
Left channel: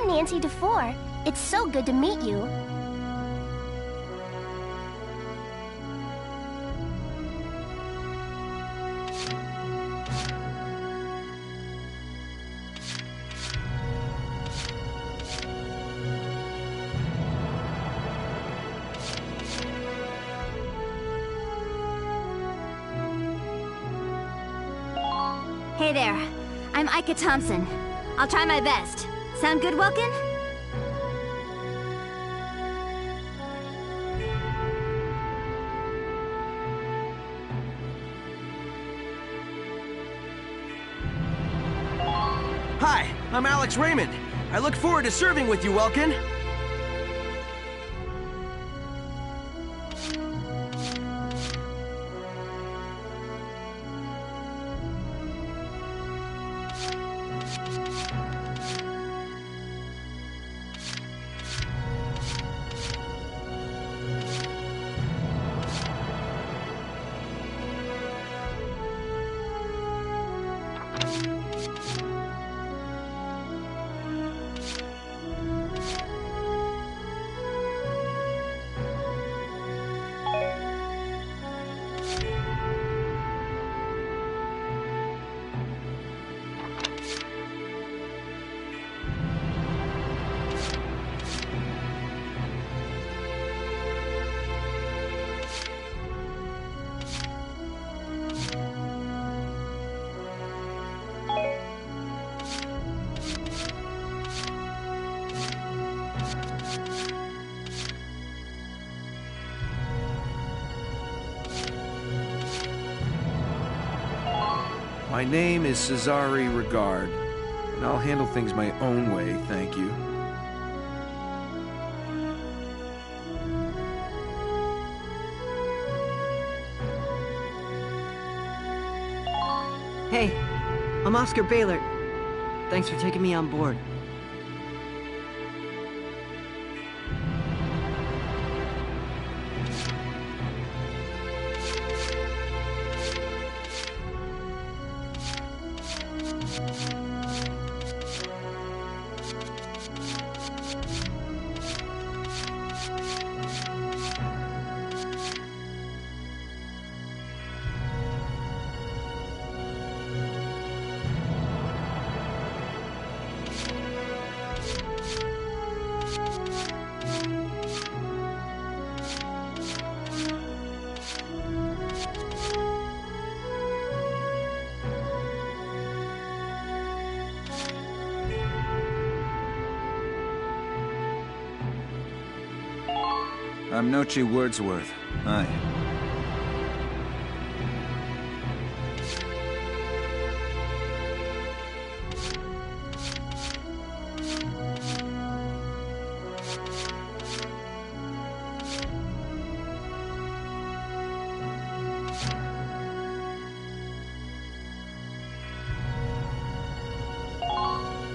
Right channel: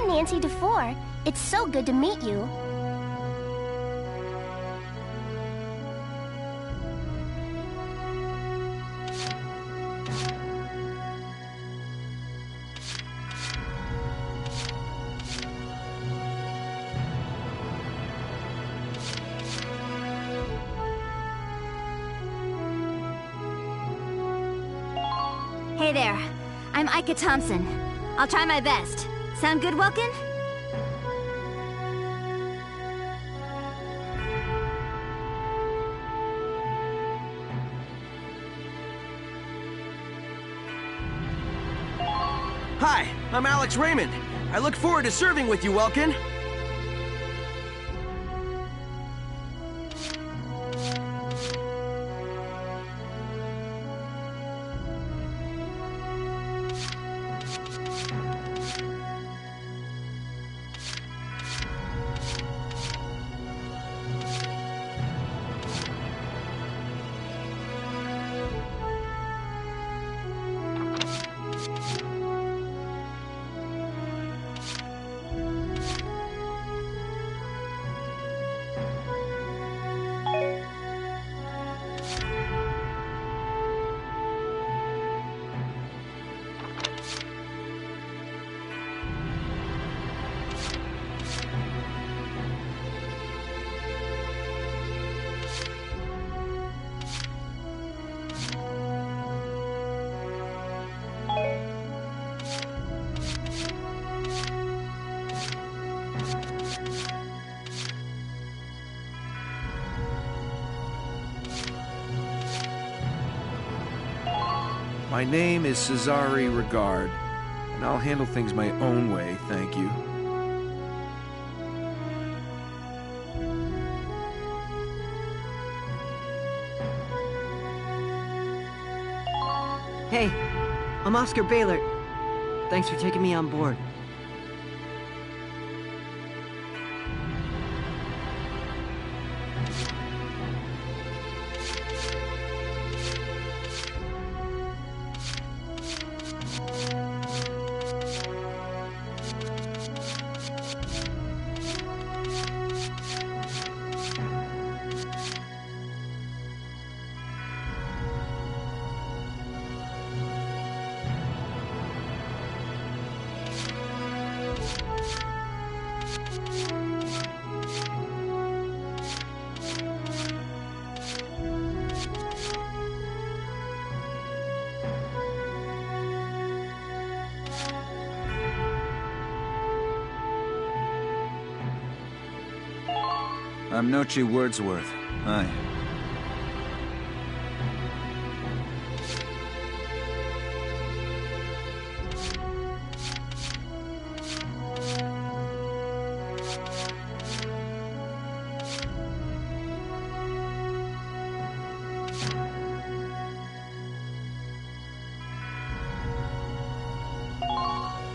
I'm Nancy DeFore. It's so good to meet you. Hey there. I'm Ika Thompson. I'll try my best. Sound good, Welkin? Hi, I'm Alex Raymond. I look forward to serving with you, Welkin. My name is Cesare Regard, and I'll handle things my own way, thank you. Hey, I'm Oscar Baylor. Thanks for taking me on board. I'm Nochi Wordsworth. Hi.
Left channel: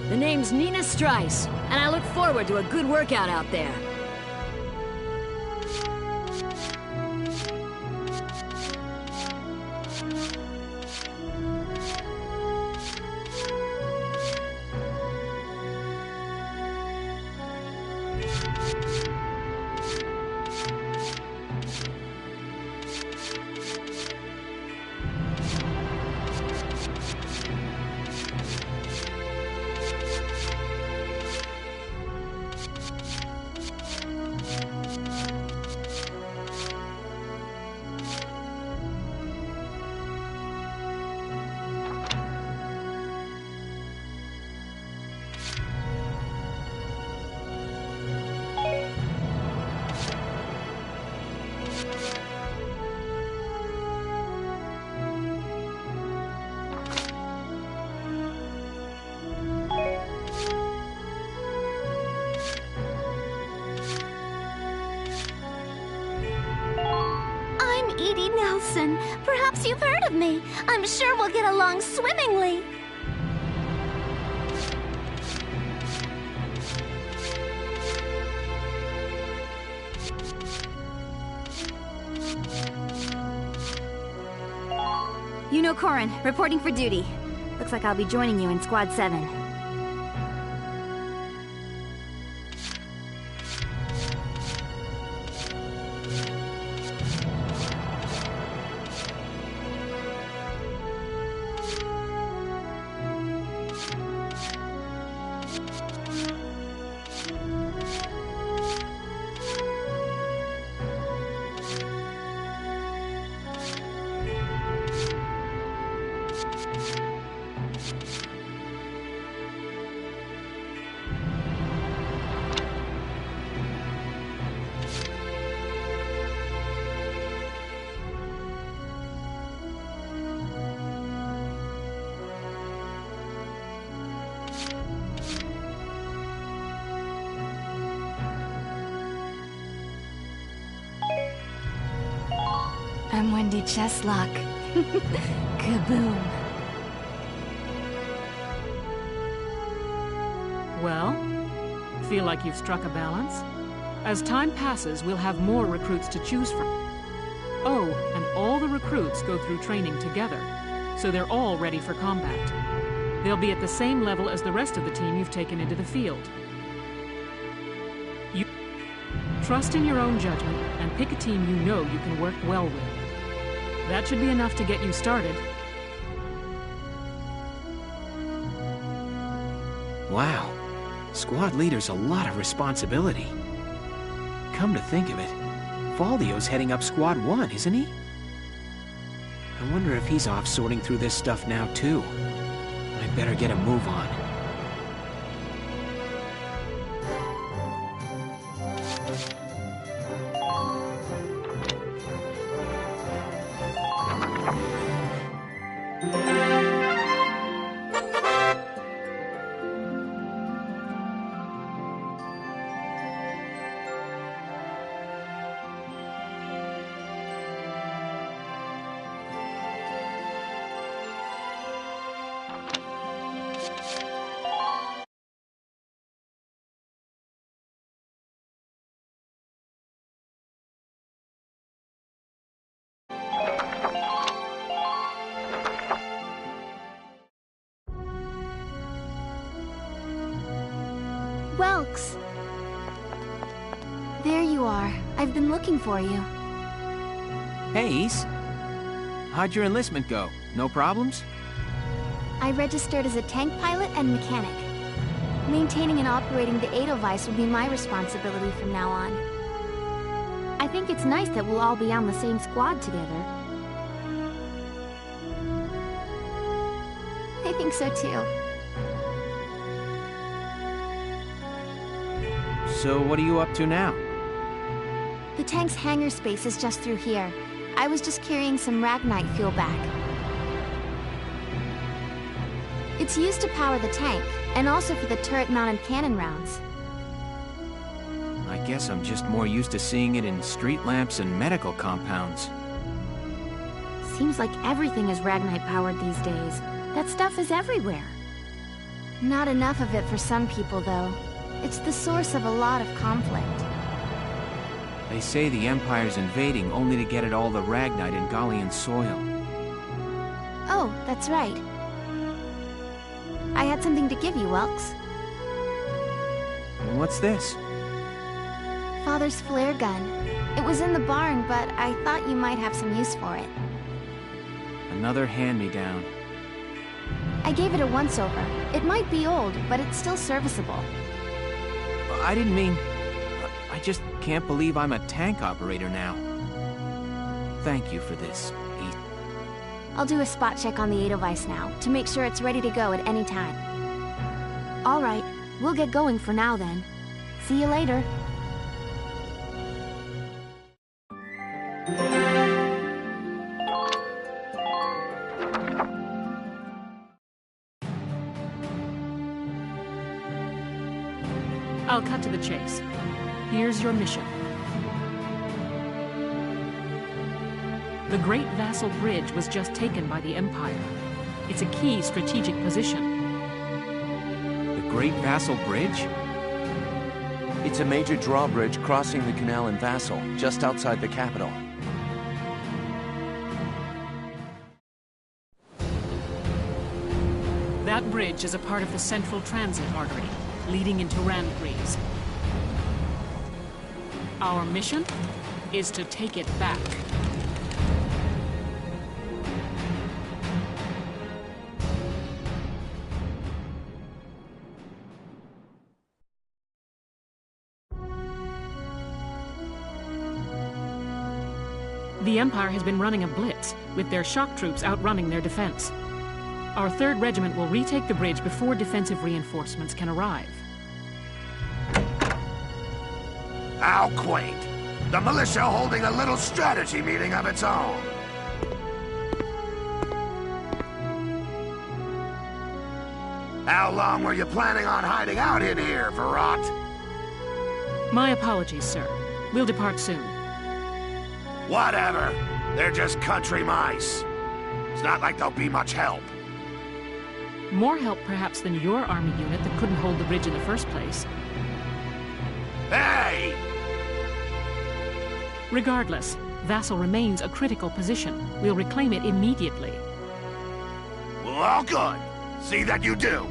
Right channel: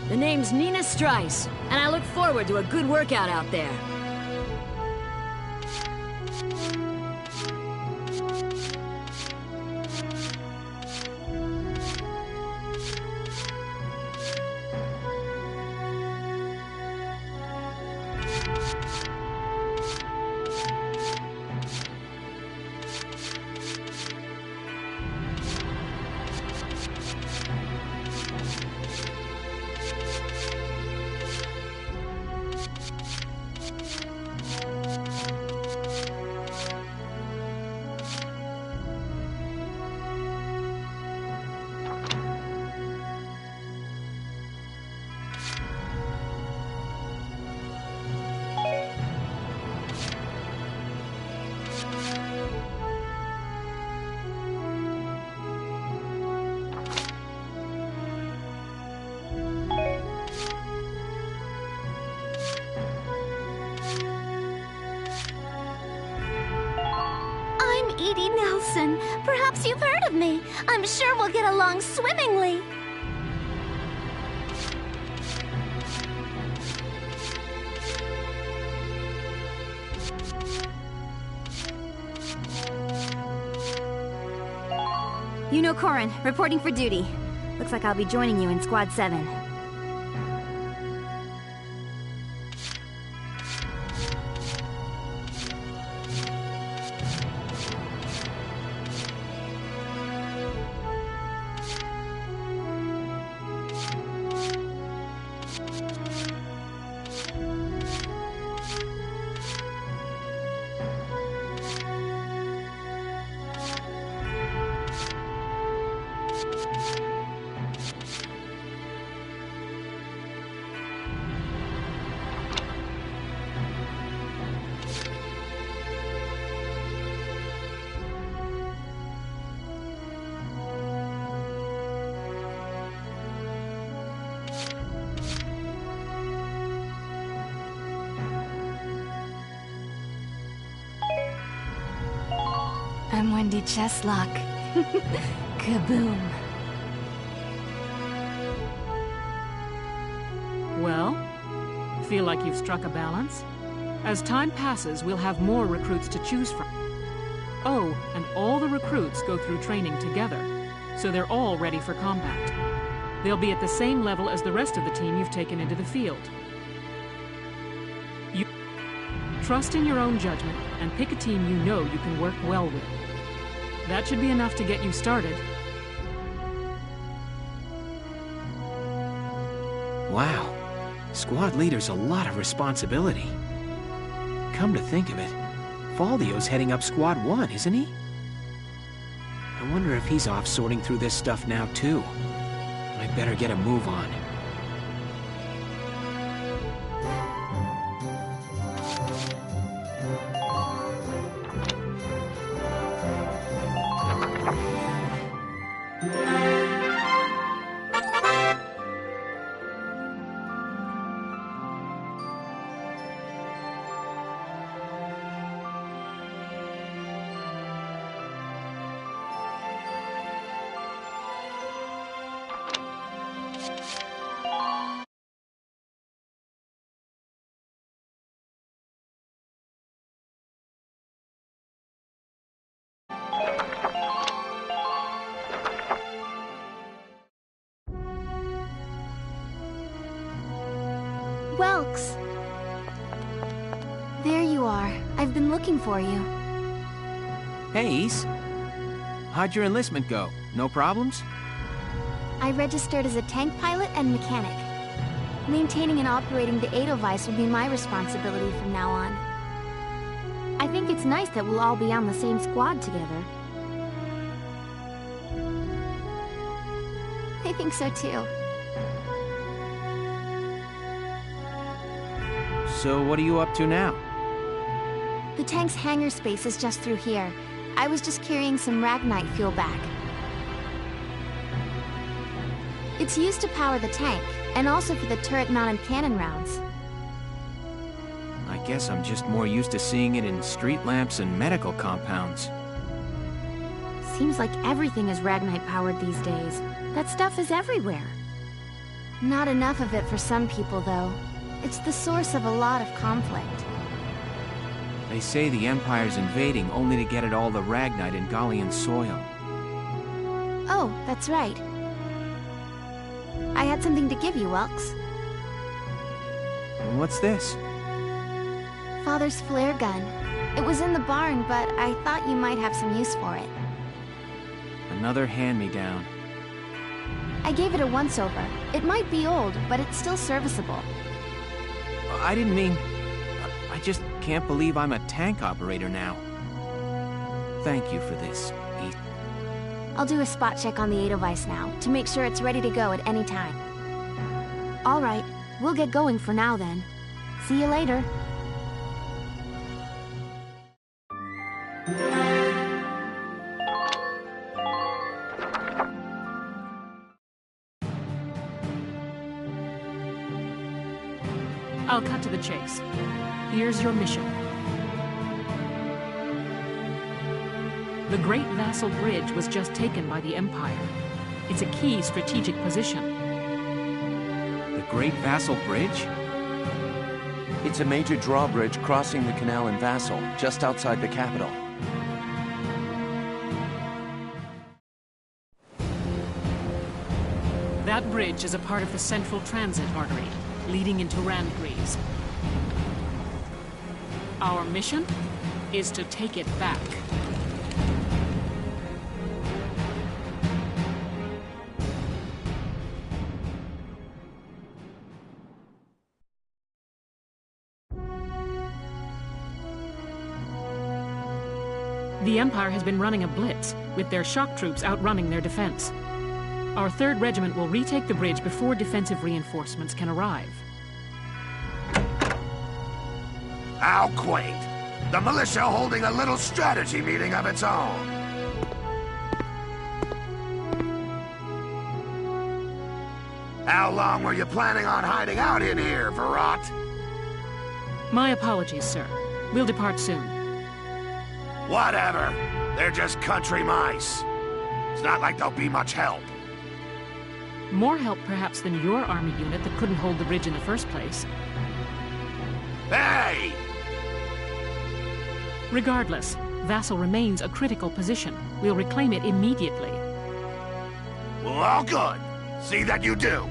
The name's Nina Strice, and I look forward to a good workout out there. Edie Nelson. Perhaps you've heard of me. I'm sure we'll get along swimmingly. Yuno Korin, reporting for duty. Looks like I'll be joining you in Squad 7. I'm Wendy Cheslock. Kaboom. Well, feel like you've struck a balance? As time passes, we'll have more recruits to choose from. Oh, and all the recruits go through training together, so they're all ready for combat. They'll be at the same level as the rest of the team you've taken into the field. You trust in your own judgment and pick a team you know you can work well with. That should be enough to get you started. Wow. Squad leader's a lot of responsibility. Come to think of it, Faldio's heading up Squad 1, isn't he? I wonder if he's off sorting through this stuff now, too. I'd better get a move on. Welks! There you are. I've been looking for you. Hey, Ace. How'd your enlistment go? No problems? I registered as a tank pilot and mechanic. Maintaining and operating the Edelweiss will be my responsibility from now on. I think it's nice that we'll all be on the same squad together. I think so too. So what are you up to now? The tank's hangar space is just through here. I was just carrying some Ragnite fuel back. It's used to power the tank, and also for the turret-mounted cannon rounds. I guess I'm just more used to seeing it in street lamps and medical compounds. Seems like everything is Ragnite-powered these days. That stuff is everywhere. Not enough of it for some people, though. It's the source of a lot of conflict. They say the Empire's invading only to get at all the Ragnite in Gallian soil. Oh, that's right. I had something to give you, Welks. What's this? Father's flare gun. It was in the barn, but I thought you might have some use for it. Another hand-me-down. I gave it a once-over. It might be old, but it's still serviceable. I didn't mean... I just can't believe I'm a tank operator now. Thank you for this, Ace. I'll do a spot check on the Edelweiss now, to make sure it's ready to go at any time. All right, we'll get going for now then. See you later. I'll cut to the chase. Here's your mission. The Great Vassal Bridge was just taken by the Empire. It's a key strategic position. The Great Vassal Bridge? It's a major drawbridge crossing the canal in Vassal, just outside the capital. That bridge is a part of the central transit artery, leading into Randgrees. Our mission is to take it back. The Empire has been running a blitz, with their shock troops outrunning their defense. Our 3rd Regiment will retake the bridge before defensive reinforcements can arrive. How quaint. The militia holding a little strategy meeting of its own. How long were you planning on hiding out in here, Verrot? My apologies, sir. We'll depart soon. Whatever. They're just country mice. It's not like they'll be much help. More help, perhaps, than your army unit that couldn't hold the bridge in the first place. Hey! Regardless, Vassal remains a critical position. We'll reclaim it immediately. Well, all good. See that you do.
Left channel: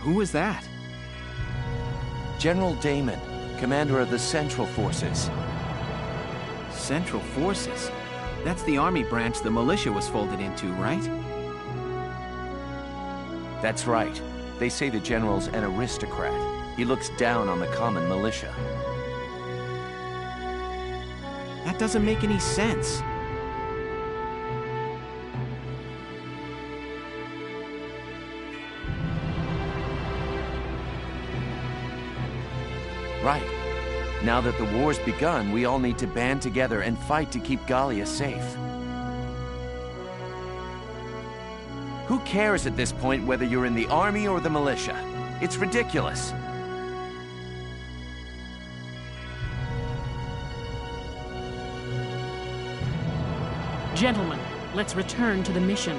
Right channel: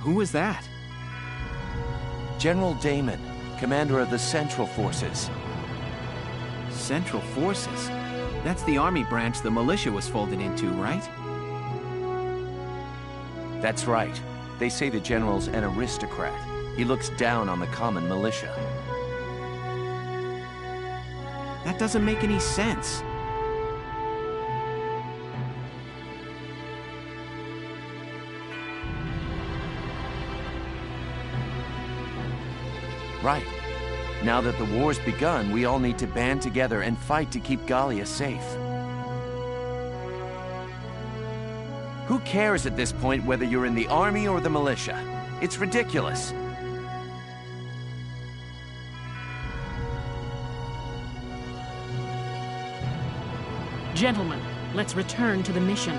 Who was that? General Damon, commander of the Central Forces. Central Forces? That's the army branch the militia was folded into, right? That's right. They say the general's an aristocrat. He looks down on the common militia. That doesn't make any sense. Right. Now that the war's begun, we all need to band together and fight to keep Gallia safe. Who cares at this point whether you're in the army or the militia? It's ridiculous. Gentlemen, let's return to the mission.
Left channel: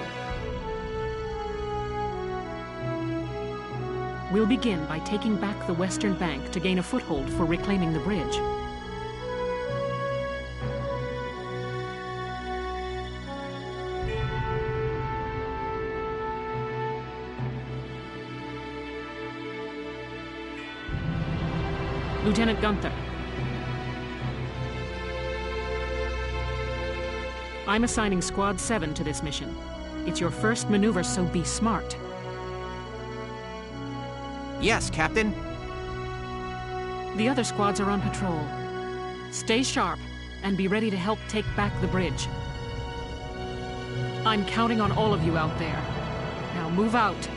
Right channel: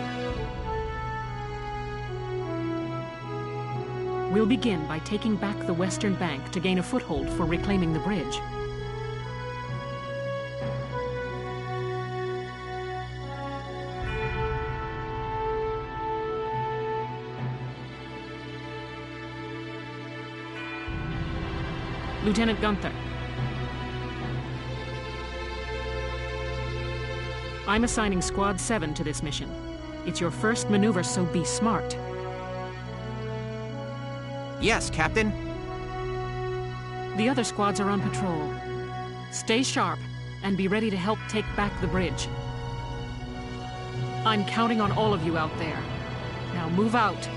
We'll begin by taking back the western bank to gain a foothold for reclaiming the bridge. Lieutenant Gunther. I'm assigning Squad 7 to this mission. It's your first maneuver, so be smart. Yes, Captain. The other squads are on patrol. Stay sharp and be ready to help take back the bridge. I'm counting on all of you out there. Now move out.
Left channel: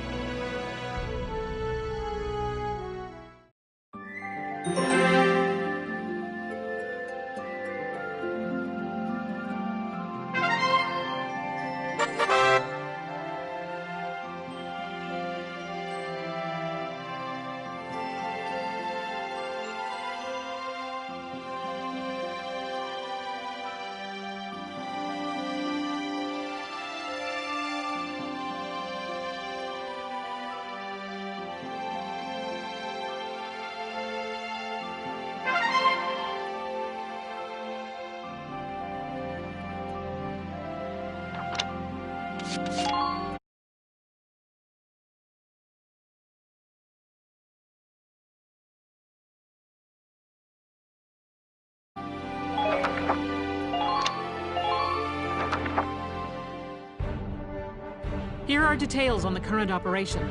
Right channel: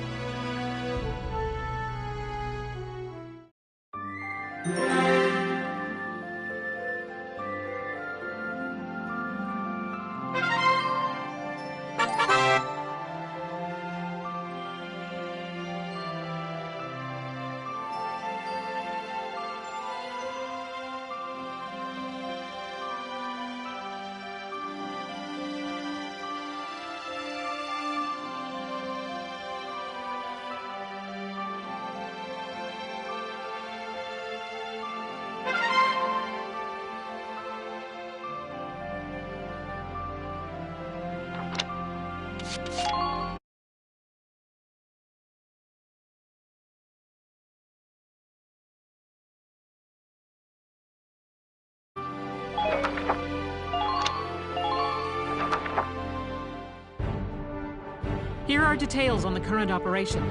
Here are details on the current operation.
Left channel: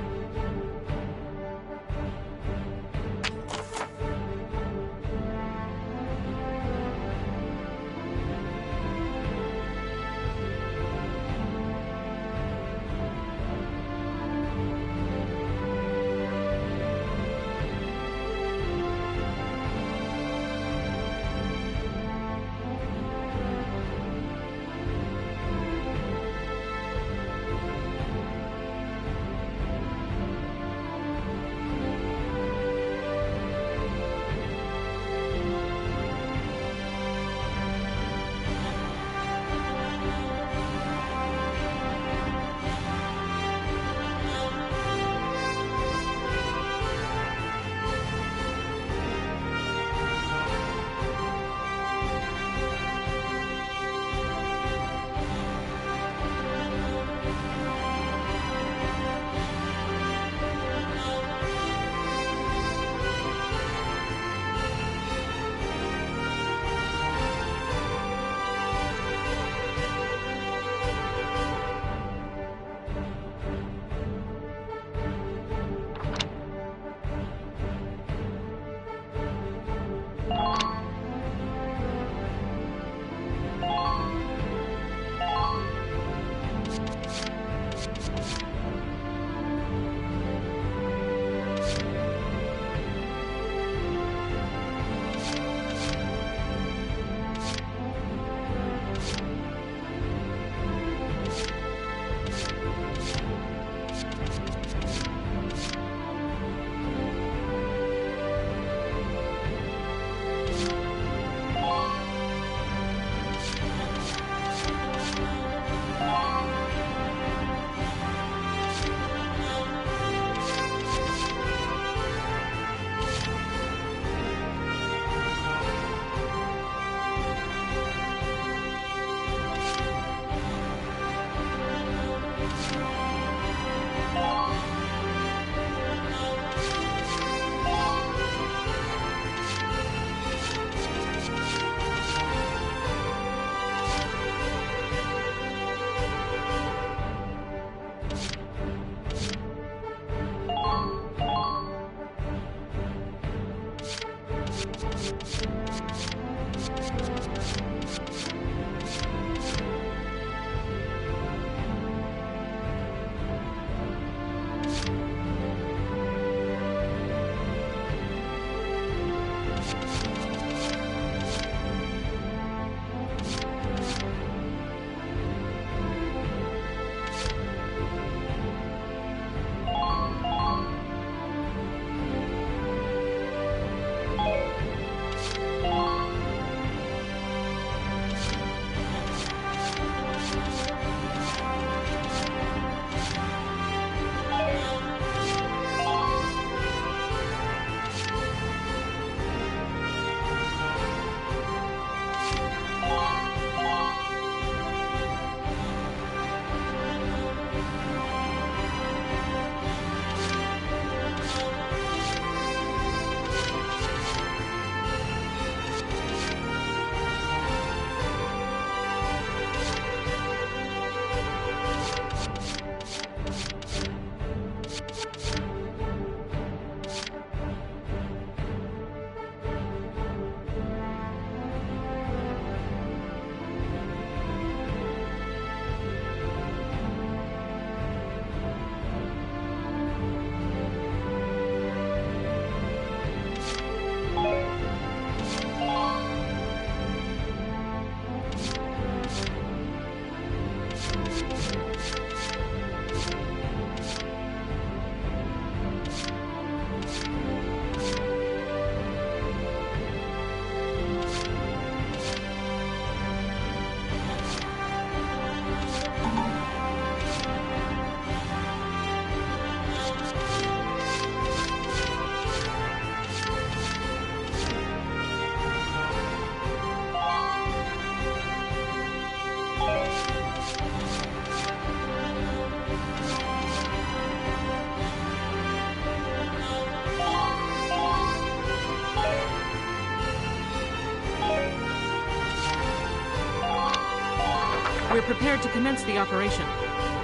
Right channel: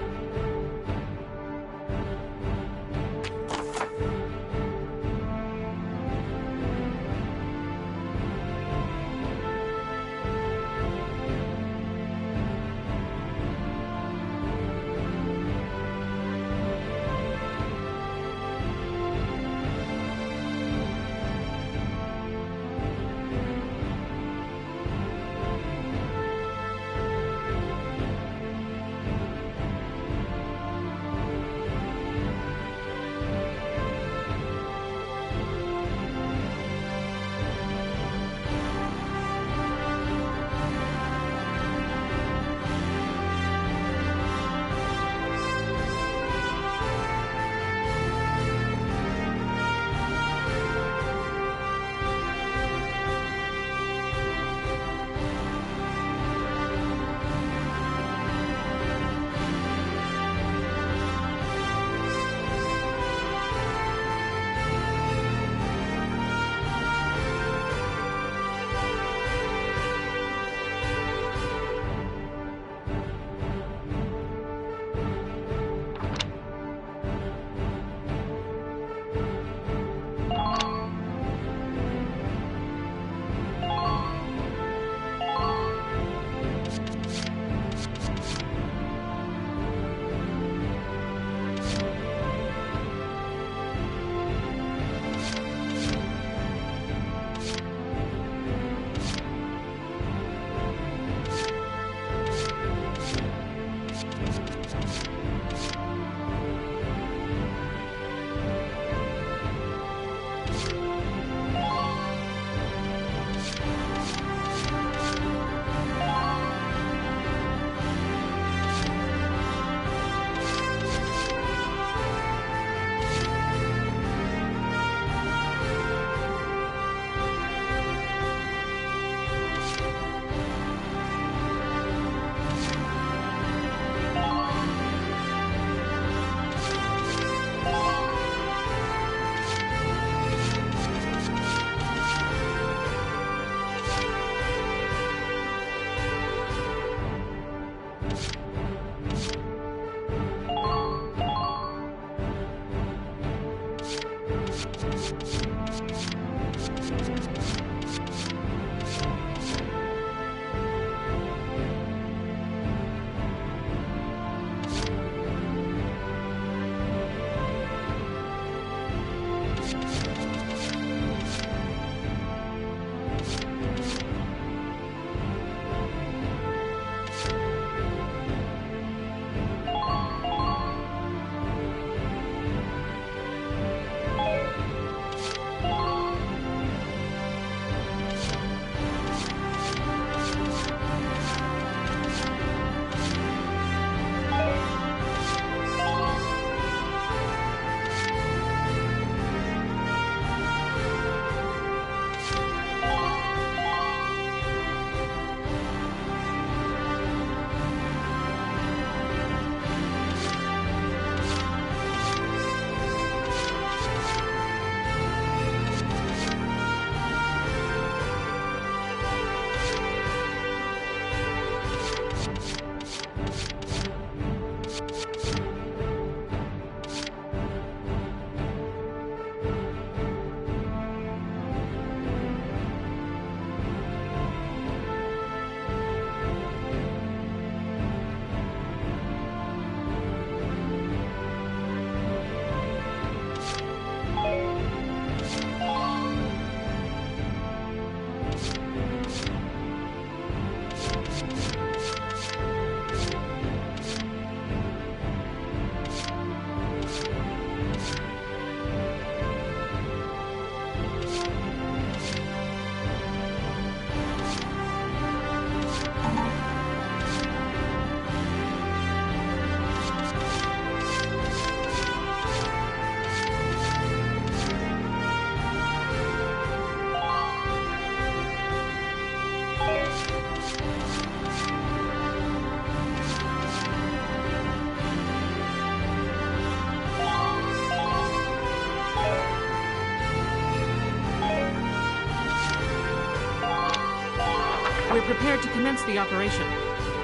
We're prepared to commence the operation.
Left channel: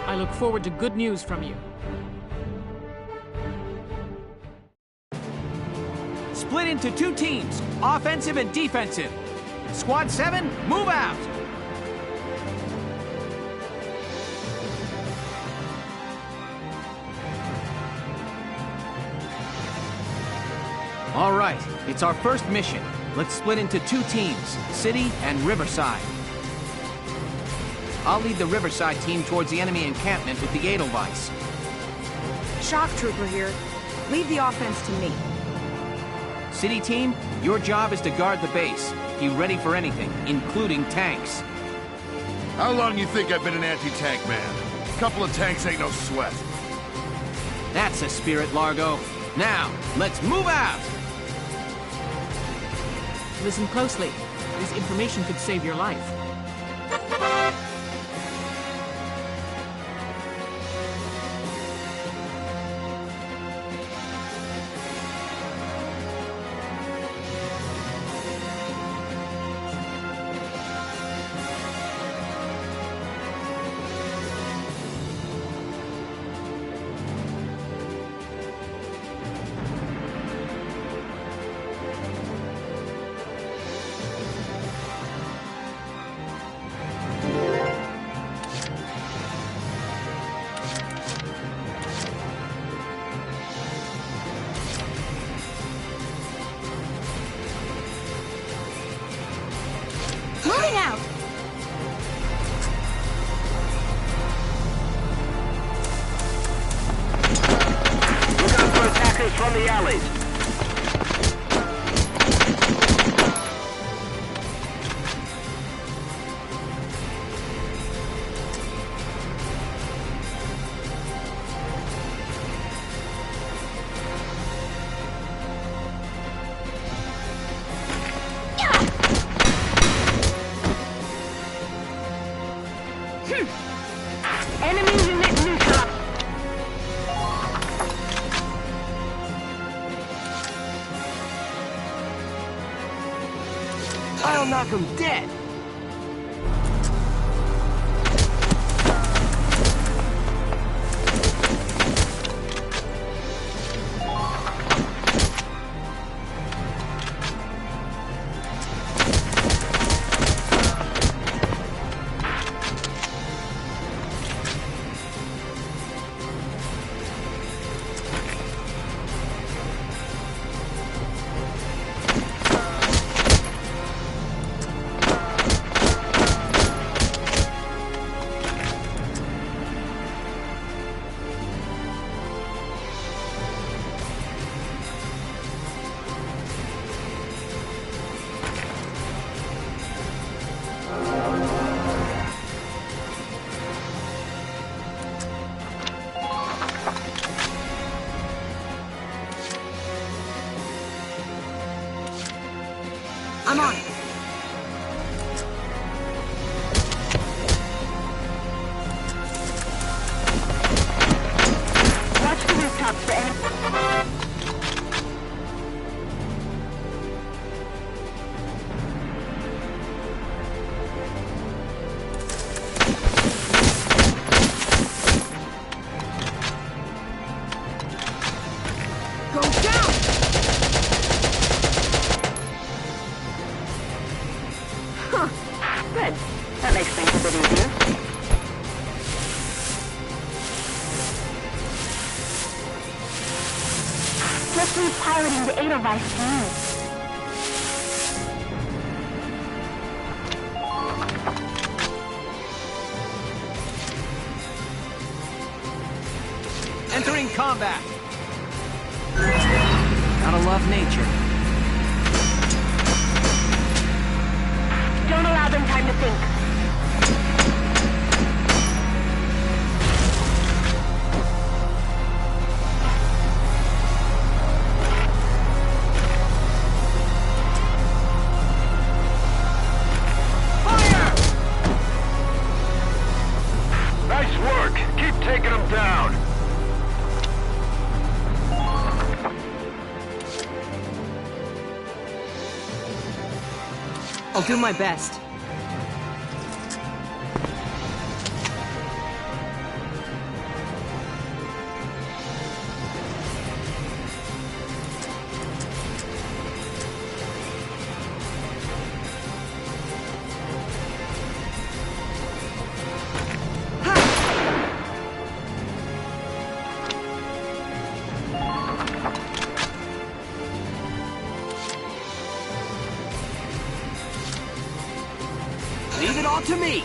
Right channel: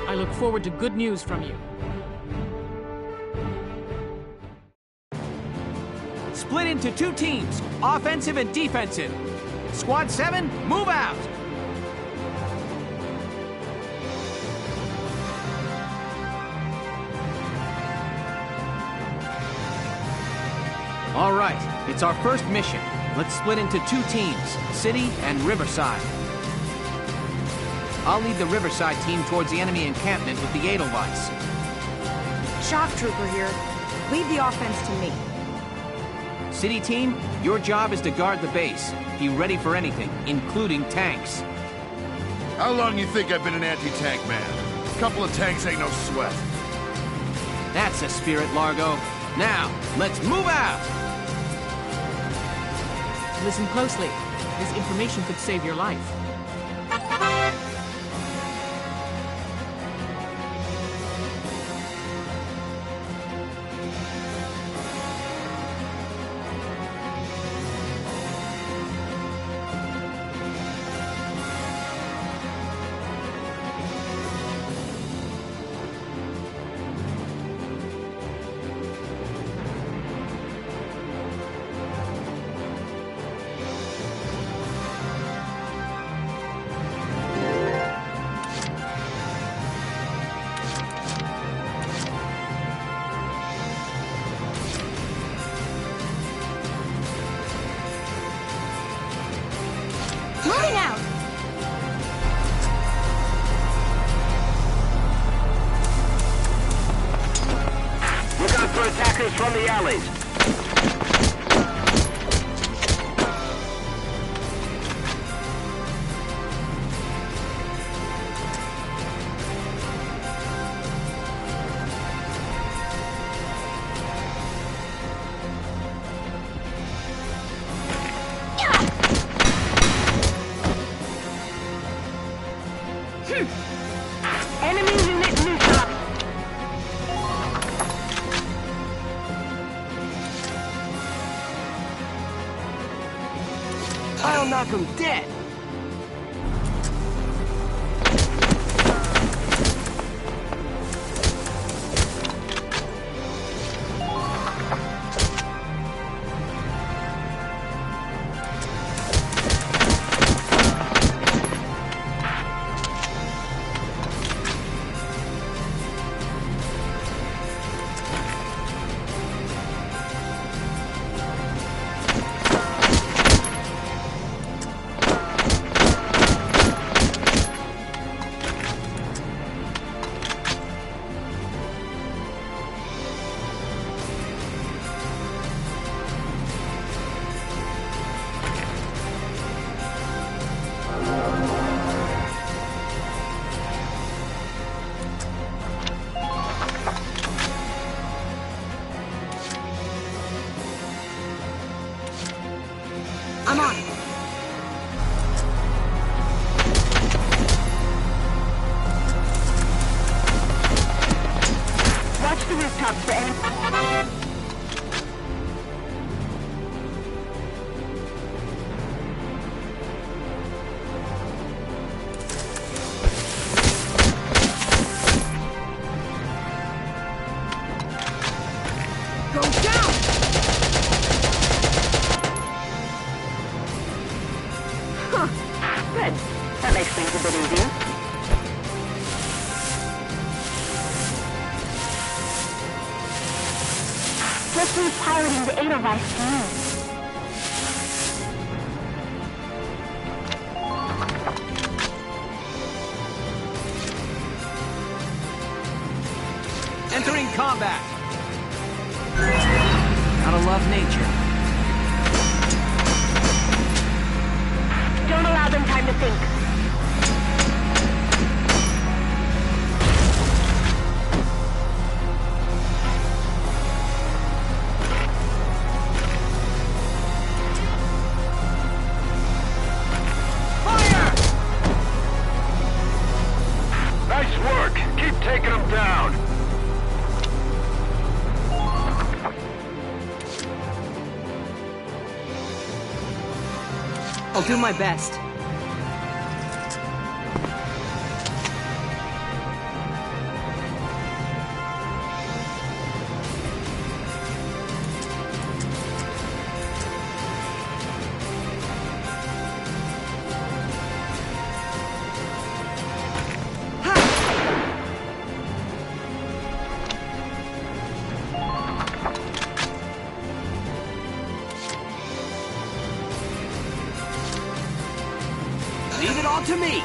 I look forward to good news from you. Split into 2 teams, offensive and defensive. Squad 7, move out! All right, it's our first mission. Let's split into 2 teams, City and Riverside. I'll lead the Riverside team towards the enemy encampment with the Edelweiss. Shock Trooper here. Leave the offense to me. City team, your job is to guard the base. Be ready for anything, including tanks. How long you think I've been an anti-tank man? A couple of tanks ain't no sweat. That's the spirit, Largo. Now, let's move out! Listen closely. This information could save your life. Moving out! Look out for attackers from the alleys. Enemy unit neutral. I'll knock him dead. I'm on it. Watch the rooftops for enemy. Go down! Huh. Good. That makes things a bit easier. Just leave piloting the Edelweiss to me. Entering combat. Gotta love nature. Don't allow them time to think. Nice work. Keep taking them down. I'll do my best. all to me!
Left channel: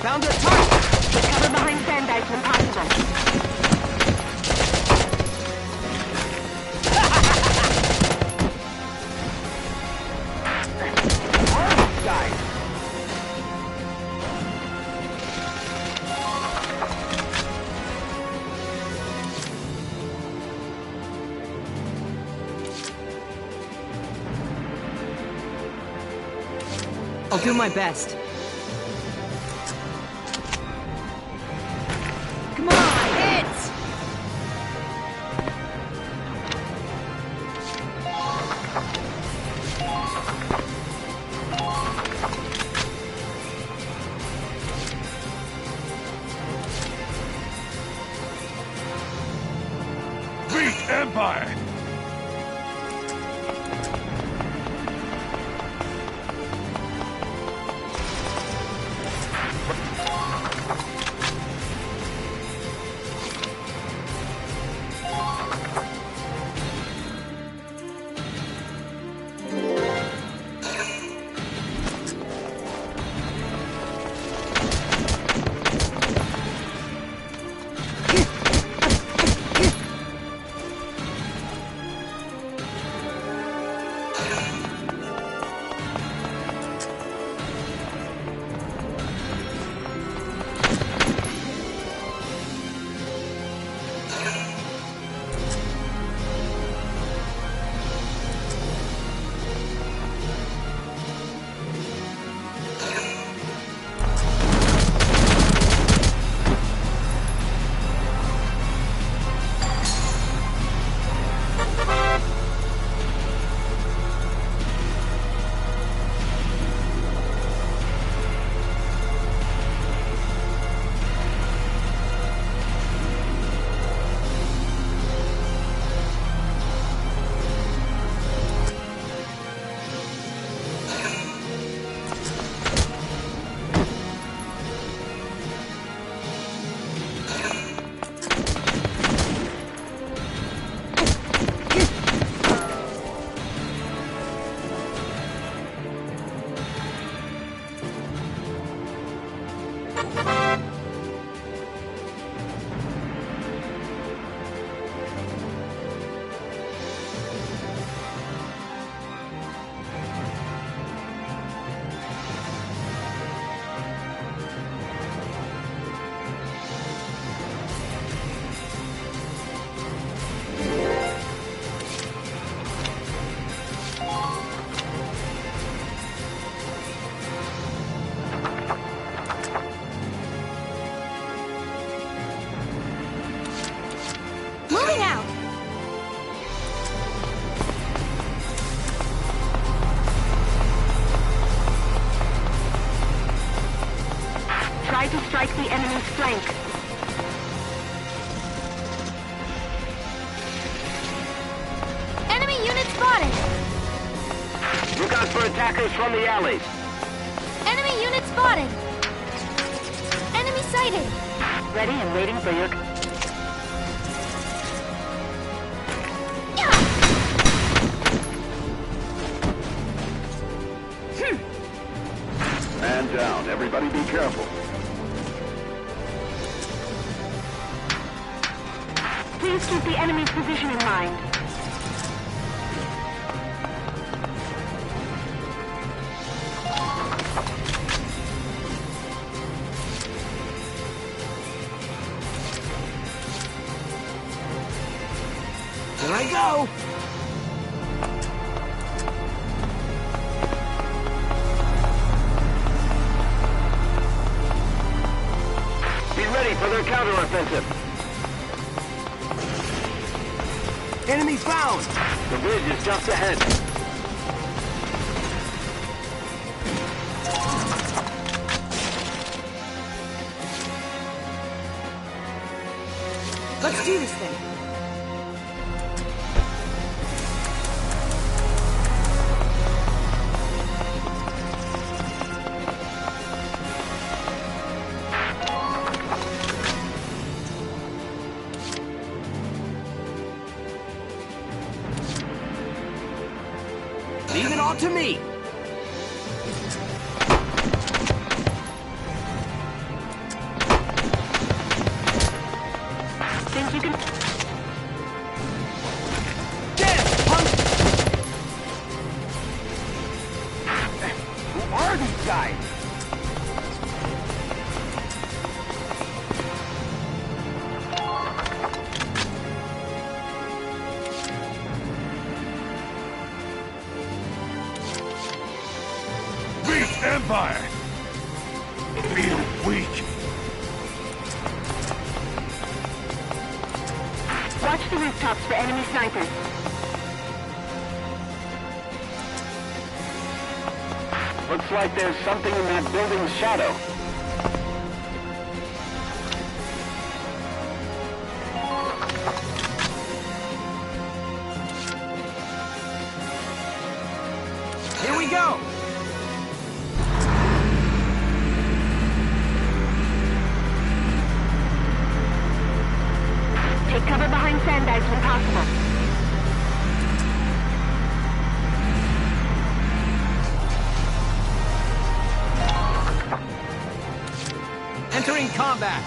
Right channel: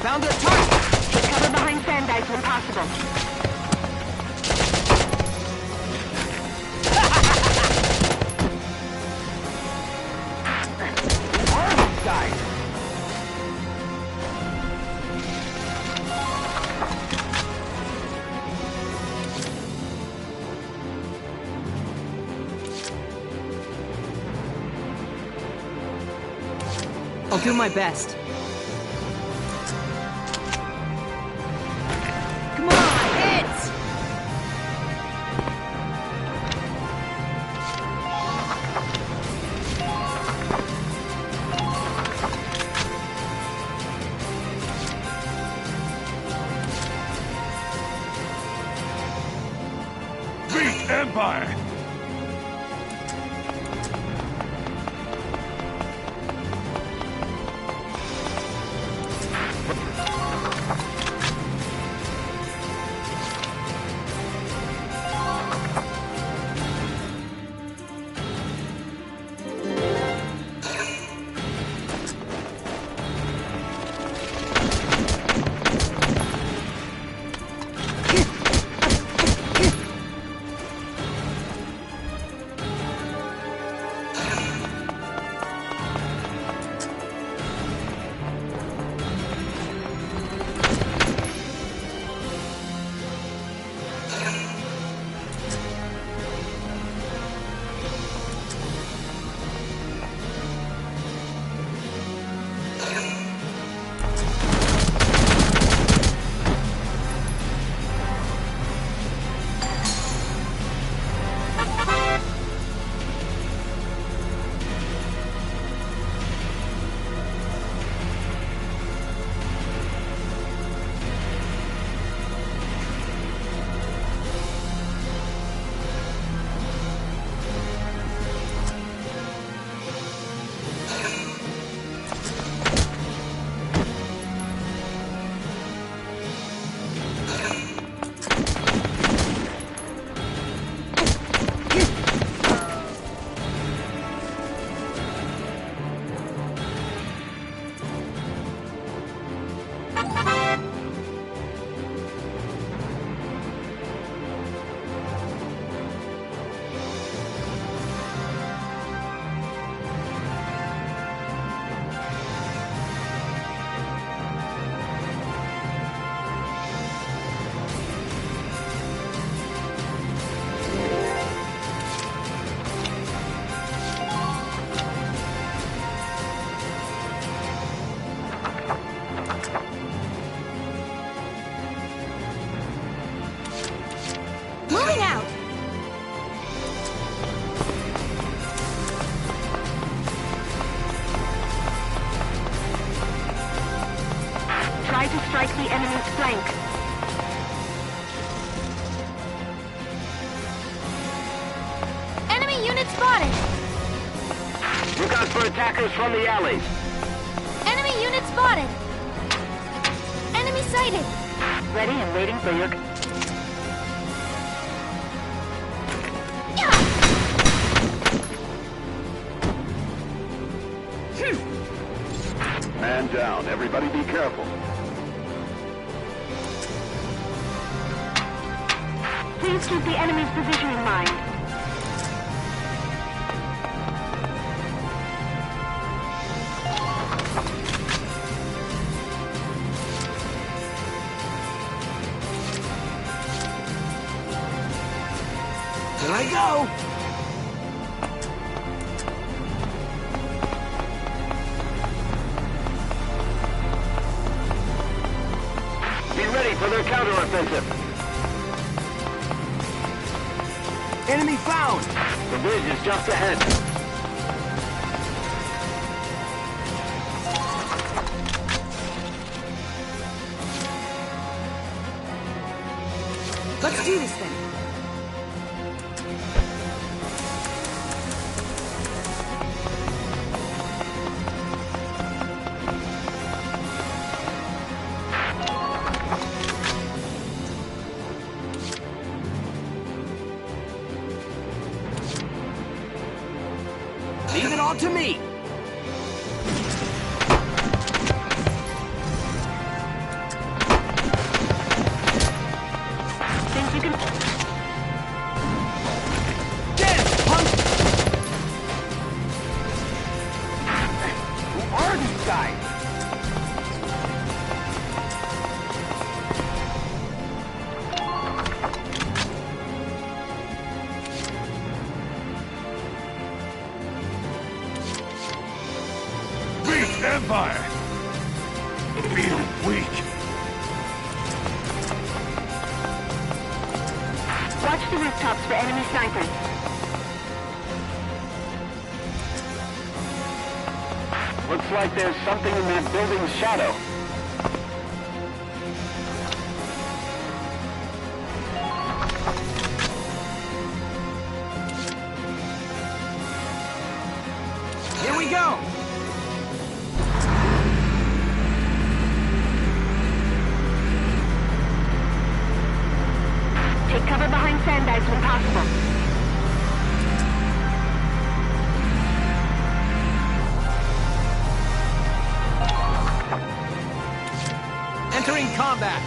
Found a target! Cover behind sand ice when possible. Almost died! I'll do my best. Come on, hit! Beat Empire! Moving out! Try to strike the enemy's flank. Enemy unit spotted! Look out for attackers from the alleys. Enemy unit spotted! Enemy sighted! Ready and waiting for your... Man down. Everybody be careful. Please keep the enemy's position in mind. Here I go! Be ready for their counteroffensive. Enemy found! The bridge is just ahead. Let's do this thing. all to me! Think you can... Get it, punk! Who are these guys? Empire! Feel weak. Watch the rooftops for enemy snipers. Looks like there's something in that building's shadow. Here we go! Take cover behind sandbags when possible. Entering combat!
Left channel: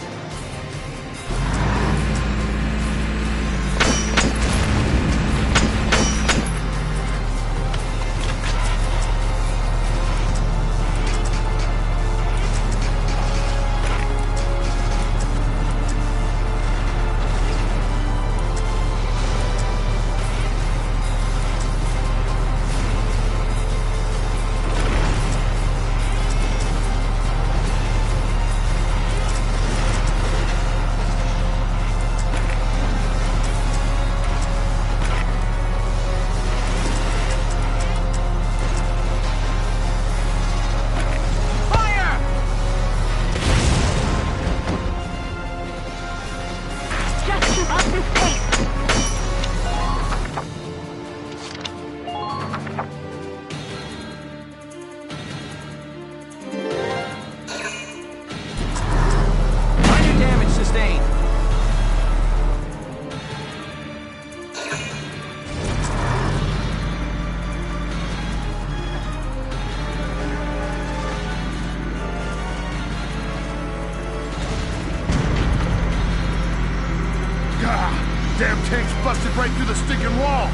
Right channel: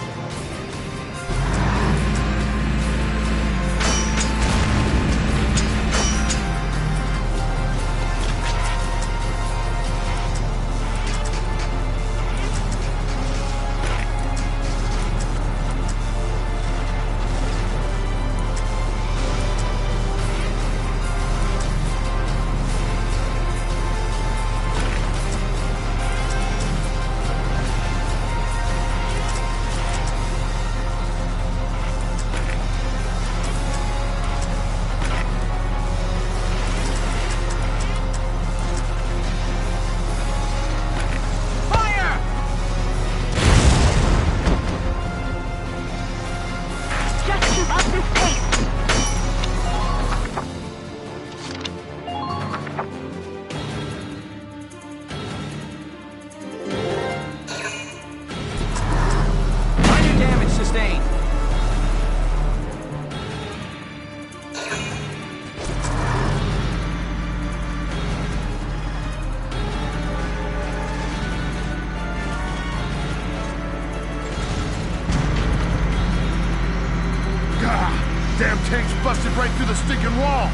Damn tank's busted right through the stinking wall.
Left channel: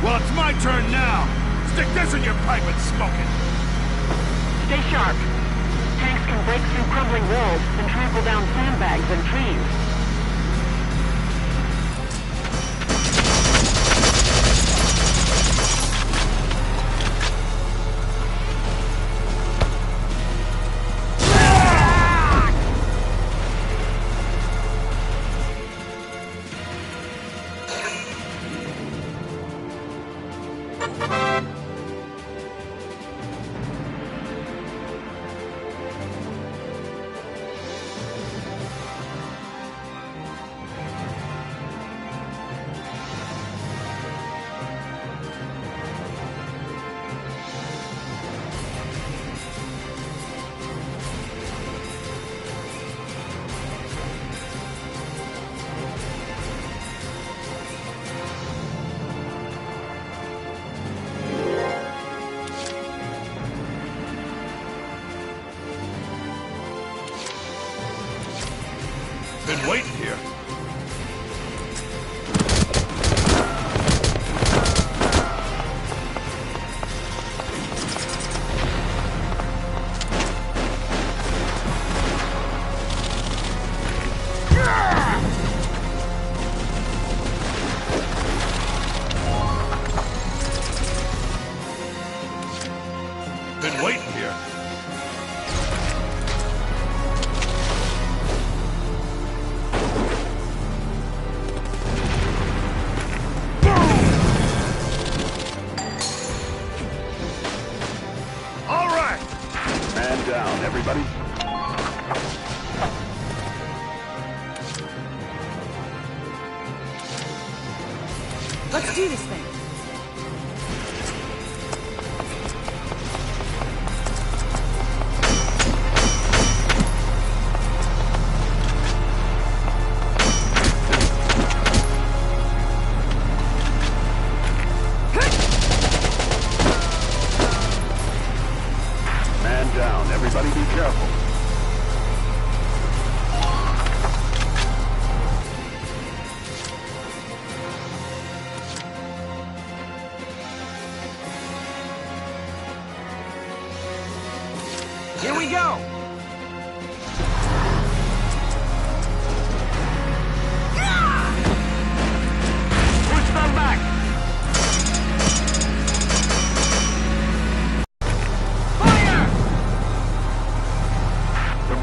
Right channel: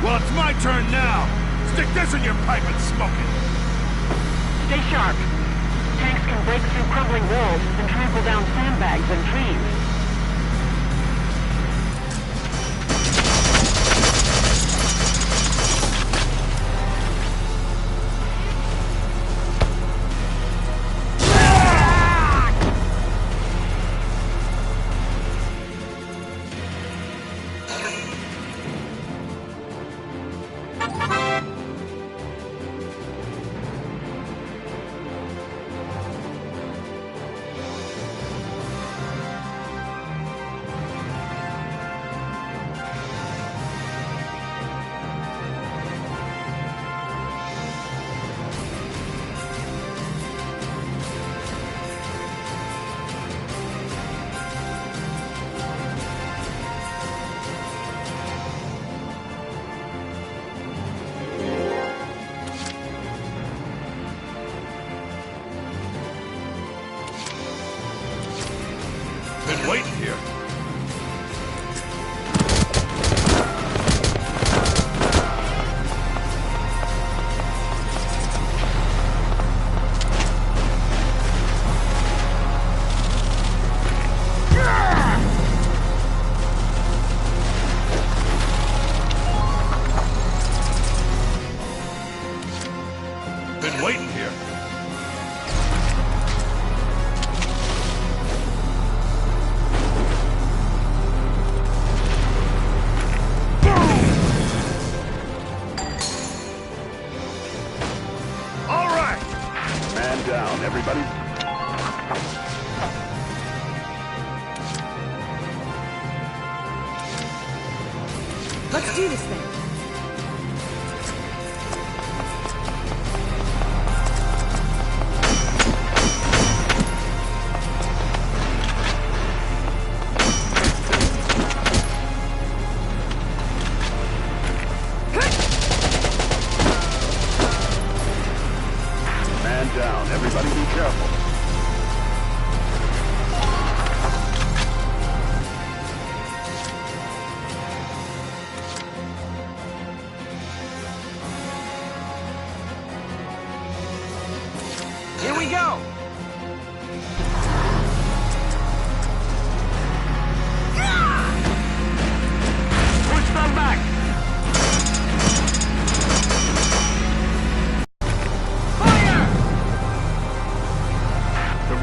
Well, it's my turn now. Stick this in your pipe and smoke it. Stay sharp. Tanks can break through crumbling walls and trample down sandbags and trees. Been waiting here. Been waiting here. Man down, everybody. Let's do this thing.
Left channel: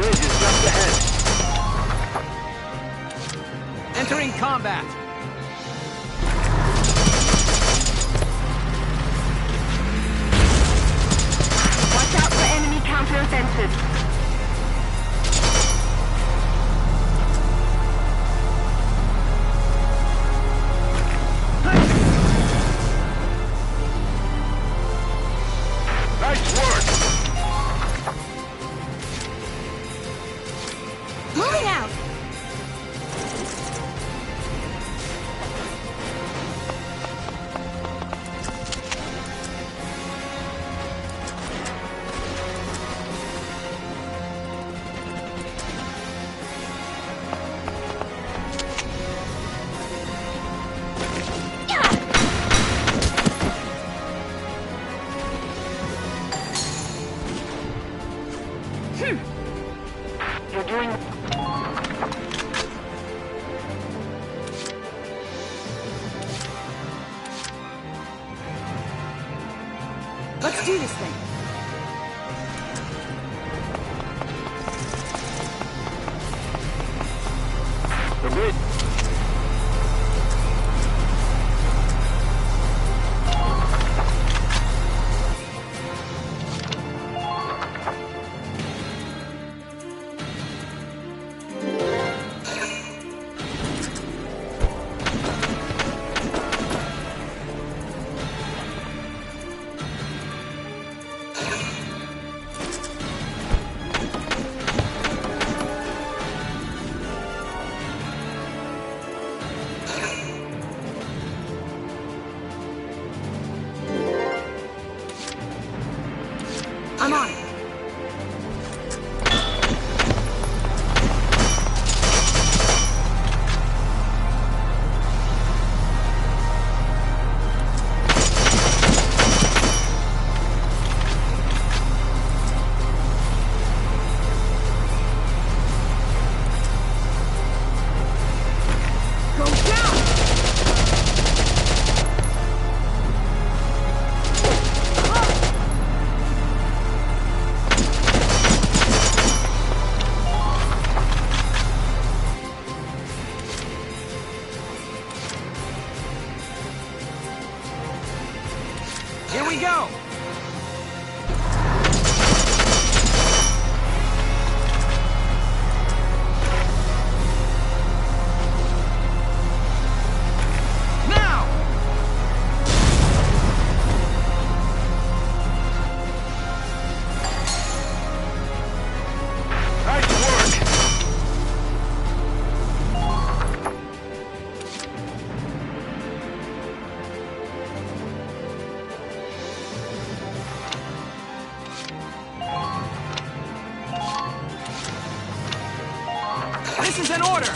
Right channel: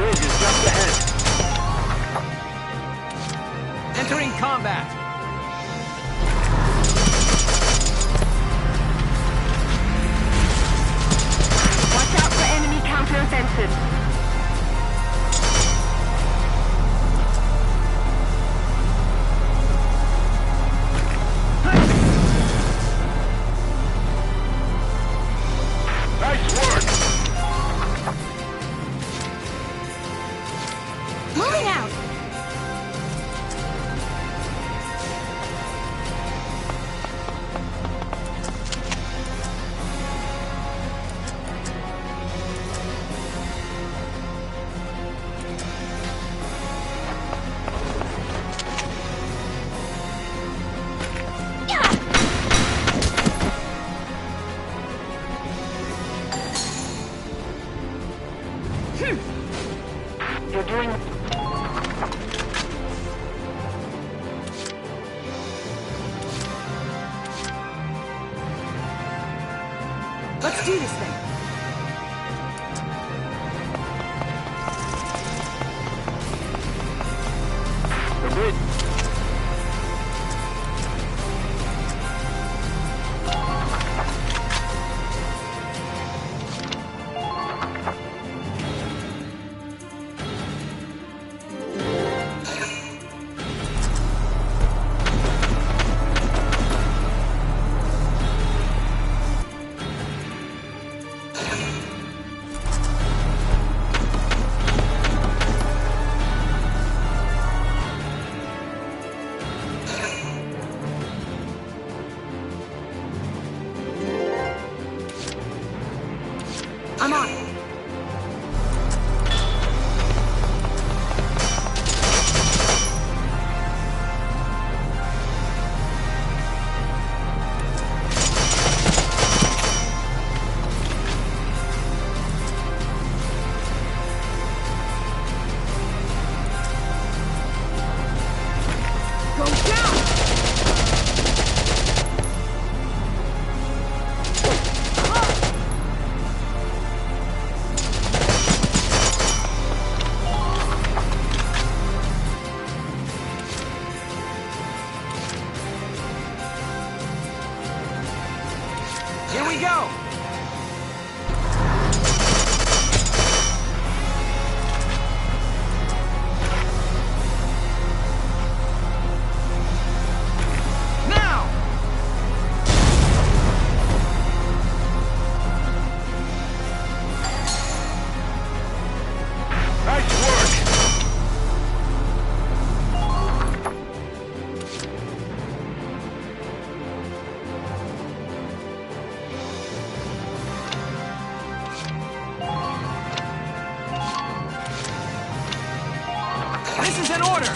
bridge is just ahead. Entering combat. Watch out for enemy counteroffensive. Nice work! Moving out! You're doing... Let's do this thing. The bridge... I'm on it. Go down! Here we go! Now! Nice work! This is an order!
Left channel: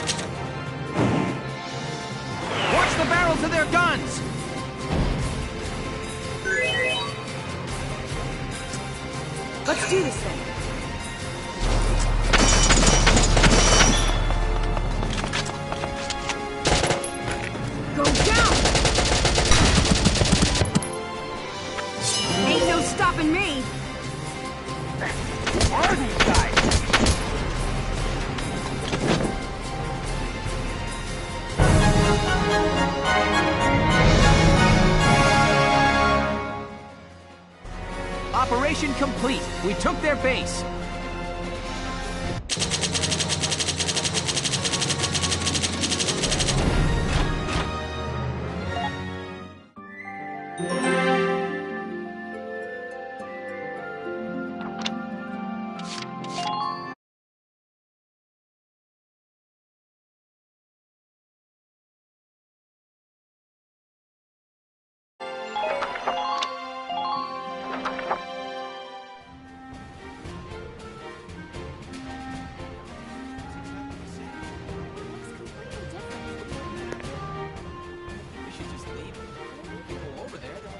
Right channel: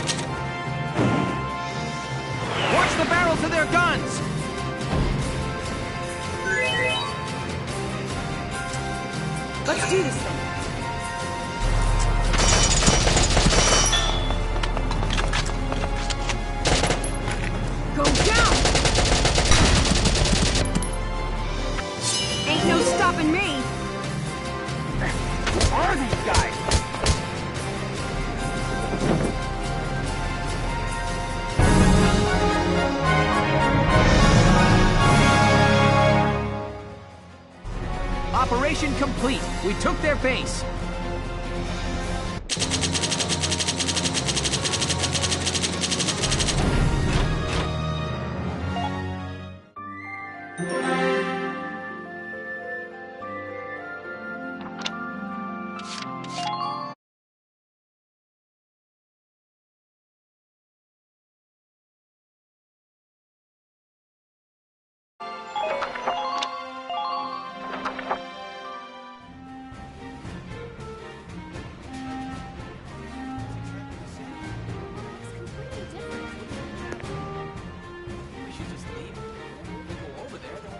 Watch the barrels of their guns! Let's do this thing. Go down! Ain't no stopping me! Who are these guys? Operation complete. We took their base.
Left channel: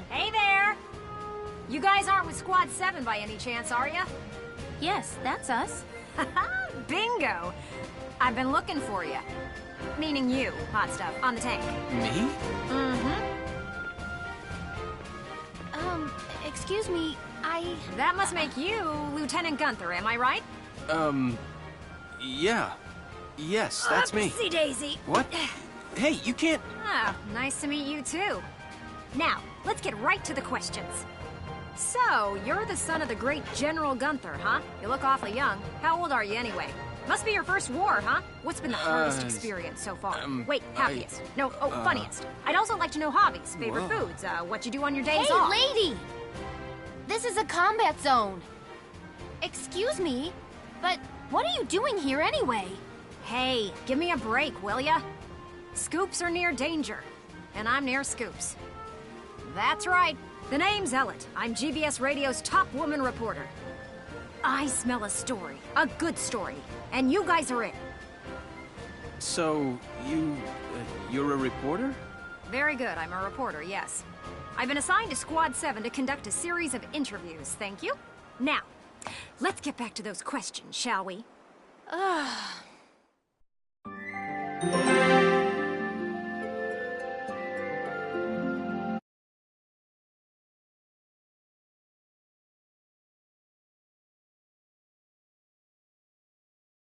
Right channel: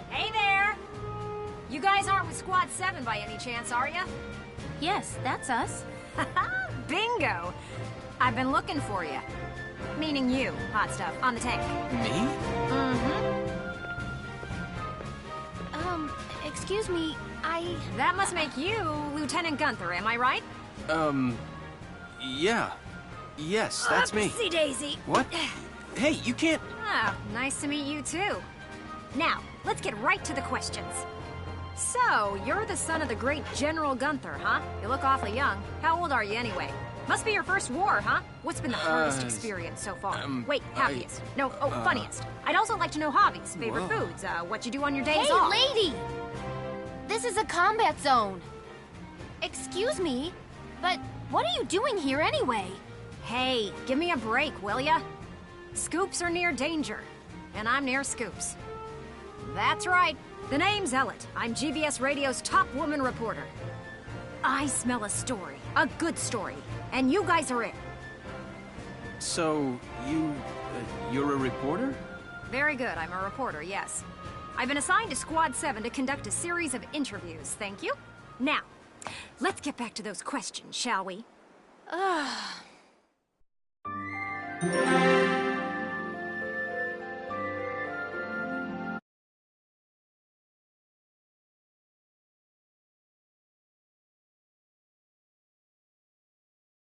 Hey there! You guys aren't with Squad 7 by any chance, are you? Yes, that's us. Bingo! I've been looking for you. Meaning you, hot stuff, on the tank. Me? Mm-hmm. Excuse me, That must make you Lieutenant Gunther, am I right? Yeah. Yes, that's me. Oopsie daisy. What? Hey, you can't... Ah, nice to meet you too. Now, let's get right to the questions. So, you're the son of the great General Gunther, huh? You look awfully young. How old are you anyway? Must be your first war, huh? What's been the hardest experience so far? Wait, happiest. Funniest. I'd also like to know hobbies, favorite foods, what you do on your days off. Hey, lady! This is a combat zone. Excuse me, but what are you doing here anyway? Hey, give me a break, will ya? Scoops are near danger, and I'm near Scoops. That's right. The name's Ellet. I'm GBS Radio's top woman reporter. I smell a story, a good story, and you guys are it. So, you're a reporter? Very good, I'm a reporter, yes. I've been assigned to Squad 7 to conduct a series of interviews, thank you. Now, let's get back to those questions, shall we?